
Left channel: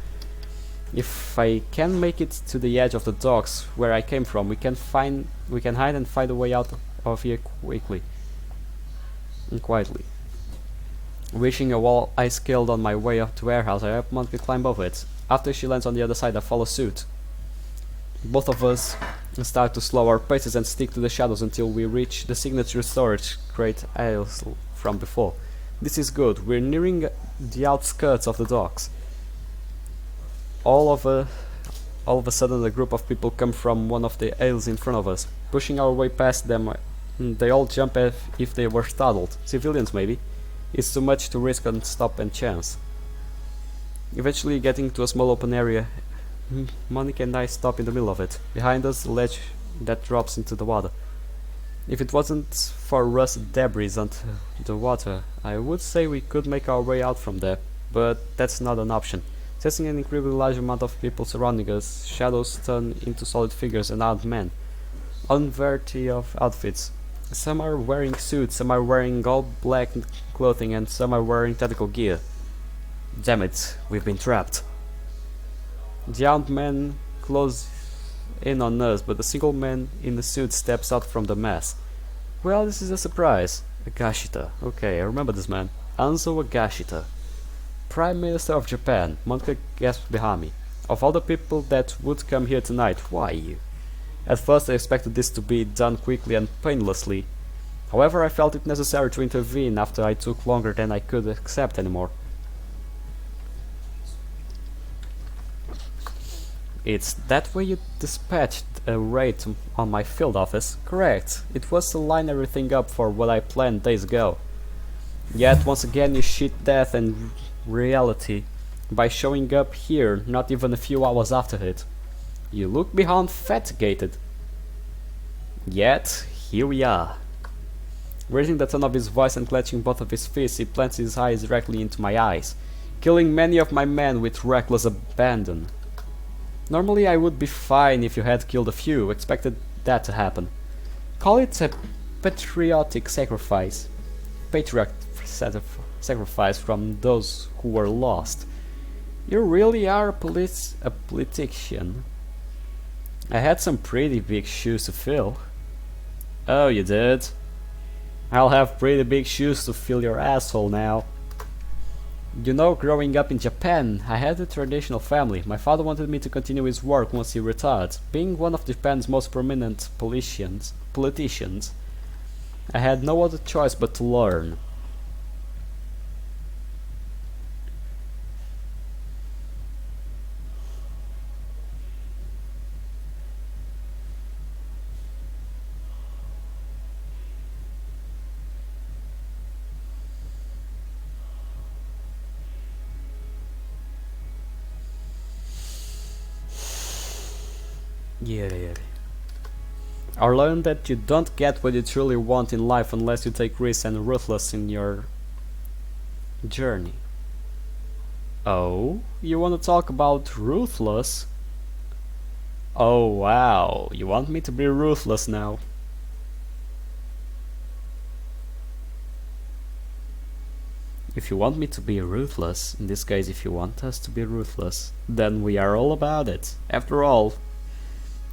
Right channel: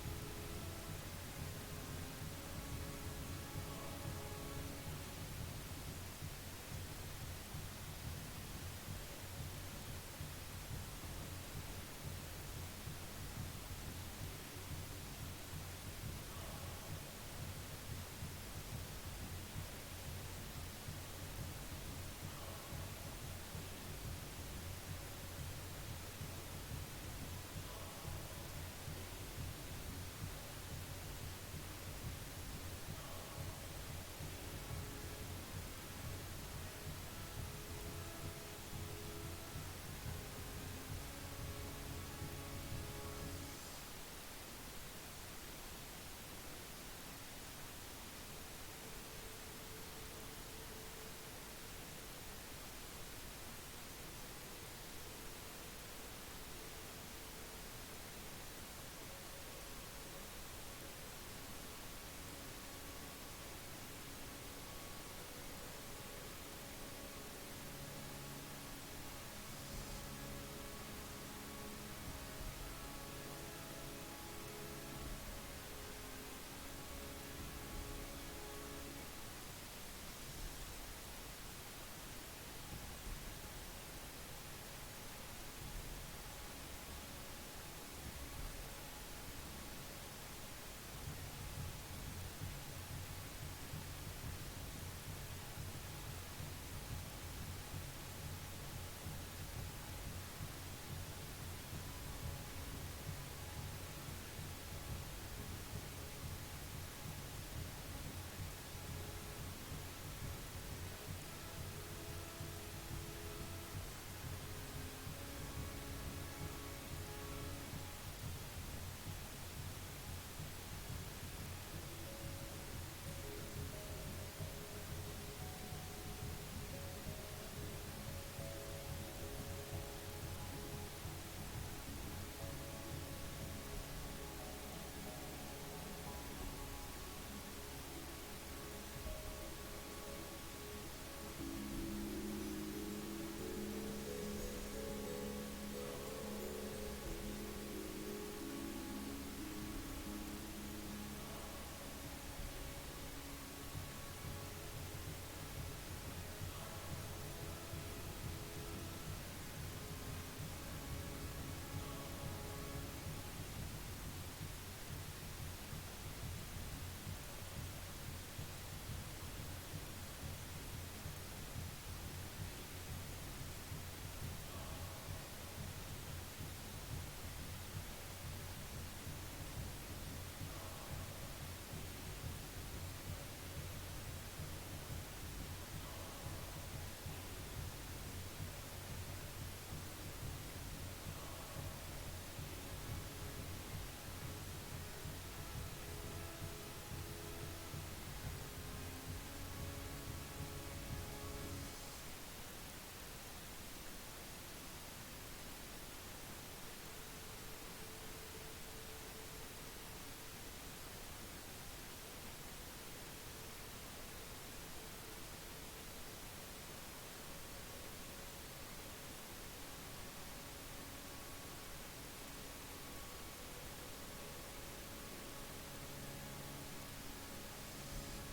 If I can make it to the edge of the docks where I came from, we can hide and find a way out of here quickly and quietly. Reaching a wall I scaled on my way up to warehouse, I help Monica climb over it. After she lands on the other side, I follow suit. Both of us start to slow our paces and stick to the shadows until we reach the signature storage crate aisles from before. This is good. We're nearing the outskirts of the docks. All of a sudden, a group of people come from one of the aisles in front of us. Pushing our way past them, they all jump as if they were startled. Civilians, maybe. It's too much to risk on stop and chance. Eventually, getting to a small open area, Monica and I stop in the middle of it. Behind us, a ledge that drops into the water. If it wasn't for rusted debris onto the water, I would say we could make our way out from there, but that's not an option. Sensing an incredibly large amount of people surrounding us, shadows turn into solid figures and armed men, on variety of outfits. Some are wearing suits, some are wearing all black clothing, and some are wearing tactical gear. Damn it, we've been trapped. The armed men close in on us, but a single man in a suit steps out from the mass. Well, this is a surprise. Agashita. Okay, I remember this man. Anzo Agashita. Prime Minister of Japan. Monica gasped behind me. Of all the people that would come here tonight, why you? At first I expected this to be done quickly and painlessly. However, I felt it necessary to intervene after I took longer than I could accept anymore. It's that way you dispatched a raid on my field office? Correct. It was to line everything up for what I planned days ago. Yet once again you cheat death and reality by showing up here not even a few hours after it. You look beyond fatigued. Yet here we are. Raising the tone of his voice and clenching both of his fists, he plants his eyes directly into my eyes, killing many of my men with reckless abandon. Normally I would be fine if you had killed a few, expected that to happen. Call it a patriotic sacrifice. Sacrifice from those who were lost. You really are a politician. I had some pretty big shoes to fill. Oh, you did? I'll have pretty big shoes to fill your asshole now. You know, growing up in Japan, I had a traditional family. My father wanted me to continue his work once he retired. Being one of Japan's most prominent politicians, I had no other choice but to learn. Yeah. I learned that you don't get what you truly want in life unless you take risks and ruthless in your journey. Oh, you want to talk about ruthless? Oh wow, you want me to be ruthless now? If you want me to be ruthless, in this case if you want us to be ruthless, then we are all about it. After all,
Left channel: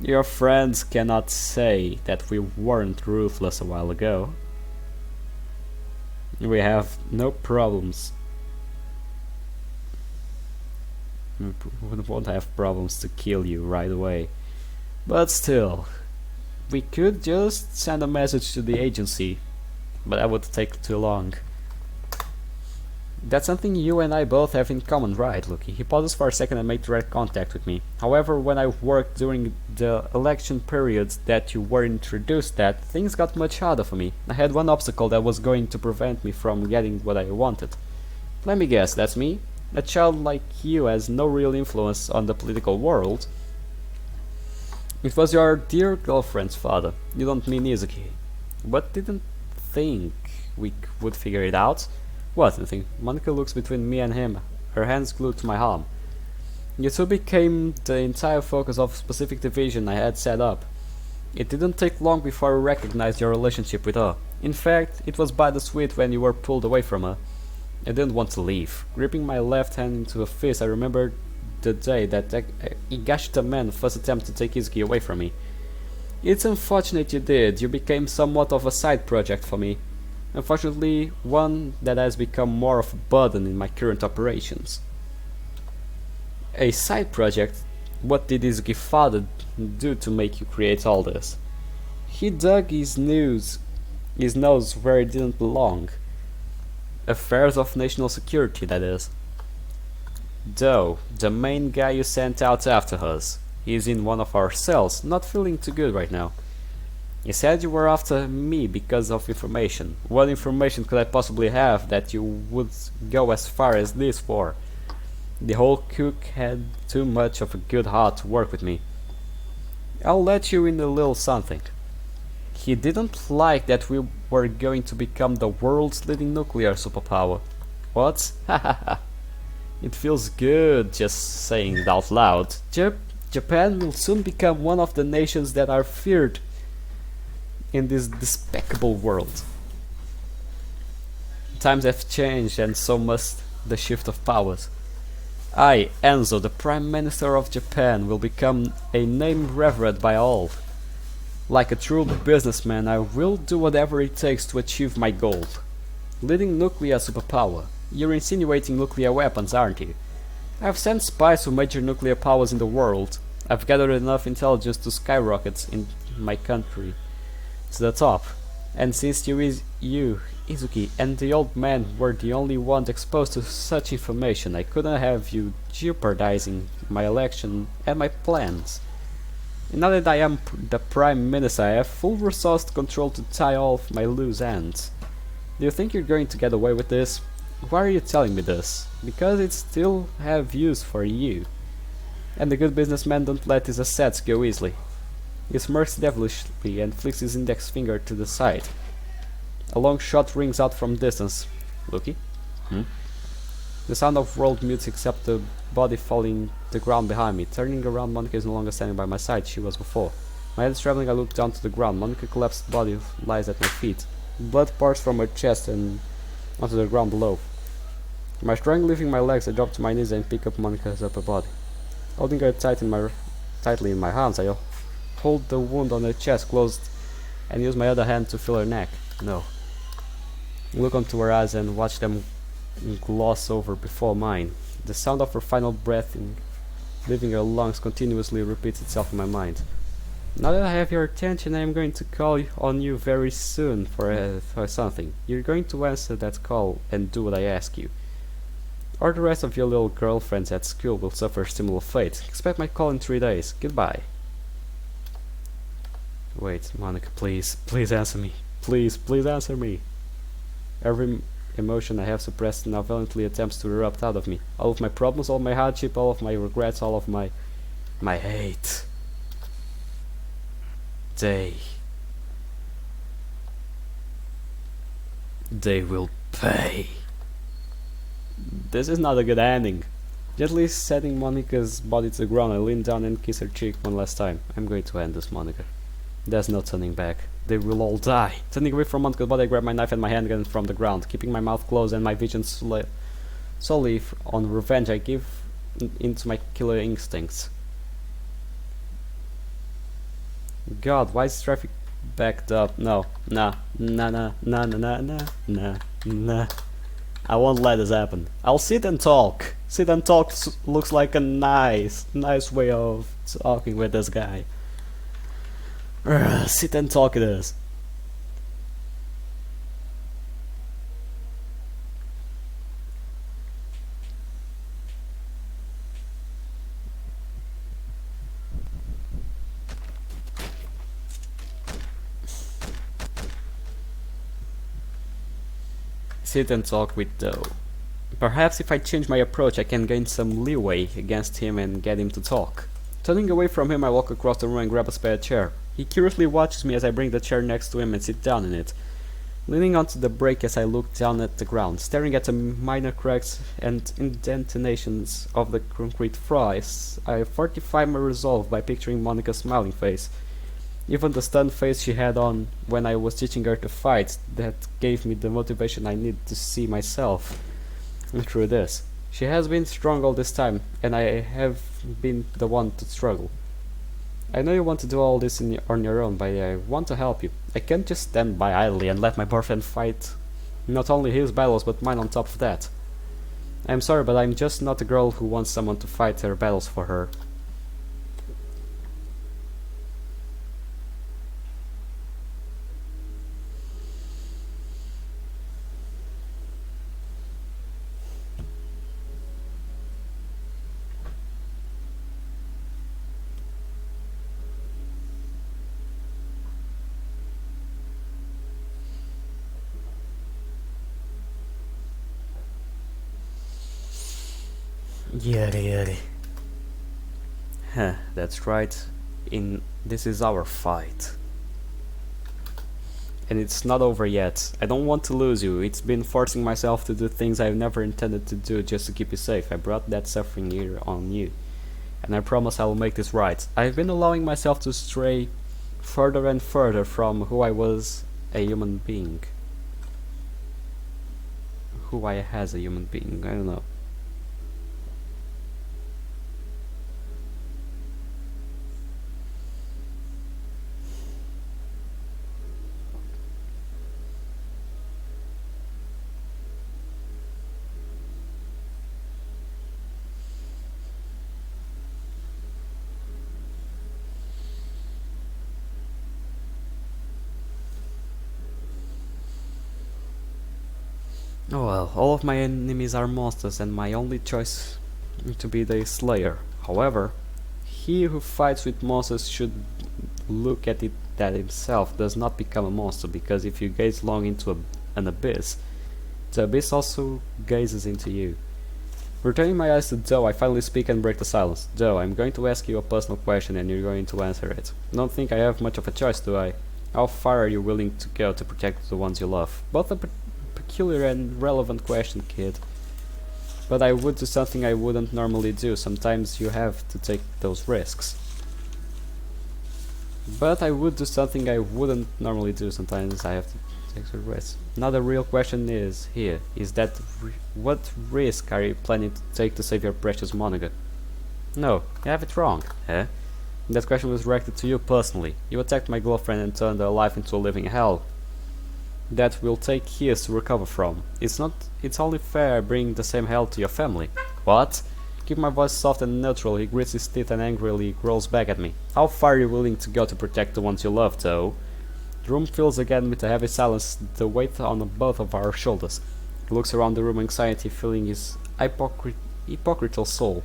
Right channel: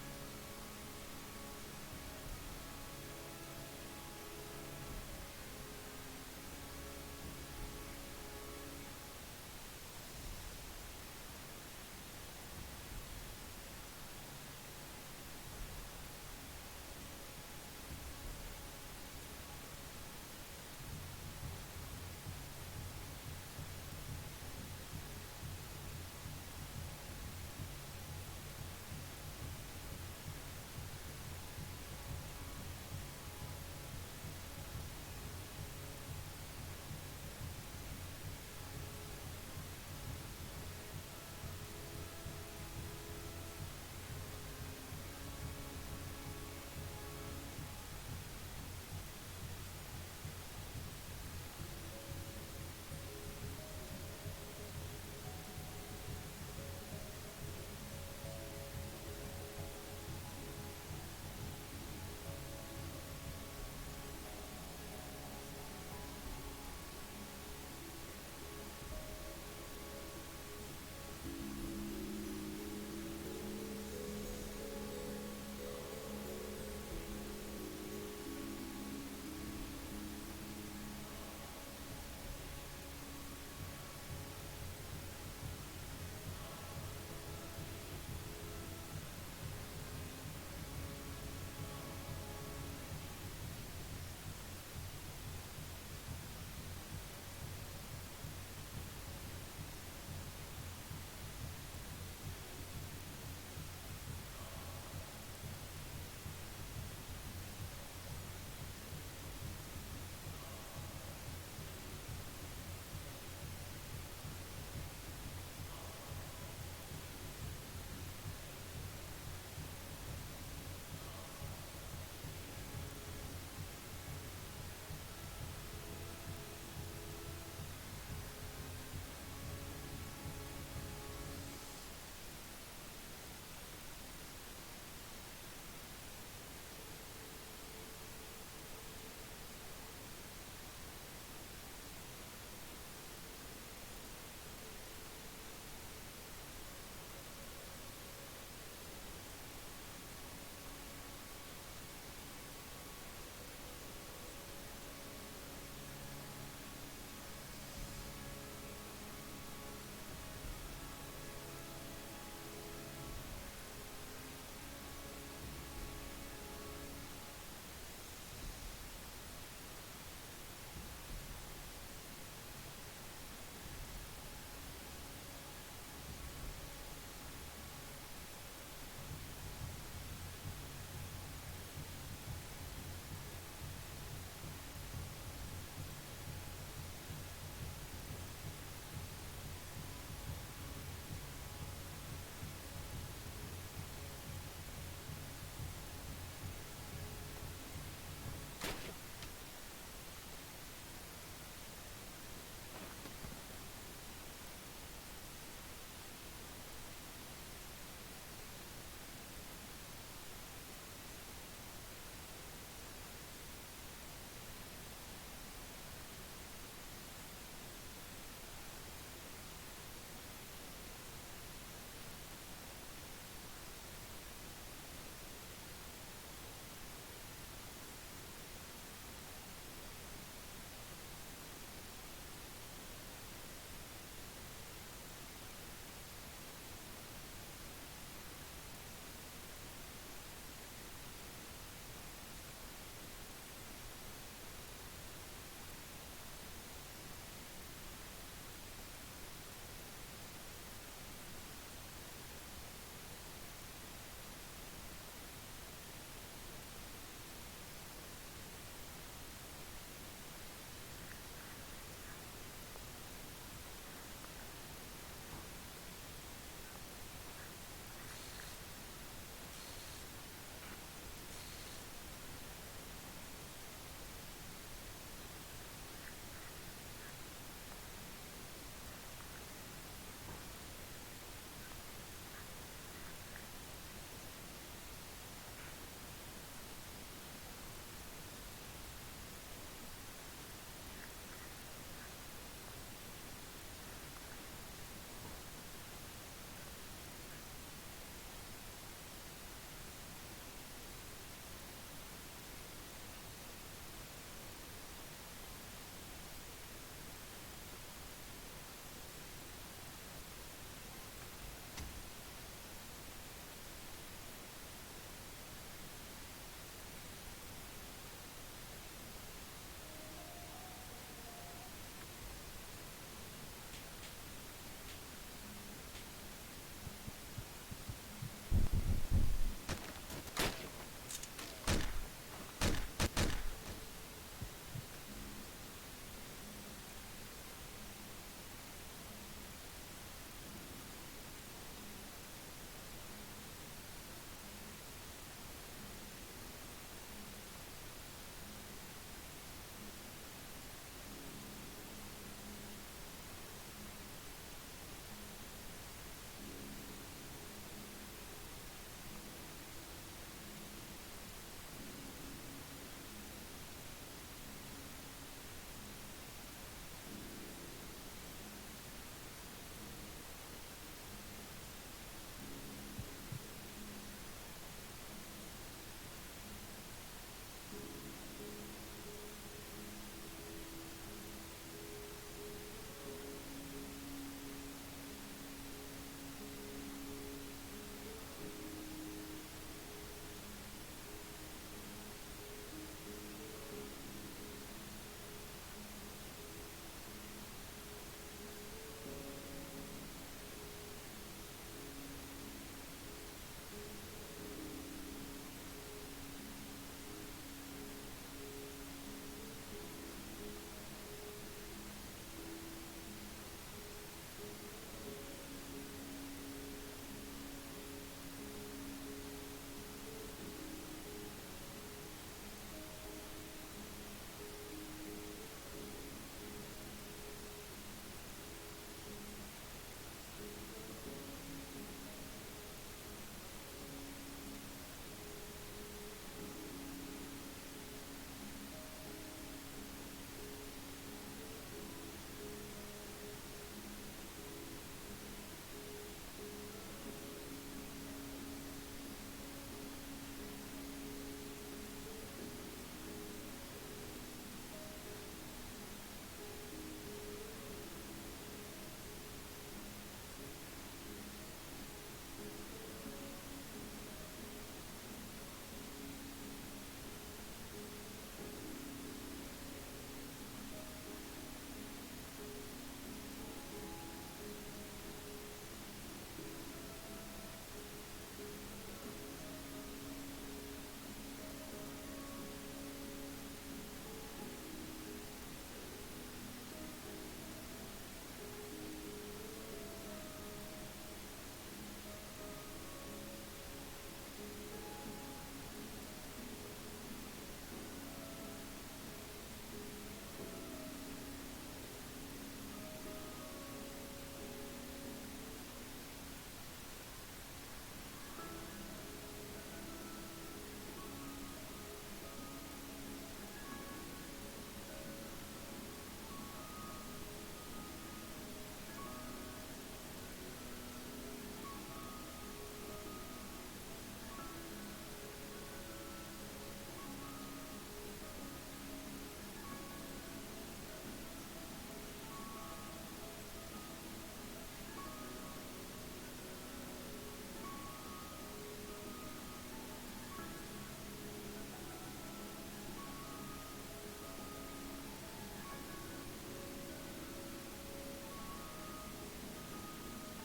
your friends cannot say that we weren't ruthless a while ago. We have no problems. We won't have problems to kill you right away. But still, we could just send a message to the agency, but that would take too long. That's something you and I both have in common, right, Lucky? He pauses for a second and made direct contact with me. However, when I worked during the election periods that you were introduced at, things got much harder for me. I had one obstacle that was going to prevent me from getting what I wanted. Let me guess, that's me? A child like you has no real influence on the political world. It was your dear girlfriend's father. You don't mean Izuki. But didn't think we would figure it out? What, you think? Monica looks between me and him, her hands glued to my arm. You two became the entire focus of a specific division I had set up. It didn't take long before I recognized your relationship with her. In fact, it was by the sweet when you were pulled away from her. I didn't want to leave. Gripping my left hand into a fist, I remembered the day that Higashita man first attempted to take Izuki away from me. It's unfortunate you did. You became somewhat of a side project for me. Unfortunately, one that has become more of a burden in my current operations. A side project? What did Izuki's father do to make you create all this? He dug his nose where it didn't belong. Affairs of national security, that is. Though, the main guy you sent out after us is in one of our cells, not feeling too good right now. He said you were after me because of information. What information could I possibly have that you would go as far as this for? The whole cook had too much of a good heart to work with me. I'll let you in a little something. He didn't like that we were going to become the world's leading nuclear superpower. What? Hahaha. It feels good just saying it out loud. Japan will soon become one of the nations that are feared in this despicable world. Times have changed and so must the shift of powers. I, Enzo, the Prime Minister of Japan, will become a name revered by all. Like a true businessman, I will do whatever it takes to achieve my goal. Leading nuclear superpower. You're insinuating nuclear weapons, aren't you? I've sent spies to major nuclear powers in the world. I've gathered enough intelligence to skyrocket in my country to the top. And since you, Izuki, and the old man were the only ones exposed to such information, I couldn't have you jeopardizing my election and my plans. Now that I am the Prime Minister, I have full resource control to tie off my loose ends. Do you think you're going to get away with this? Why are you telling me this? Because it still have use for you. And the good businessman don't let his assets go easily. He smirks devilishly and flicks his index finger to the side. A long shot rings out from distance. Lucky? The sound of world mutes except the body falling the ground behind me. Turning around, Monica is no longer standing by my side, she was before. My head is traveling, I look down to the ground. Monica's collapsed body lies at my feet. Blood pours from her chest and onto the ground below. My strength leaving my legs, I drop to my knees and pick up Monica's upper body. Holding her tightly in my hands, I hold the wound on her chest closed and use my other hand to feel her neck. No. Look onto her eyes and watch them gloss over before mine. The sound of her final breath leaving her lungs continuously repeats itself in my mind. Now that I have your attention, I am going to call on you very soon for something. You're going to answer that call and do what I ask you. Or the rest of your little girlfriends at school will suffer a similar fate. Expect my call in 3 days. Goodbye. Wait, Monica, please. Please answer me. Please answer me. Every emotion I have suppressed now violently attempts to erupt out of me. All of my problems, all my hardship, all of my regrets, all of my hate. They will pay. This is not a good ending. Gently setting Monica's body to the ground, I lean down and kiss her cheek one last time. I'm going to end this, Monica. There's no turning back. They will all die. Turning away from Monka's body, I grab my knife and my handgun from the ground. Keeping my mouth closed and my vision solely on revenge, I give into my killer instincts. God, why is traffic backed up? No, nah, nah, nah, nah, nah, nah, nah, nah, nah. I won't let this happen. I'll sit and talk. Sit and talk looks like a nice way of talking with this guy. Sit and talk it is. Sit and talk with Doe. Perhaps if I change my approach I can gain some leeway against him and get him to talk. Turning away from him I walk across the room and grab a spare chair. He curiously watches me as I bring the chair next to him and sit down in it. Leaning onto the brake as I look down at the ground, staring at the minor cracks and indentations of the concrete fries, I fortify my resolve by picturing Monica's smiling face. Even the stunned face she had on when I was teaching her to fight, that gave me the motivation I need to see myself through this. She has been strong all this time, and I have been the one to struggle. I know you want to do all this on your own, but I want to help you. I can't just stand by idly and let my boyfriend fight not only his battles but mine on top of that. I'm sorry, but I'm just not a girl who wants someone to fight her battles for her. Yuri yuri. Huh, that's right. This is our fight. And it's not over yet. I don't want to lose you. It's been forcing myself to do things I've never intended to do just to keep you safe. I brought that suffering here on you. And I promise I will make this right. I've been allowing myself to stray further and further from who I was a human being. Who I as a human being, I don't know. Oh well, all of my enemies are monsters and my only choice to be the slayer. However, he who fights with monsters should look at it that himself does not become a monster, because if you gaze long into an abyss, the abyss also gazes into you. Returning my eyes to Doe, I finally speak and break the silence. Doe, I'm going to ask you a personal question and you're going to answer it. Don't think I have much of a choice, do I? How far are you willing to go to protect the ones you love? Both a peculiar and relevant question, kid. But I would do something I wouldn't normally do. Sometimes you have to take those risks. But I would do something I wouldn't normally do. Sometimes I have to take the risks. Now the real question is that what risk are you planning to take to save your precious Monica? No, you have it wrong, eh? That question was directed to you personally. You attacked my girlfriend and turned her life into a living hell that will take years to recover from. It's only fair I bring the same hell to your family. What? Keep my voice soft and neutral. He grits his teeth and angrily growls back at me. How far are you willing to go to protect the ones you love, though? The room fills again with a heavy silence, the weight on both of our shoulders. He looks around the room, anxiety filling his hypocritical soul.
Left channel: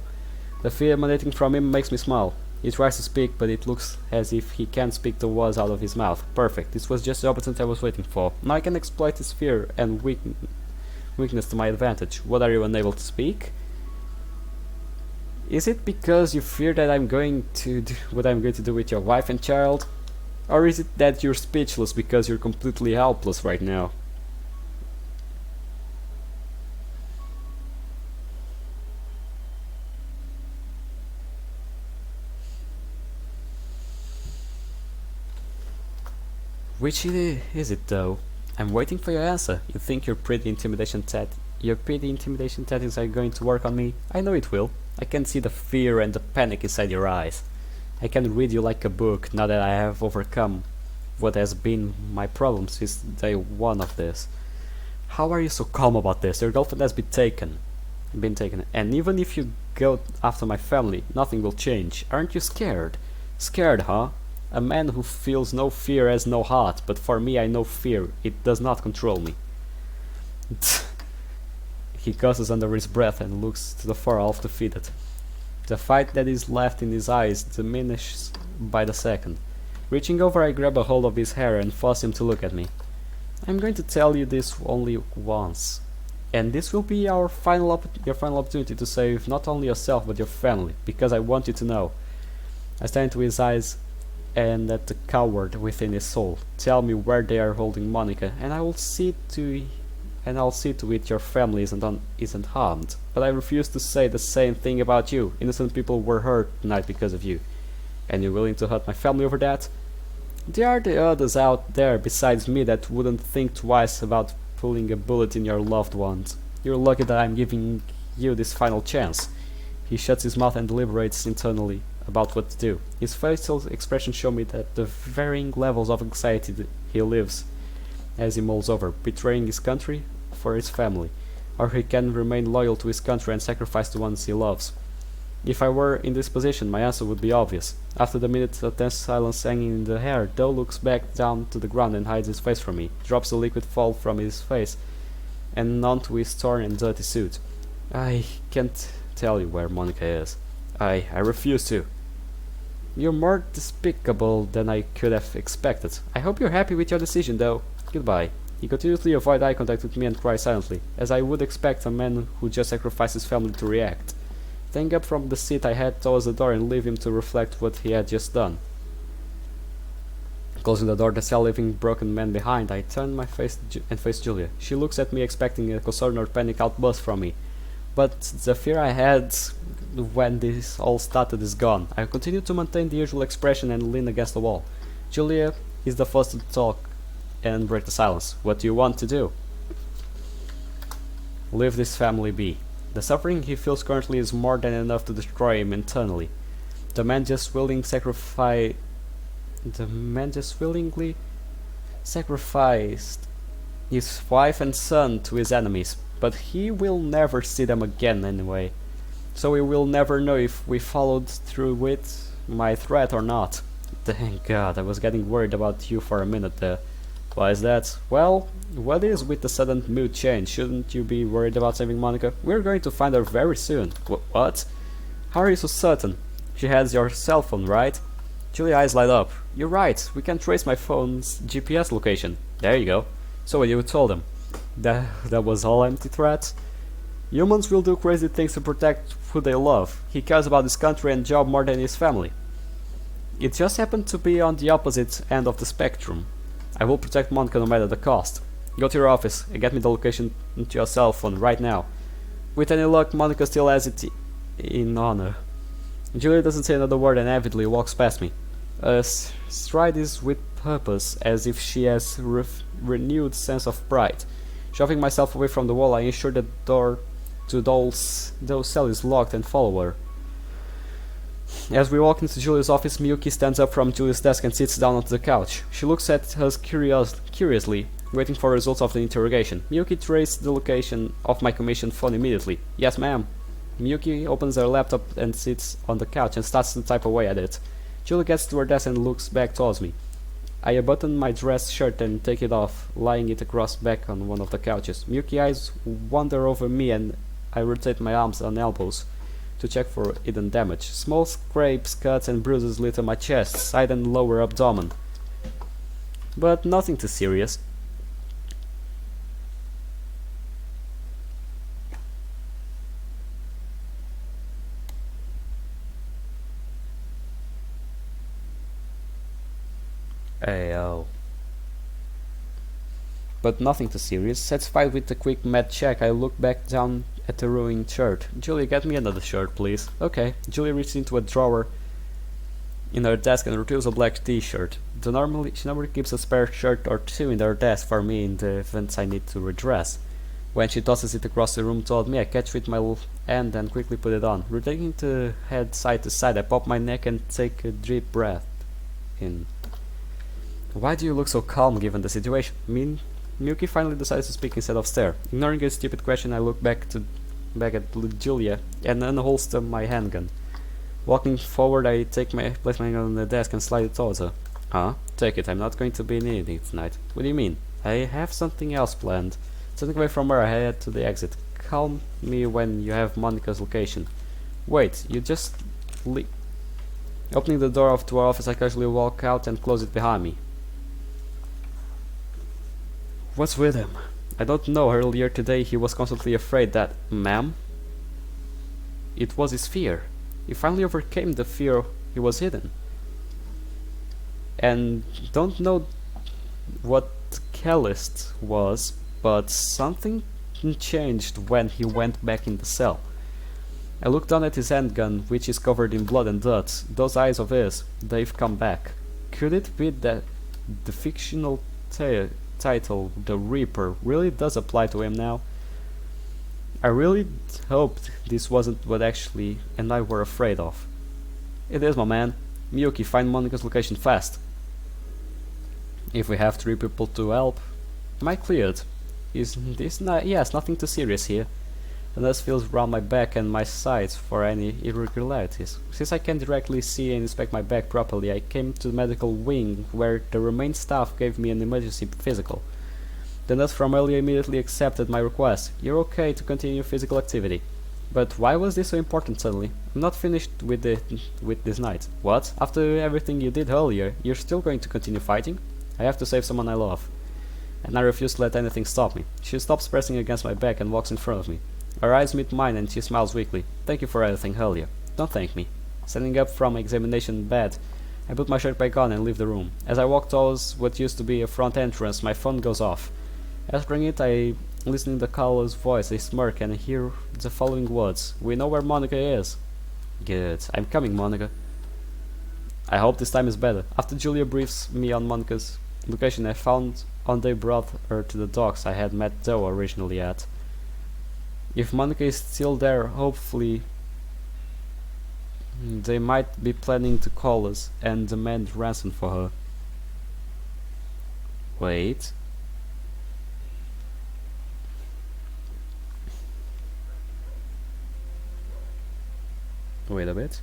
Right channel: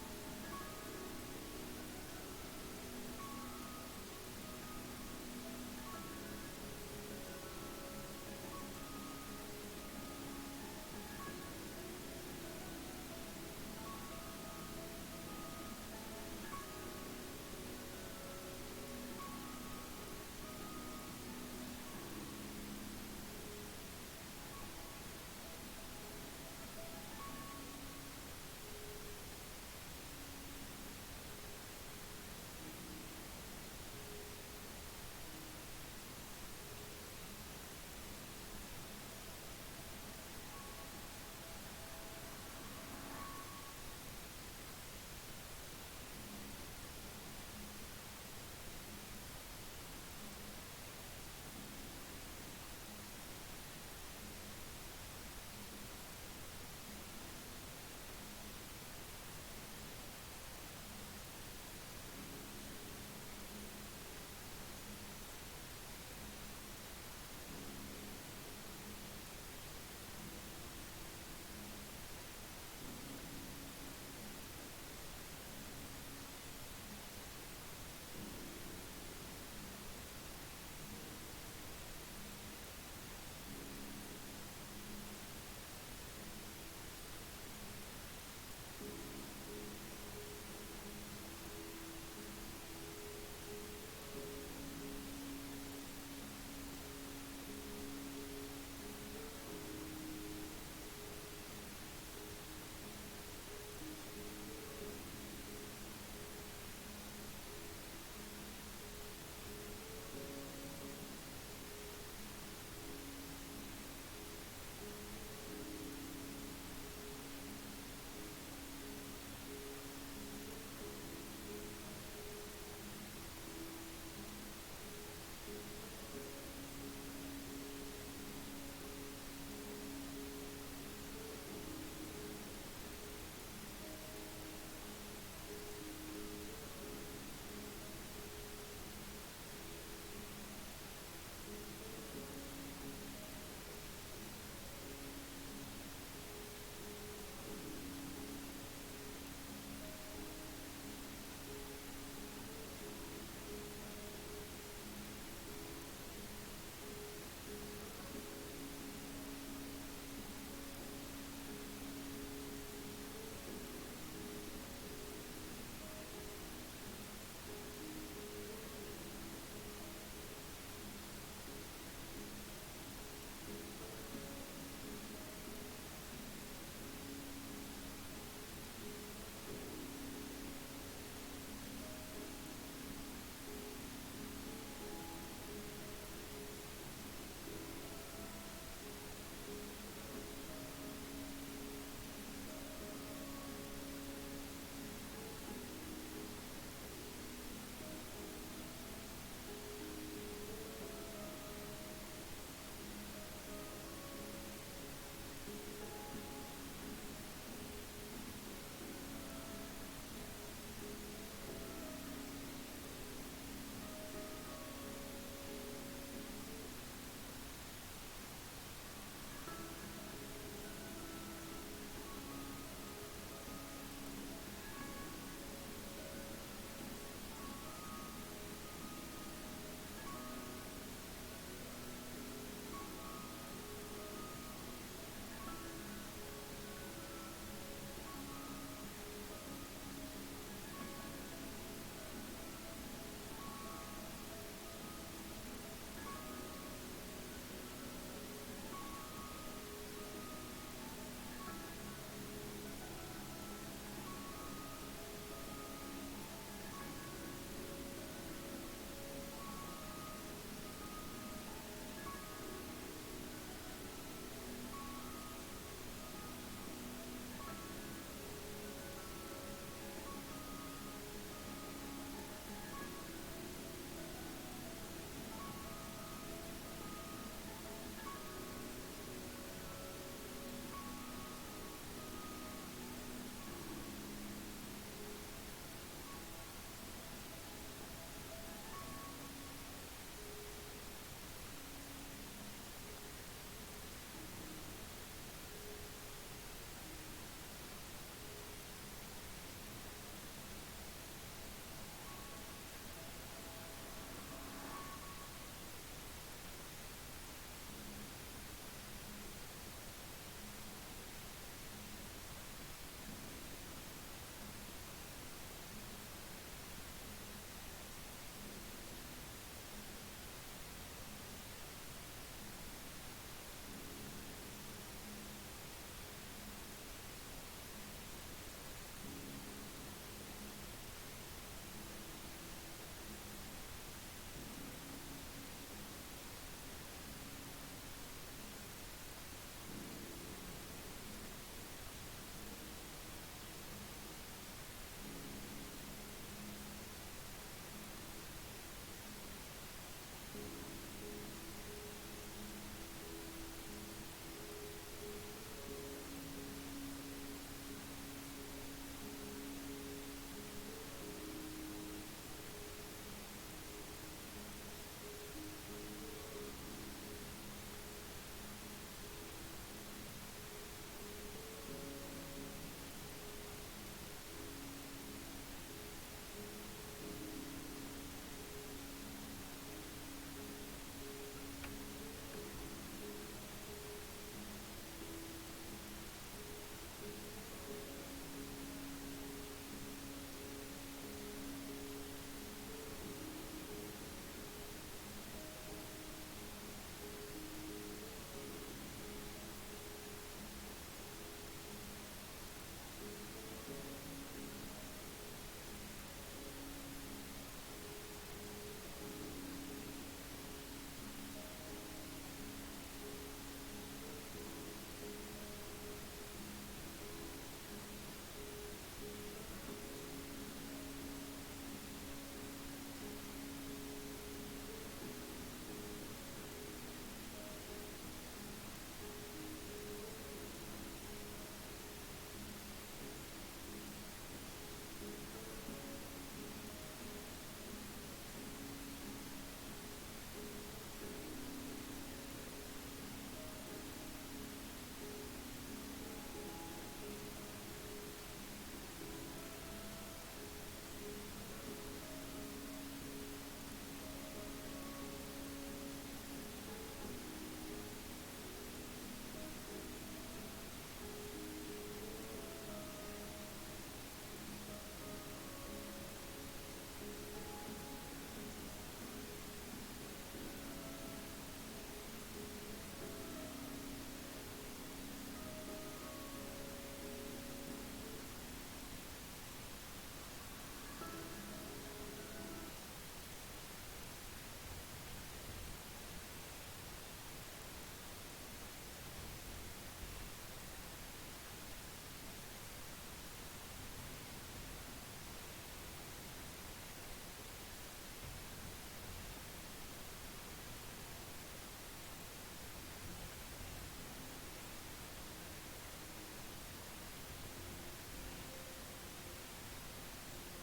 The fear emanating from him makes me smile. He tries to speak, but it looks as if he can't speak the words out of his mouth. Perfect. This was just the opportunity I was waiting for. Now I can exploit his fear and weakness to my advantage. What are you unable to speak? Is it because you fear that I'm going to do what I'm going to do with your wife and child? Or is it that you're speechless because you're completely helpless right now? Is it though? I'm waiting for your answer. You think your pretty intimidation tactics are going to work on me? I know it will. I can see the fear and the panic inside your eyes. I can read you like a book now that I have overcome what has been my problem since day one of this. How are you so calm about this? Your girlfriend has been taken, and even if you go after my family, nothing will change. Aren't you scared? Scared, huh? A man who feels no fear has no heart, but for me I know fear. It does not control me. He cusses under his breath and looks to the far off defeated. The fight that is left in his eyes diminishes by the second. Reaching over, I grab a hold of his hair and force him to look at me. I'm going to tell you this only once, and this will be your final opportunity to save not only yourself but your family, because I want you to know. I stare into his eyes and at the coward within his soul. Tell me where they are holding Monica, and I'll see to it your family isn't harmed. But I refuse to say the same thing about you. Innocent people were hurt tonight because of you. And you're willing to hurt my family over that? There are the others out there besides me that wouldn't think twice about pulling a bullet in your loved ones. You're lucky that I'm giving you this final chance. He shuts his mouth and deliberates internally about what to do. His facial expressions show me that the varying levels of anxiety that he lives as he mulls over, betraying his country for his family, or he can remain loyal to his country and sacrifice the ones he loves. If I were in this position, my answer would be obvious. After the minute of tense silence hanging in the air, Doe looks back down to the ground and hides his face from me, drops the liquid fall from his face and onto his torn and dirty suit. I can't tell you where Monica is. I refuse to. You're more despicable than I could have expected. I hope you're happy with your decision, though. Goodbye. He continuously avoids eye contact with me and cries silently, as I would expect a man who just sacrificed his family to react. Standing up from the seat, I head towards the door and leave him to reflect what he had just done. Closing the door, the cell leaving broken man behind, I turn my face and face Julia. She looks at me expecting a concern or panic outburst from me. But the fear I had when this all started is gone. I continue to maintain the usual expression and lean against the wall. Julia is the first to talk and break the silence. What do you want to do? Leave this family be. The suffering he feels currently is more than enough to destroy him internally. The man just willingly sacrificed his wife and son to his enemies, but he will never see them again anyway. So we will never know if we followed through with my threat or not. Thank God, I was getting worried about you for a minute there. Why is that? Well, what is with the sudden mood change? Shouldn't you be worried about saving Monica? We're going to find her very soon. What? How are you so certain? She has your cell phone, right? Julia's eyes light up. You're right, we can trace my phone's GPS location. There you go. So what you told him? That was all empty threats? Humans will do crazy things to protect who they love. He cares about his country and job more than his family. It just happened to be on the opposite end of the spectrum. I will protect Monica no matter the cost. Go to your office and get me the location into your cell phone right now. With any luck, Monica still has it in honor. Julia doesn't say another word and avidly walks past me. Stride is with purpose, as if she has renewed sense of pride. Shoving myself away from the wall, I ensure the door to Doe's cell is locked and follow her. As we walk into Julia's office, Miyuki stands up from Julia's desk and sits down onto the couch. She looks at us curiously, waiting for results of the interrogation. Miyuki traced the location of my commission phone immediately. Yes, ma'am. Miyuki opens her laptop and sits on the couch and starts to type away at it. Julia gets to her desk and looks back towards me. I unbutton my dress shirt and take it off, lying it across back on one of the couches. Miyuki's eyes wander over me and I rotate my arms and elbows to check for hidden damage. Small scrapes, cuts and bruises litter my chest, side and lower abdomen. But nothing too serious. Ayo. But nothing too serious. Satisfied with the quick med check, I look back down at the ruined shirt. Julie, get me another shirt, please. Okay. Julie reaches into a drawer in her desk and retrieves a black t-shirt. She normally keeps a spare shirt or two in her desk for me in the events I need to redress. When she tosses it across the room toward me, I catch it with my hand and quickly put it on. Rotating the head side to side, I pop my neck and take a deep breath in. Why do you look so calm given the situation? Miyuki finally decides to speak instead of stare. Ignoring a stupid question, I look back at Julia and unholster my handgun. Walking forward, I place my hand on the desk and slide it towards her. Huh? Take it. I'm not going to be needing it tonight. What do you mean? I have something else planned. Turning away from her, I head to the exit. Call me when you have Monica's location. Wait, you just leave. Opening the door to our office, I casually walk out and close it behind me. What's with him? I don't know. Earlier today, he was constantly afraid that... Ma'am? It was his fear. He finally overcame the fear he was hidden. And don't know what catalyst was, but something changed when he went back in the cell. I looked down at his handgun, which is covered in blood and dirt. Those eyes of his, they've come back. Could it be that the fictional title, The Reaper, really does apply to him now? I really hoped this wasn't what actually and I were afraid of. It is, my man. Miyuki, find Monica's location fast. If we have 3 people to help. Am I cleared? Is this not? Yes, nothing too serious here. The nurse feels round my back and my sides for any irregularities. Since I can't directly see and inspect my back properly, I came to the medical wing where the remaining staff gave me an emergency physical. The nurse from earlier immediately accepted my request. You're okay to continue physical activity. But why was this so important suddenly? I'm not finished with this night. What? After everything you did earlier, you're still going to continue fighting? I have to save someone I love. And I refuse to let anything stop me. She stops pressing against my back and walks in front of me. Her eyes meet mine and she smiles weakly. Thank you for everything earlier. Don't thank me. Standing up from examination bed, I put my shirt back on and leave the room. As I walk towards what used to be a front entrance, my phone goes off. Answering it, I listen to the caller's voice, I smirk and hear the following words. We know where Monica is. Good. I'm coming, Monica. I hope this time is better. After Julia briefs me on Monica's location, I found on they brought her to the docks I had met Doe originally at. If Monica is still there, hopefully they might be planning to call us and demand ransom for her. Wait. Wait a bit.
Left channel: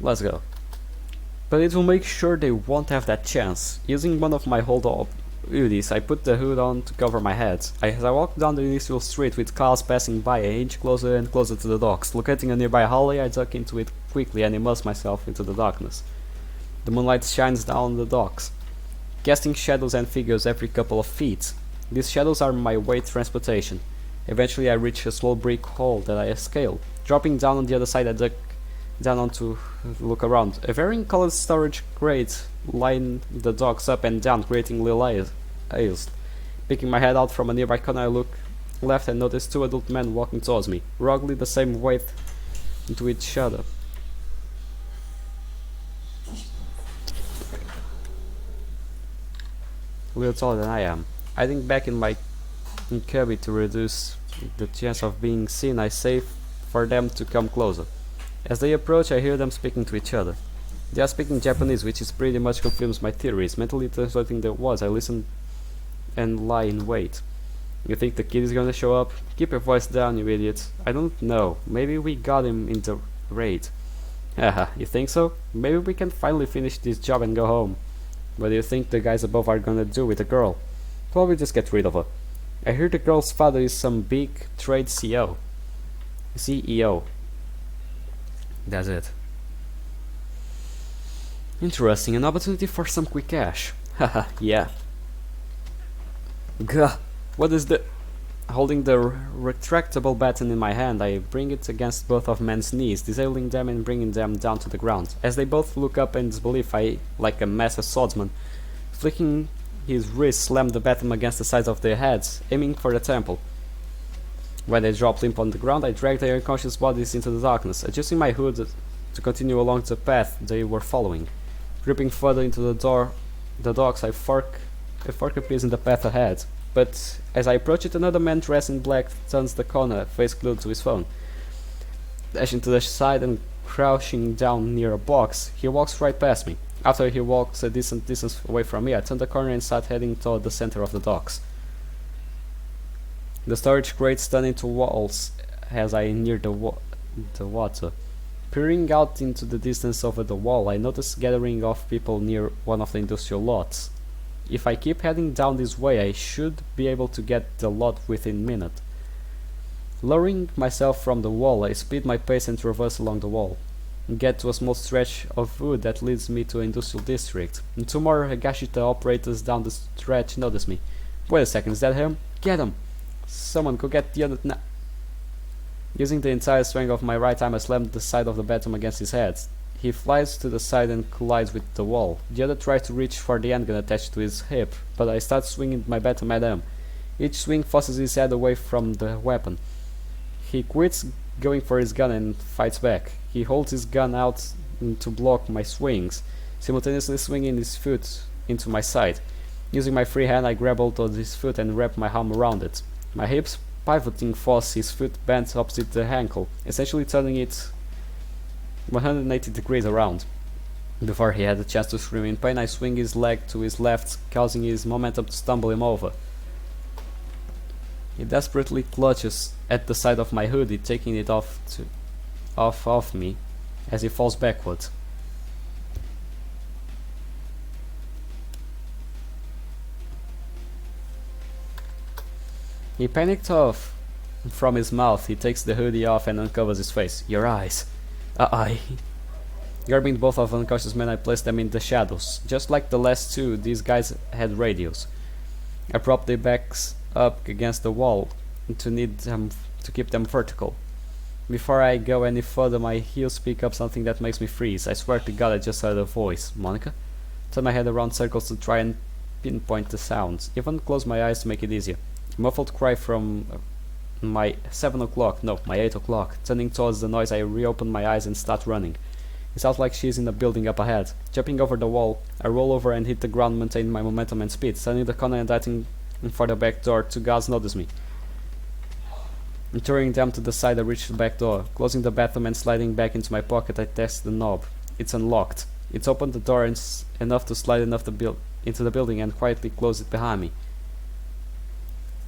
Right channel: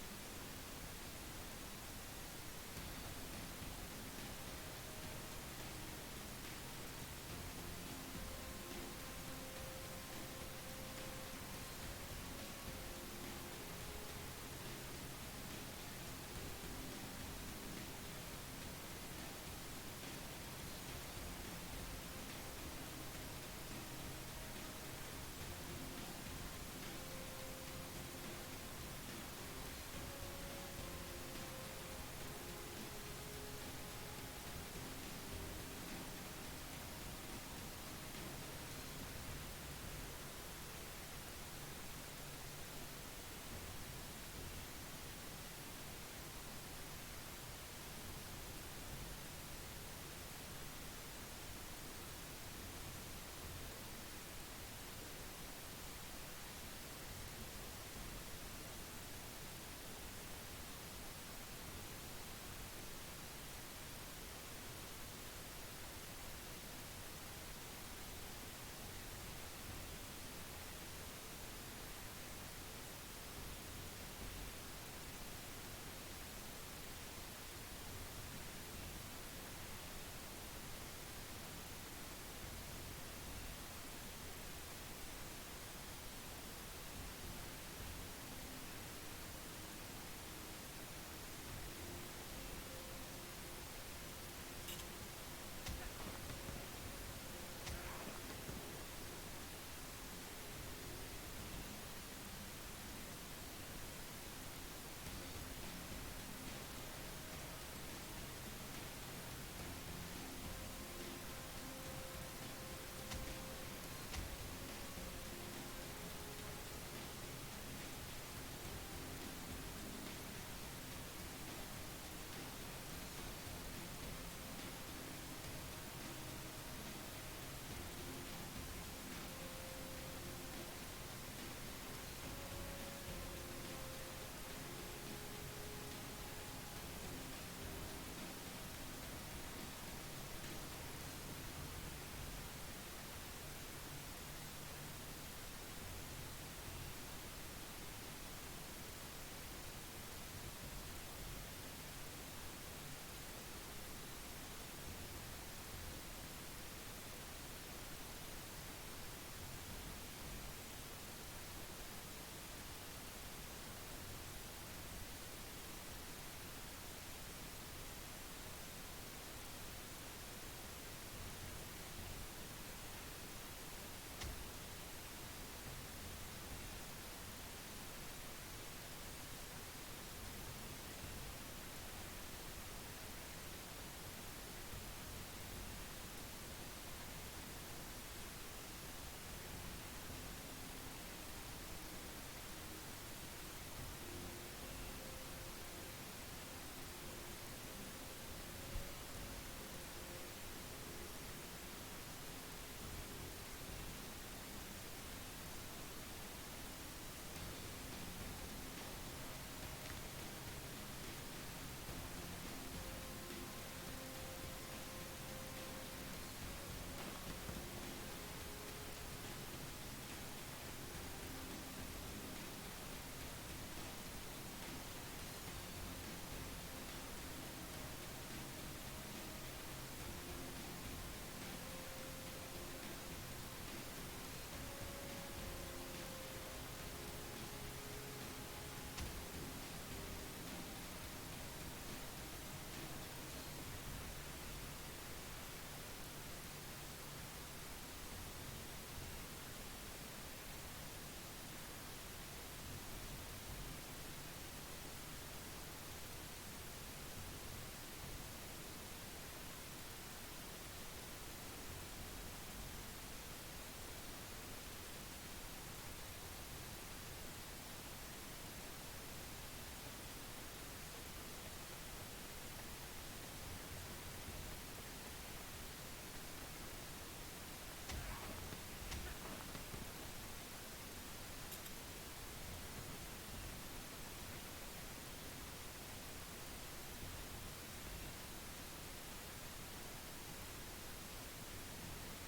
Let's go. But it will make sure they won't have that chance. Using one of my hold-up hoodies, I put the hood on to cover my head. As I walk down the initial street with cars passing by, I inch closer and closer to the docks. Locating a nearby hallway, I duck into it quickly and immerse myself into the darkness. The moonlight shines down the docks, casting shadows and figures every couple of feet. These shadows are my way to transportation. Eventually I reach a small brick hall that I scale. Dropping down on the other side, I duck down on to look around. A varying colored storage crate line the docks up and down, creating little aisles. Picking my head out from a nearby corner, I look left and notice 2 adult men walking towards me, roughly the same weight into each other. A little taller than I am. Hiding back in my cubby to reduce the chance of being seen, I say for them to come closer. As they approach, I hear them speaking to each other. They are speaking Japanese, which is pretty much confirms my theories. Mentally translating the words, I listen and lie in wait. You think the kid is gonna show up? Keep your voice down, you idiot. I don't know. Maybe we got him in the raid. Haha, you think so? Maybe we can finally finish this job and go home. What do you think the guys above are gonna do with the girl? Probably just get rid of her. I hear the girl's father is some big trade CEO. That's it. Interesting, an opportunity for some quick cash. Haha, yeah. Gah, what is the... Holding the retractable baton in my hand, I bring it against both of men's knees, disabling them and bringing them down to the ground. As they both look up in disbelief, I, like a master swordsman, flicking his wrist, slam the baton against the sides of their heads, aiming for the temple. When they dropped limp on the ground, I dragged their unconscious bodies into the darkness, adjusting my hood to continue along the path they were following. Gripping further into the docks, a fork appears in the path ahead. But as I approach it, another man dressed in black turns the corner, face glued to his phone. Dashing to the side and crouching down near a box, he walks right past me. After he walks a decent distance away from me, I turn the corner and start heading toward the center of the docks. The storage crates turn into walls as I near the water. Peering out into the distance over the wall, I notice a gathering of people near one of the industrial lots. If I keep heading down this way, I should be able to get the lot within a minute. Lowering myself from the wall, I speed my pace and traverse along the wall, and get to a small stretch of wood that leads me to an industrial district. And two more Higashita operators down the stretch notice me. Wait a second, is that him? Get him! Someone go get the other now. Using the entire strength of my right arm, I slam the side of the baton against his head. He flies to the side and collides with the wall. The other tries to reach for the handgun attached to his hip, but I start swinging my baton at him. Each swing forces his head away from the weapon. He quits going for his gun and fights back. He holds his gun out to block my swings, simultaneously swinging his foot into my side. Using my free hand, I grab hold of his foot and wrap my arm around it. My hips pivoting force his foot bent opposite the ankle, essentially turning it 180 degrees around. Before he had a chance to scream in pain, I swing his leg to his left, causing his momentum to stumble him over. He desperately clutches at the side of my hoodie, taking it off me as he falls backward. He panicked off from his mouth. He takes the hoodie off and uncovers his face. Your eyes. Grabbing both of the unconscious men, I placed them in the shadows. Just like the last two, these guys had radios. I propped their backs up against the wall to keep them vertical. Before I go any further, my heels pick up something that makes me freeze. I swear to God I just heard a voice. Monica? Turn my head around circles to try and pinpoint the sounds. Even close my eyes to make it easier. A muffled cry from my 7 o'clock, no, my 8 o'clock. Turning towards the noise, I reopen my eyes and start running. It sounds like she's in a building up ahead. Jumping over the wall, I roll over and hit the ground, maintaining my momentum and speed. Turning the corner and darting for the back door, two guards notice me. Turning them to the side, I reach the back door. Closing the bathroom and sliding back into my pocket, I test the knob. It's unlocked. It's opened the door enough to slide into the building and quietly close it behind me.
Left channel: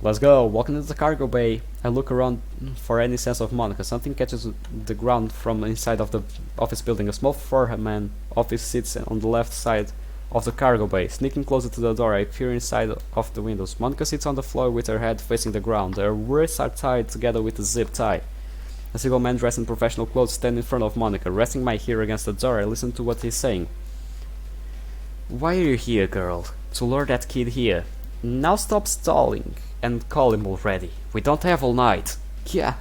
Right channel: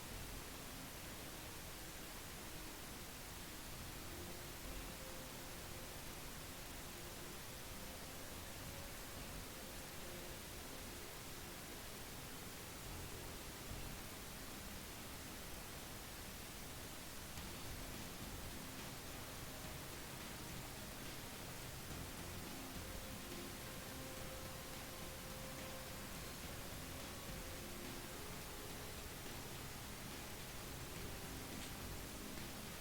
Let's go. Walking into the cargo bay, I look around for any sense of Monica. Something catches the ground from inside of the office building. A small four-man office sits on the left side of the cargo bay. Sneaking closer to the door, I peer inside of the windows. Monica sits on the floor with her head facing the ground. Her wrists are tied together with a zip tie. A single man dressed in professional clothes stands in front of Monica. Resting my ear against the door, I listen to what he's saying. Why are you here, girl? To lure that kid here. Now stop stalling and call him already. We don't have all night. Yeah,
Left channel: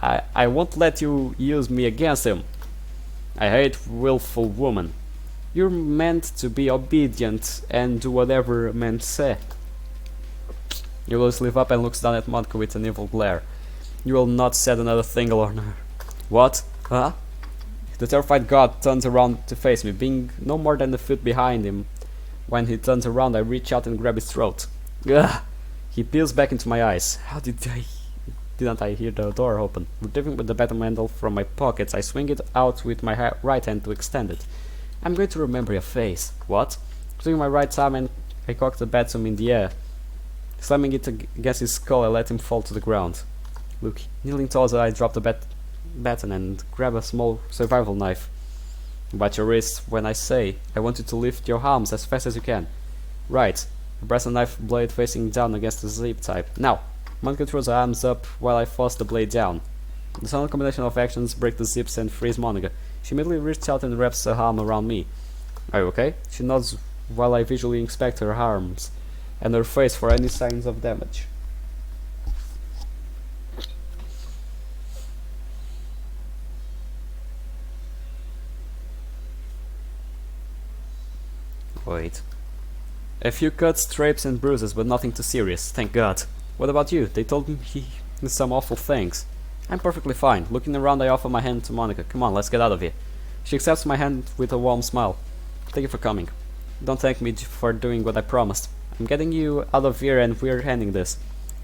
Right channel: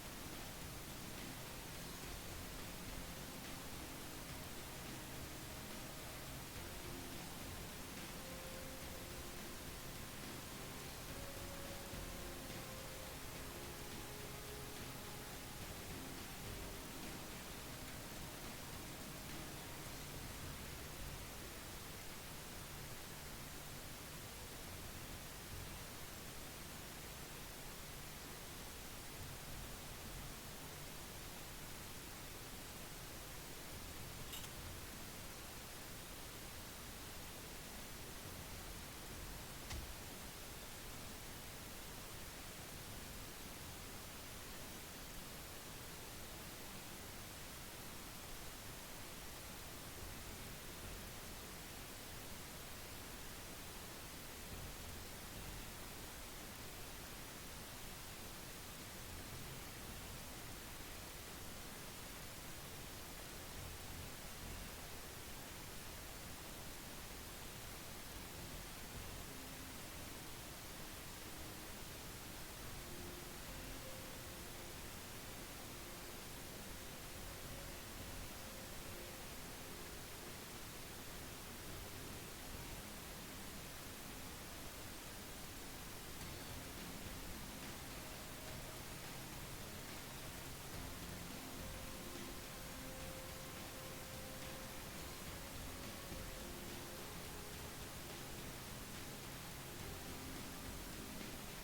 I won't let you use me against him. I hate willful women. You're meant to be obedient and do whatever men say. He will slip up and looks down at Monica with an evil glare. You will not set another thing on her. What? Huh? The terrified god turns around to face me, being no more than a foot behind him. When he turns around, I reach out and grab his throat. Ugh! He peels back into my eyes. How didn't I hear the door open? Retrieving the baton handle from my pockets, I swing it out with my right hand to extend it. I'm going to remember your face. What? Swinging my right arm and I cock the baton in the air. Slamming it against his skull, I let him fall to the ground. Look, kneeling towards it, I drop the baton and grab a small survival knife. Watch your wrist when I say. I want you to lift your arms as fast as you can. Right. I press the knife blade facing down against the zip tie. Now, Monica throws her arms up while I force the blade down. The sudden combination of actions break the zips and freeze Monica. She immediately reaches out and wraps her arm around me. Are you okay? She nods while I visually inspect her arms and her face for any signs of damage. Wait. A few cuts, scrapes and bruises, but nothing too serious, thank God. What about you? They told me did some awful things. I'm perfectly fine. Looking around, I offer my hand to Monica. Come on, let's get out of here. She accepts my hand with a warm smile. Thank you for coming. Don't thank me for doing what I promised. I'm getting you out of here and we're ending this.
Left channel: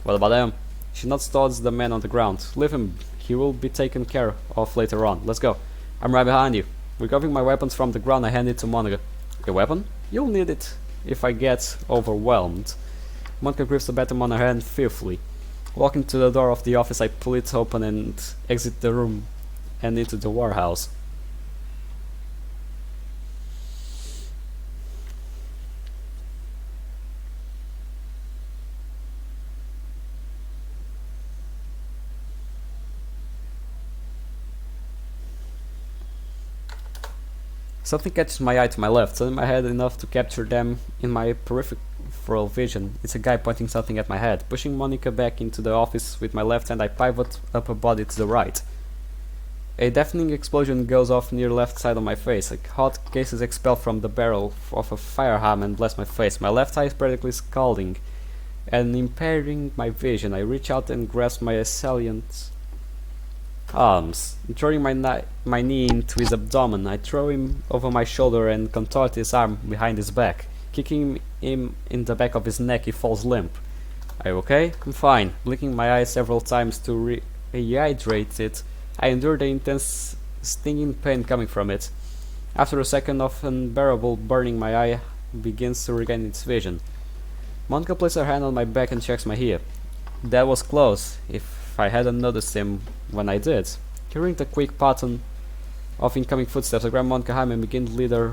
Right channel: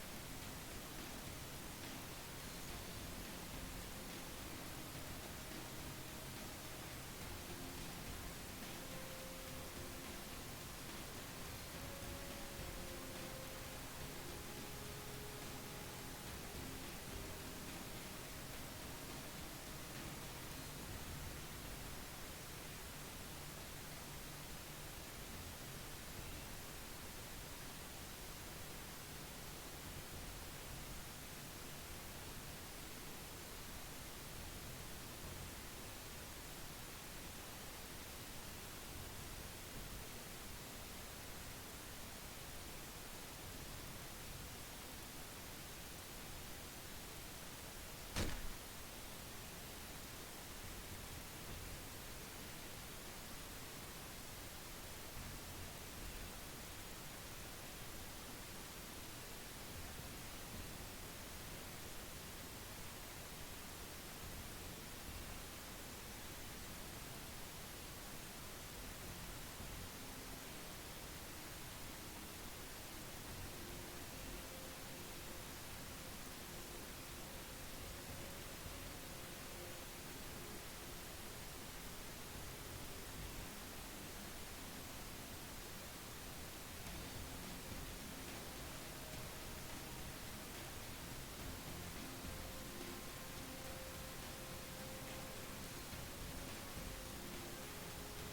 What about him? She nods towards the man on the ground. Leave him. He will be taken care of later on. Let's go. I'm right behind you. Recovering my weapons from the ground, I hand it to Monica. Your weapon? You'll need it if I get overwhelmed. Monica grips the baton on her hand fearfully. Walking to the door of the office, I pull it open and exit the room and into the warehouse. Something catches my eye to my left, turning my head enough to capture them in my peripheral vision. It's a guy pointing something at my head. Pushing Monica back into the office with my left hand, I pivot up her body to the right. A deafening explosion goes off near left side of my face. Hot gases expel from the barrel of a firearm and blast my face. My left eye is practically scalding and impairing my vision. I reach out and grasp my assailant's arms. Throwing my knee into his abdomen, I throw him over my shoulder and contort his arm behind his back. Kicking him in the back of his neck, he falls limp. Are you okay? I'm fine. Blinking my eyes several times to rehydrate it, I endure the intense stinging pain coming from it. After a second of unbearable burning, my eye begins to regain its vision. Monica places her hand on my back and checks my ear. That was close, if I hadn't noticed him when I did. Hearing the quick pattern of incoming footsteps, I grab Monica Haim and begin to lead her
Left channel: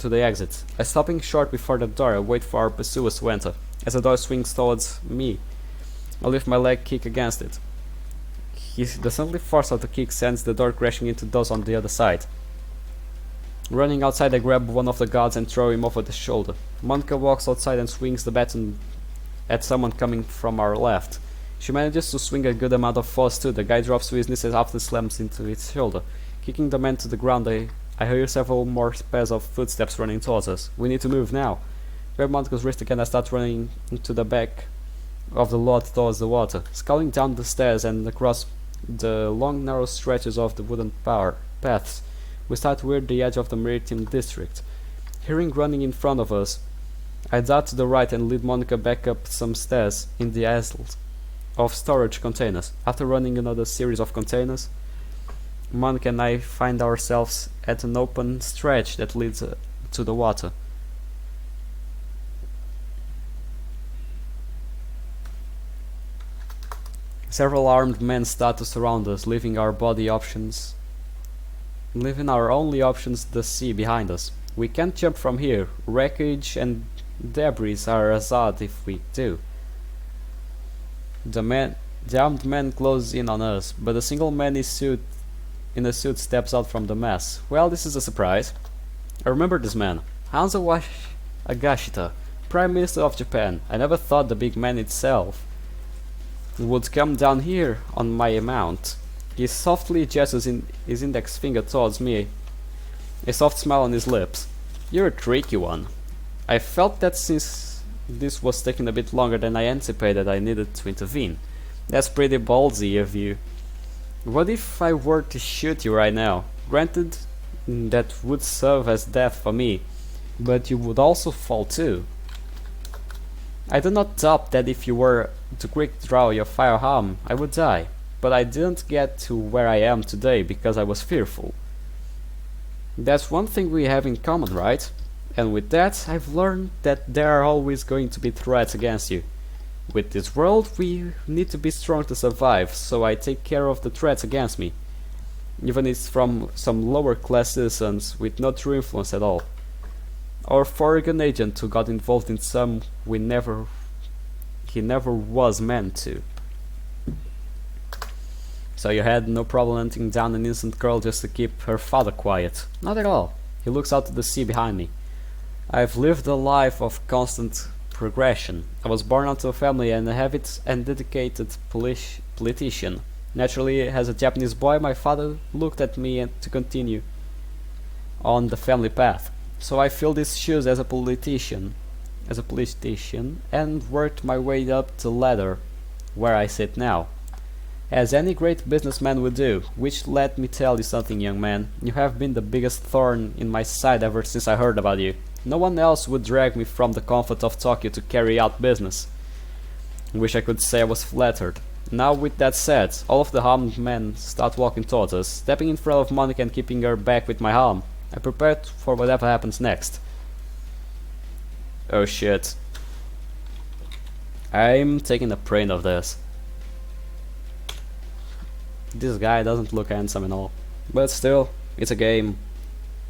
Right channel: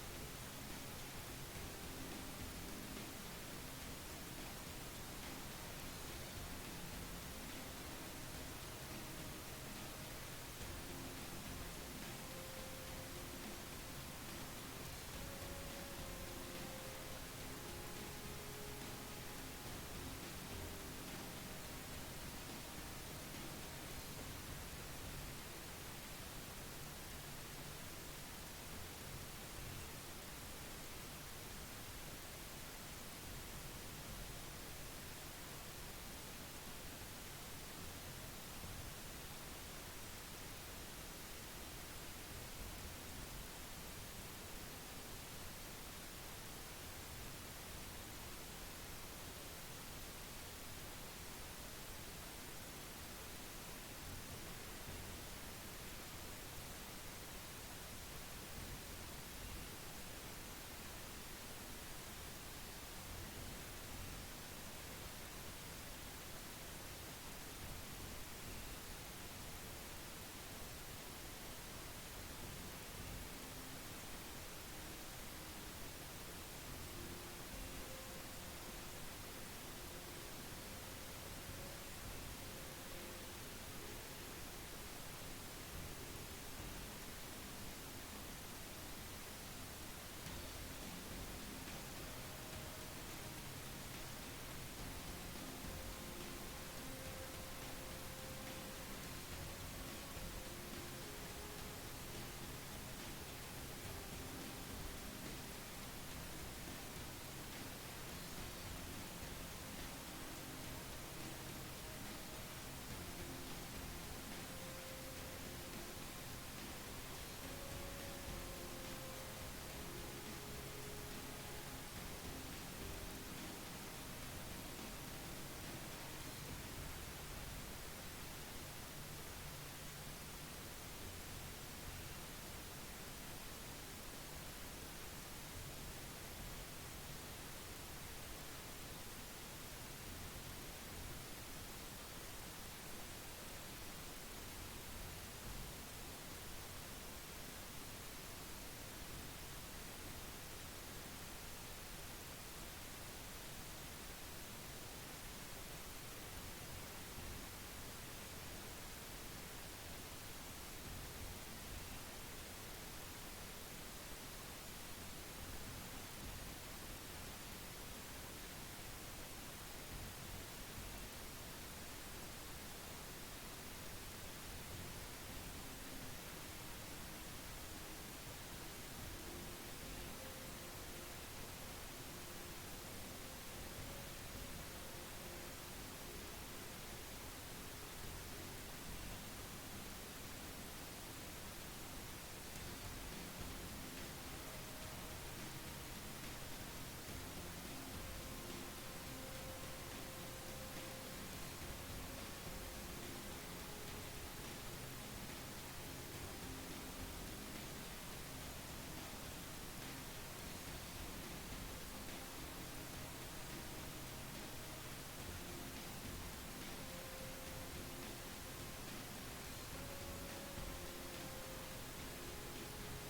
to the exit. I stopping short before the door, I wait for our pursuers to enter. As the door swings towards me, I lift my leg, kick against it. The sudden force of the kick sends the door crashing into those on the other side. Running outside, I grab one of the guards and throw him over the shoulder. Monica walks outside and swings the baton at someone coming from our left. She manages to swing a good amount of force too. The guy drops to his knees after slams into its shoulder. Kicking the man to the ground, I hear several more pairs of footsteps running towards us. We need to move now. Grab Monica's wrist again, I start running into the back of the lot towards the water. Sculling down the stairs and across the long narrow stretches of the wooden paths, we start toward the edge of the maritime district. Hearing running in front of us, I dart to the right and lead Monica back up some stairs in the aisles of storage containers. After running another series of containers, Monica and I find ourselves at an open stretch that leads to the water. Several armed men start to surround us, leaving our only options the sea behind us. We can't jump from here. Wreckage and debris are hazard if we do. The armed men close in on us, but a single man in a suit steps out from the mass. Well, this is a surprise. I remember this man. Hanzo Agashita, Prime Minister of Japan. I never thought the big man itself would come down here on my mount. He softly gestures his index finger towards me, a soft smile on his lips. You're a tricky one. I felt that since this was taking a bit longer than I anticipated, I needed to intervene. That's pretty ballsy of you. What if I were to shoot you right now? Granted, that would serve as death for me, but you would also fall too. I do not doubt that if you were to quick draw your firearm, I would die, but I didn't get to where I am today because I was fearful. That's one thing we have in common, right? And with that, I've learned that there are always going to be threats against you. With this world, we need to be strong to survive, so I take care of the threats against me, even if it's from some lower class citizens with no true influence at all. Our foreign agent who got involved in some he never was meant to. So you had no problem hunting down an innocent girl just to keep her father quiet? Not at all. He looks out to the sea behind me. I've lived a life of constant progression. I was born into a family and a avid and dedicated politician. Naturally, as a Japanese boy, my father looked at me to continue on the family path. So I filled his shoes as a politician, and worked my way up the ladder where I sit now. As any great businessman would do, which let me tell you something, young man, you have been the biggest thorn in my side ever since I heard about you. No one else would drag me from the comfort of Tokyo to carry out business. Wish I could say I was flattered. Now with that said, all of the armed men start walking towards us, stepping in front of Monica and keeping her back with my arm. I prepared for whatever happens next. Oh shit. I'm taking a print of this. This guy doesn't look handsome at all. But still, it's a game.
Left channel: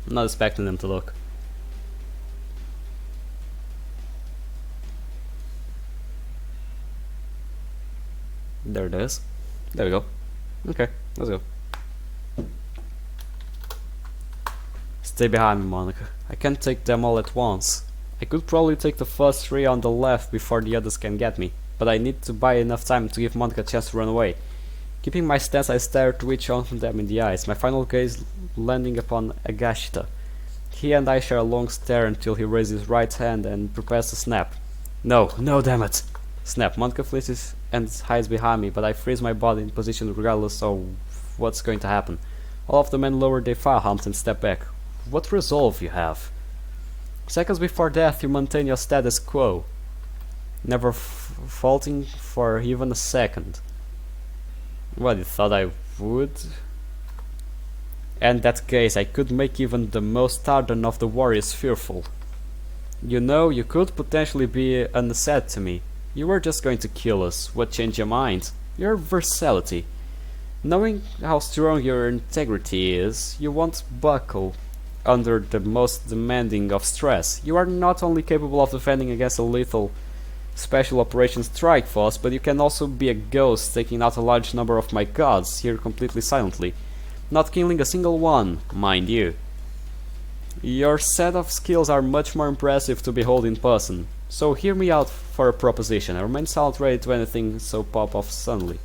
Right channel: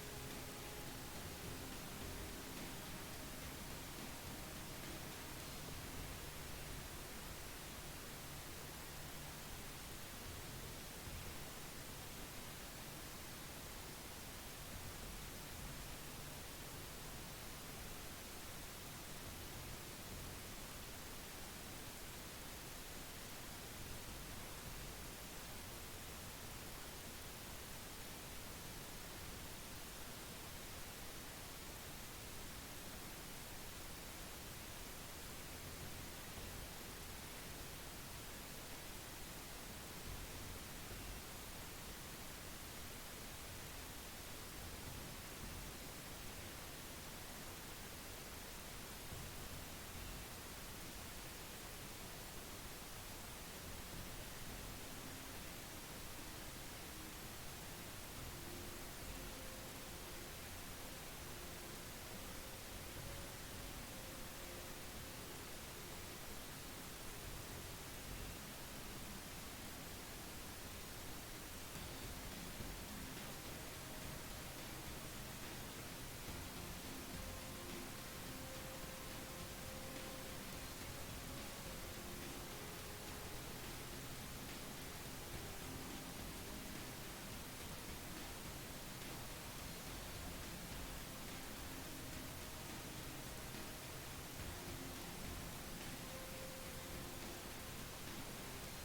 I'm not expecting them to look. There it is. There we go. Okay, let's go. Stay behind me, Monica. I can't take them all at once. I could probably take the first three on the left before the others can get me, but I need to buy enough time to give Monica a chance to run away. Keeping my stance, I stare to each one of them in the eyes, my final gaze landing upon Agashita. He and I share a long stare until he raises his right hand and prepares to snap. No, no, damn it! Snap. Monica flees and hides behind me, but I freeze my body in position regardless of what's going to happen. All of the men lower their firearms and step back. What resolve you have! Seconds before death, you maintain your status quo, never faltering for even a second. What, you thought I would? In that case, I could make even the most ardent of the warriors fearful. You know, you could potentially be an asset to me. You were just going to kill us. What changed your mind? Your versatility. Knowing how strong your integrity is, you won't buckle under the most demanding of stress. You are not only capable of defending against a lethal special operations strike force, but you can also be a ghost taking out a large number of my gods here completely silently, not killing a single one, mind you. Your set of skills are much more impressive to behold in person, so hear me out for a proposition. I remain silent, ready to anything so pop off suddenly.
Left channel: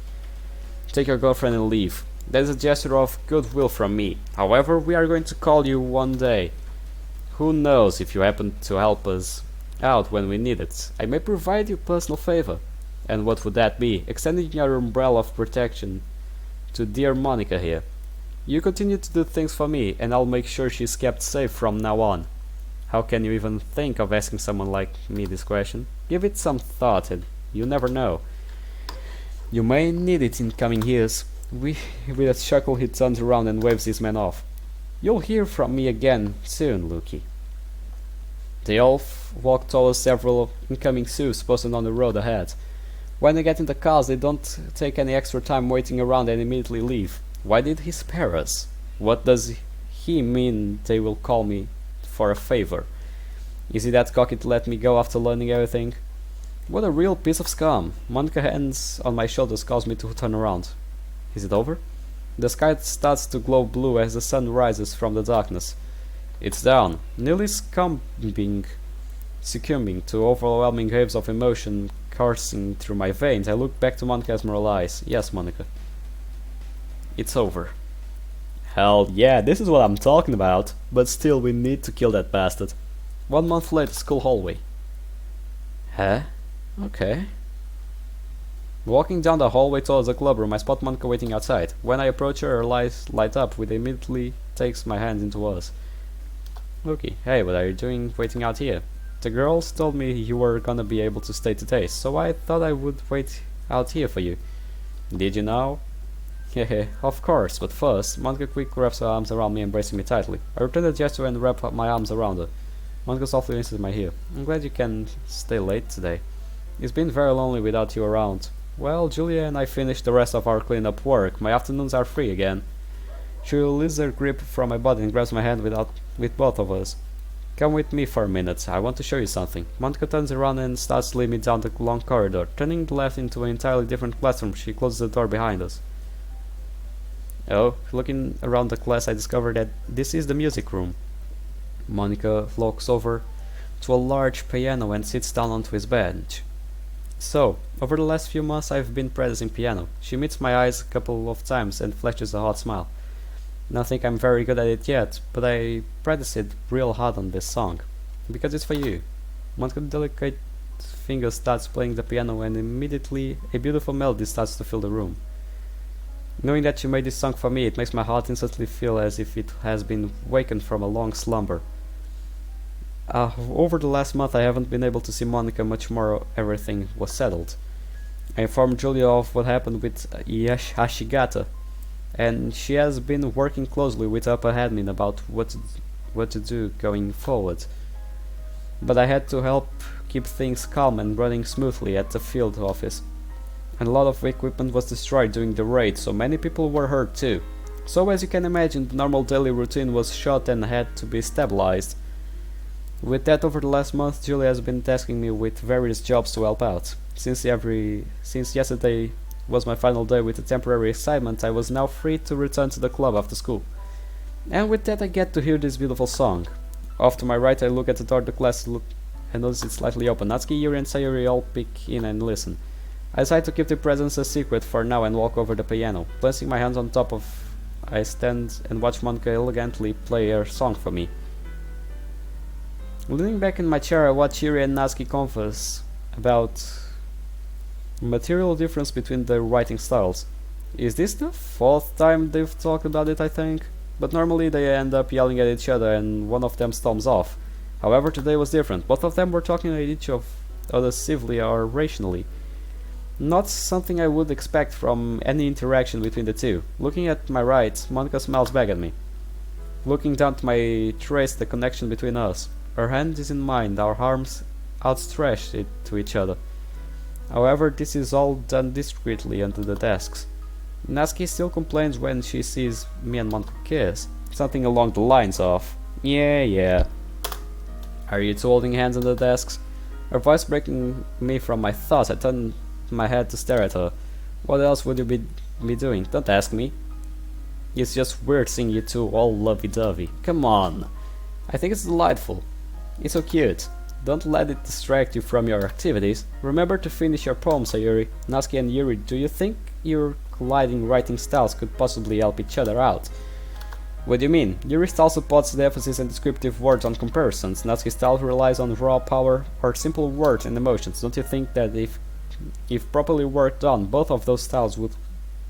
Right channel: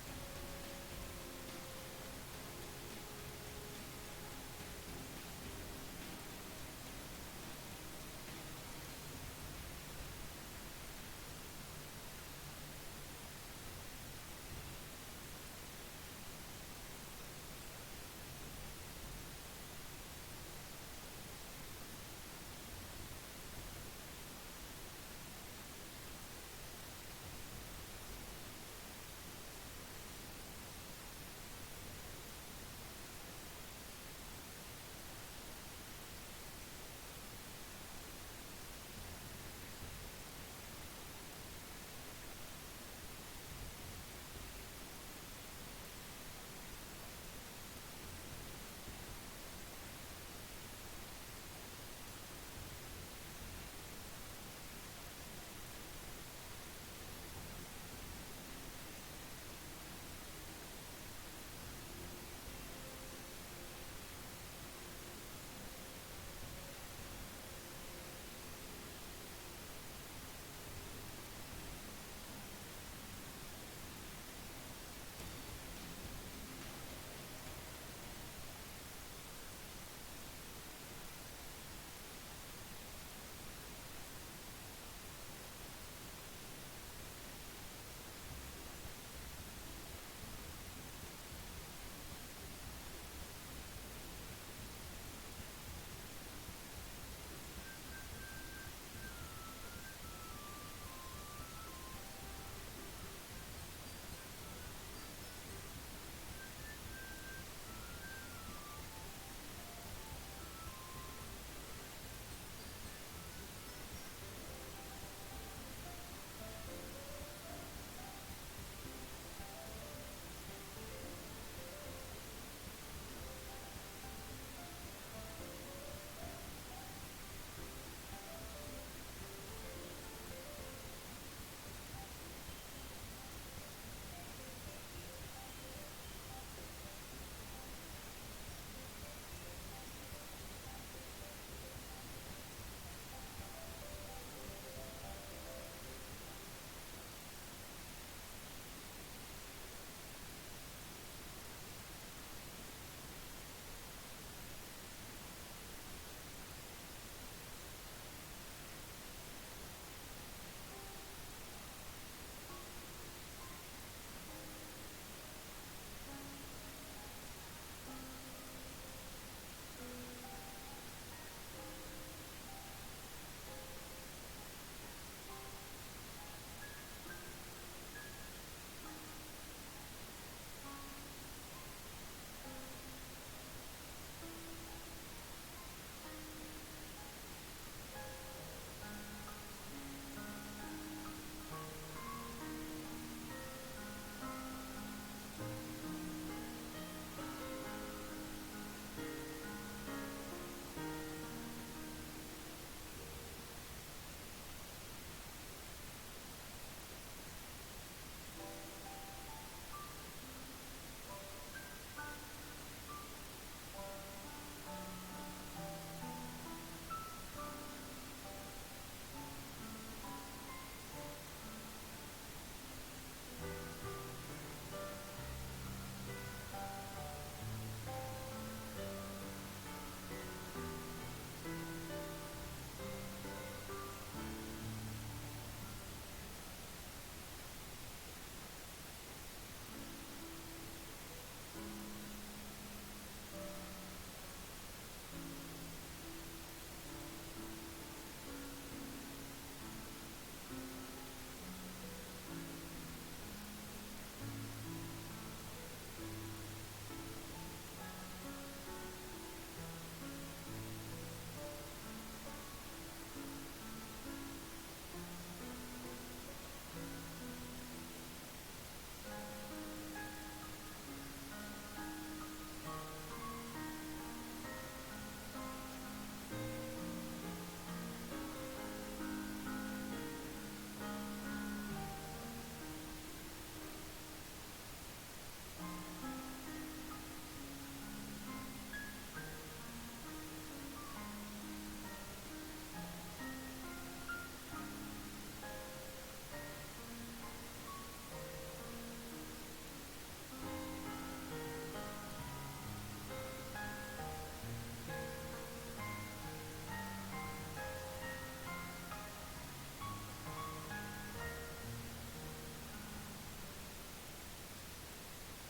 Take your girlfriend and leave. That is a gesture of goodwill from me. However, we are going to call you one day. Who knows if you happen to help us out when we need it. I may provide you a personal favor. And what would that be? Extending your umbrella of protection to dear Monica here. You continue to do things for me, and I'll make sure she's kept safe from now on. How can you even think of asking someone like me this question? Give it some thought, and you never know. You may need it in coming years. With a chuckle, he turns around and waves his men off. You'll hear from me again soon, Luki. They all walk towards several incoming Sioux posted on the road ahead. When they get in the cars, they don't take any extra time waiting around and immediately leave. Why did he spare us? What does he mean they will call me for a favor? Is he that cocky to let me go after learning everything? What a real piece of scum. Monica's hands on my shoulders cause me to turn around. Is it over? The sky starts to glow blue as the sun rises from the darkness. It's down, nearly succumbing to overwhelming waves of emotion coursing through my veins. I look back to Monica's emerald eyes. Yes, Monica. It's over. Hell yeah, this is what I'm talking about. But still, we need to kill that bastard. 1 month later, school hallway. Huh? Okay. Walking down the hallway towards the club room, I spot Monica waiting outside. When I approach her, her eyes light up, which immediately takes my hand into hers. Loki, hey, what are you doing waiting out here? The girls told me you were gonna be able to stay today, so I thought I would wait out here for you. Did you know? Hehe, of course, but first, Monica quick wraps her arms around me, embracing me tightly. I return the gesture and wrap my arms around her. Monica softly kisses my ear. I'm glad you can stay late today. It's been very lonely without you around. Well, Julia and I finished the rest of our cleanup work. My afternoons are free again. She releases her grip from my body and grabs my hand with both of us. Come with me for a minute. I want to show you something. Monica turns around and starts leading me down the long corridor. Turning left into an entirely different classroom, she closes the door behind us. Oh, looking around the class, I discover that this is the music room. Monica walks over to a large piano and sits down onto his bench. So, over the last few months I've been practicing piano. She meets my eyes a couple of times and flashes a hot smile. I don't think I'm very good at it yet, but I practice it real hard on this song. Because it's for you. Monica's delicate fingers starts playing the piano and immediately a beautiful melody starts to fill the room. Knowing that you made this song for me, it makes my heart instantly feel as if it has been wakened from a long slumber. Over the last month I haven't been able to see Monica much more. Everything was settled. I informed Julia of what happened with Hashigata, and she has been working closely with upper admin about what to do going forward. But I had to help keep things calm and running smoothly at the field office. And a lot of equipment was destroyed during the raid, so many people were hurt too. So as you can imagine, the normal daily routine was shot and had to be stabilized. With that, over the last month, Julia has been tasking me with various jobs to help out. Since yesterday was my final day with a temporary assignment, I was now free to return to the club after school. And with that I get to hear this beautiful song. Off to my right I look at the door of the class and notice it's slightly open. Natsuki, Yuri and Sayuri all peek in and listen. I decide to keep the presence a secret for now and walk over the piano. Placing my hands on top of, I stand and watch Monica elegantly play her song for me. Leaning back in my chair I watch Yuri and Natsuki converse about material difference between their writing styles. Is this the fourth time they've talked about it, I think? But normally they end up yelling at each other and one of them storms off. However, today was different. Both of them were talking at each other civilly or rationally. Not something I would expect from any interaction between the two. Looking at my right, Monica smiles back at me. Looking down to my trace the connection between us. Her hand is in mine, our arms outstretched to each other. However, this is all done discreetly under the desks. Natsuki still complains when she sees me and Monica kiss. Something along the lines of, yeah. Are you two holding hands on the desks? Her voice breaking me from my thoughts, I turn my head to stare at her. What else would you be doing? Don't ask me. It's just weird seeing you two all lovey-dovey. Come on. I think it's delightful. It's so cute. Don't let it distract you from your activities. Remember to finish your poem, Sayuri. Natsuki and Yuri, do you think your colliding writing styles could possibly help each other out? What do you mean? Yuri's style supports the emphasis and descriptive words on comparisons. Natsuki's style relies on raw power or simple words and emotions. Don't you think that if properly worked on, both of those styles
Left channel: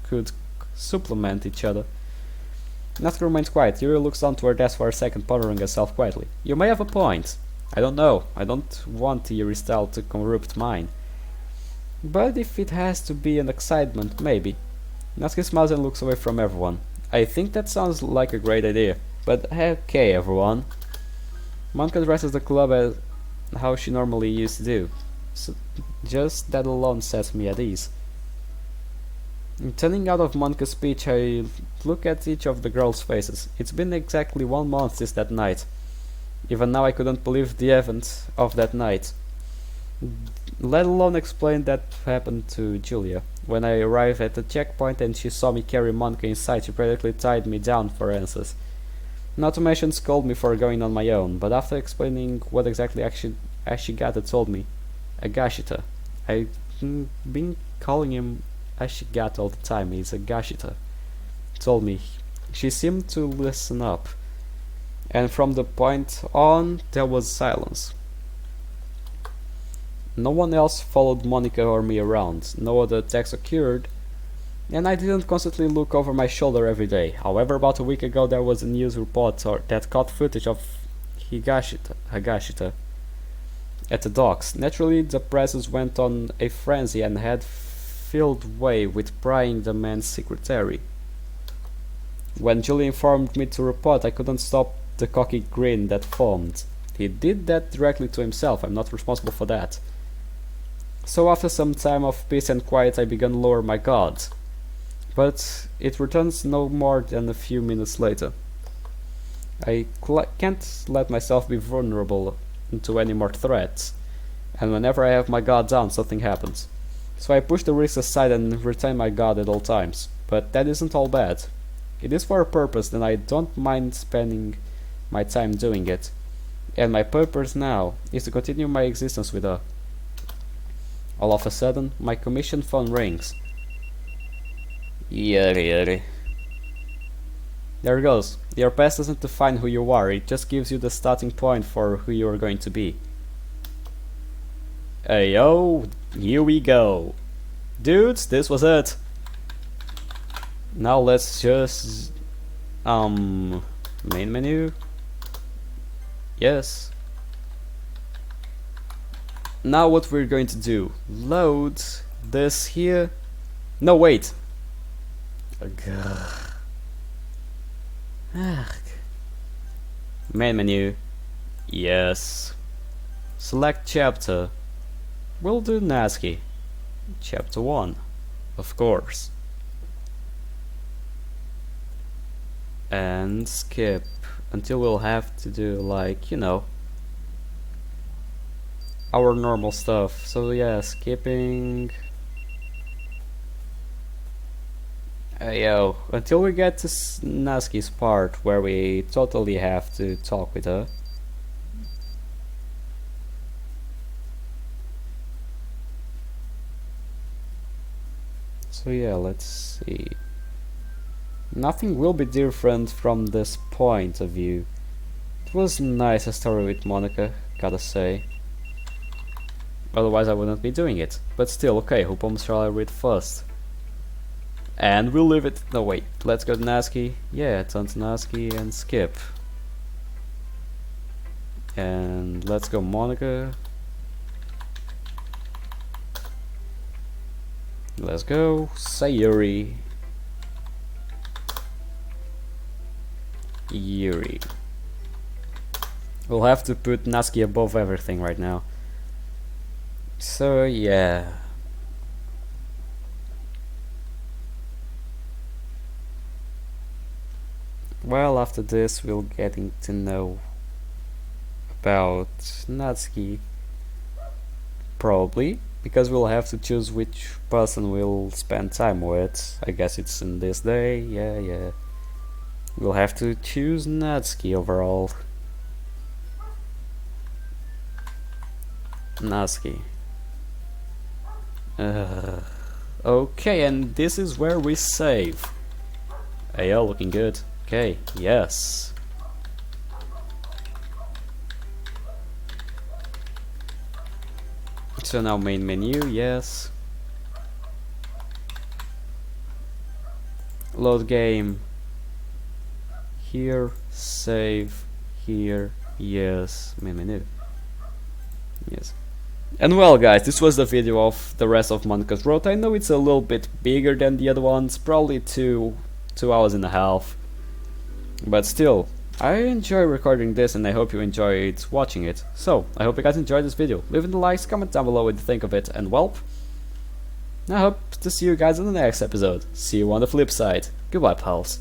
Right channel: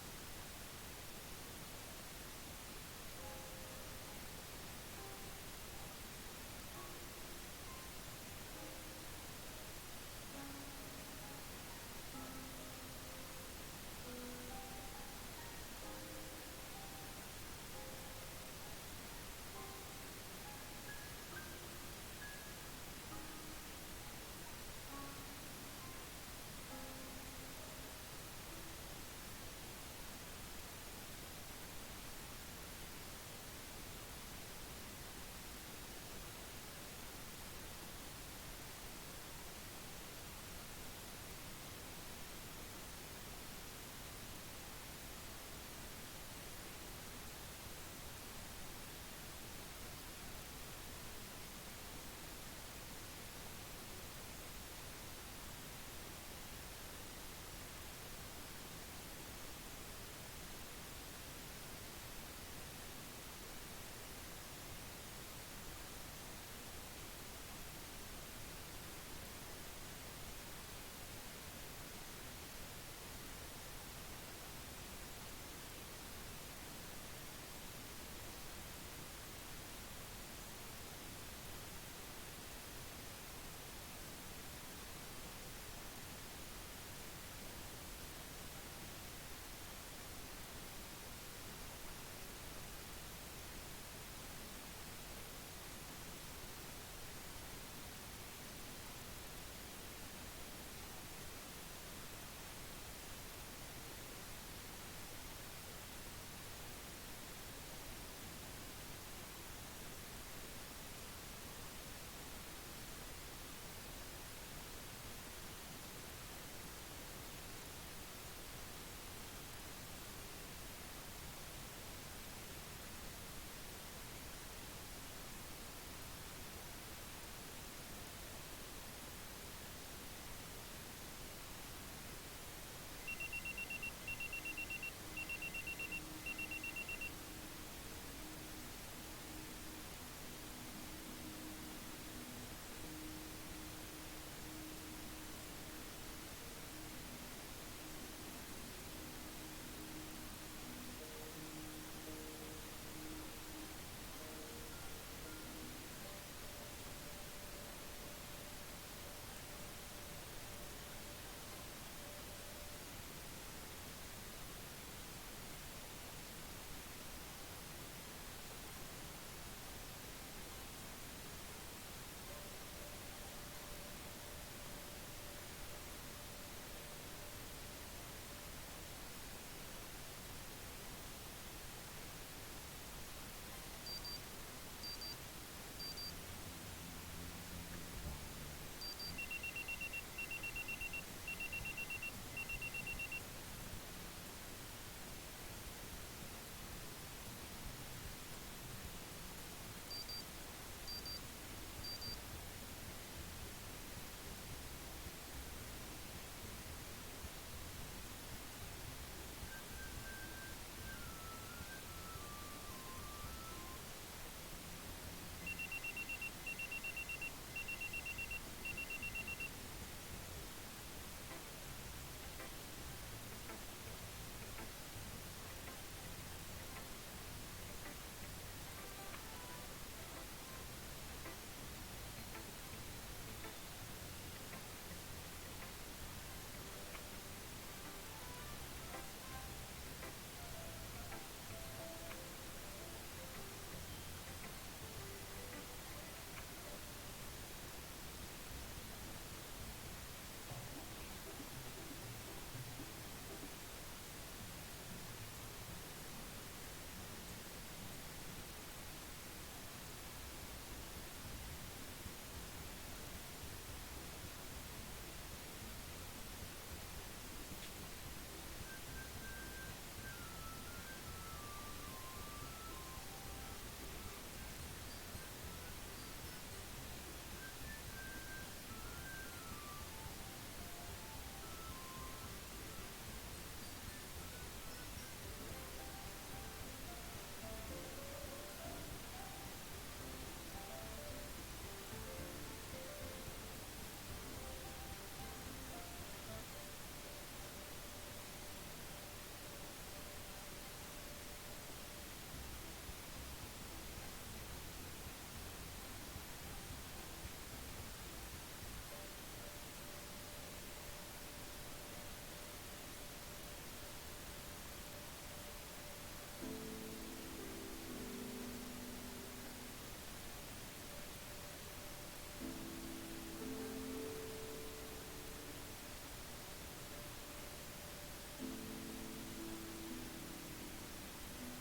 could supplement each other? Natsuki remains quiet. Yuri looks down to her desk for a second, pondering herself quietly. You may have a point. I don't know. I don't want Yuri's style to corrupt mine. But if it has to be an excitement, maybe. Natsuki smiles and looks away from everyone. I think that sounds like a great idea. But okay, everyone. Monica addresses the club as how she normally used to do. So just that alone sets me at ease. Turning out of Monica's speech, I look at each of the girls' faces. It's been exactly 1 month since that night. Even now I couldn't believe the event of that night, let alone explain that happened to Julia. When I arrived at the checkpoint and she saw me carry Monica inside, she practically tied me down for answers. Not to mention scold me for going on my own, but after explaining what exactly Ashigata told me, Agashita. I've been calling him Ashigata all the time, he's Agashita. Told me. She seemed to listen up. And from the point on, there was silence. No one else followed Monica or me around, no other attacks occurred, and I didn't constantly look over my shoulder every day. However, about a week ago there was a news report that caught footage of Higashita at the docks. Naturally, the presses went on a frenzy and had filled way with prying the man's secretary. When Julie informed me to report, I couldn't stop the cocky grin that formed. He did that directly to himself, I'm not responsible for that. So after some time of peace and quiet I began to lower my guard. But it returns no more than a few minutes later. I can't let myself be vulnerable to any more threats, and whenever I have my guard down something happens. So I push the risks aside and retain my guard at all times. But that isn't all bad. It is for a purpose and I don't mind spending my time doing it. And my purpose now is to continue my existence with her. All of a sudden, my commission phone rings. Yuri. There it goes. Your past doesn't define who you are, it just gives you the starting point for who you are going to be. Hey yo, here we go. Dudes, this was it. Now let's just main menu. Yes. Now what we're going to do, load this here. No, wait. Main menu. Yes. Select chapter. We'll do NASCII. Chapter 1. Of course. And skip until we'll have to do, like, you know, our normal stuff. So yeah, skipping. Yo, until we get to NASCII's part where we totally have to talk with her. So yeah, let's see. Nothing will be different from this point of view. It was nice a story with Monica, gotta say. Otherwise I wouldn't be doing it. But still, okay, who poems shall I read first? And we'll leave it. No, wait, let's go to NASCII. Yeah, turn to NASCII and skip. And let's go Monica. Let's go Sayuri. Yuri. We'll have to put NASCII above everything right now. So yeah. Well, after this we'll getting to know about NASCII. Probably, because we'll have to choose which person we'll spend time with. I guess it's in this day, yeah. We'll have to choose NASCII overall. NASCII. Okay, and this is where we save. Ayo, looking good. Okay, yes. So now main menu, yes. Load game. Here, save. Here, yes. Main menu. Yes. And well guys, this was the video of the rest of Monica's Road. I know it's a little bit bigger than the other ones, probably two hours and a half. But still, I enjoy recording this and I hope you enjoyed watching it. So, I hope you guys enjoyed this video. Leave in the likes, comment down below what you think of it, and well, I hope to see you guys in the next episode. See you on the flip side. Goodbye, pals.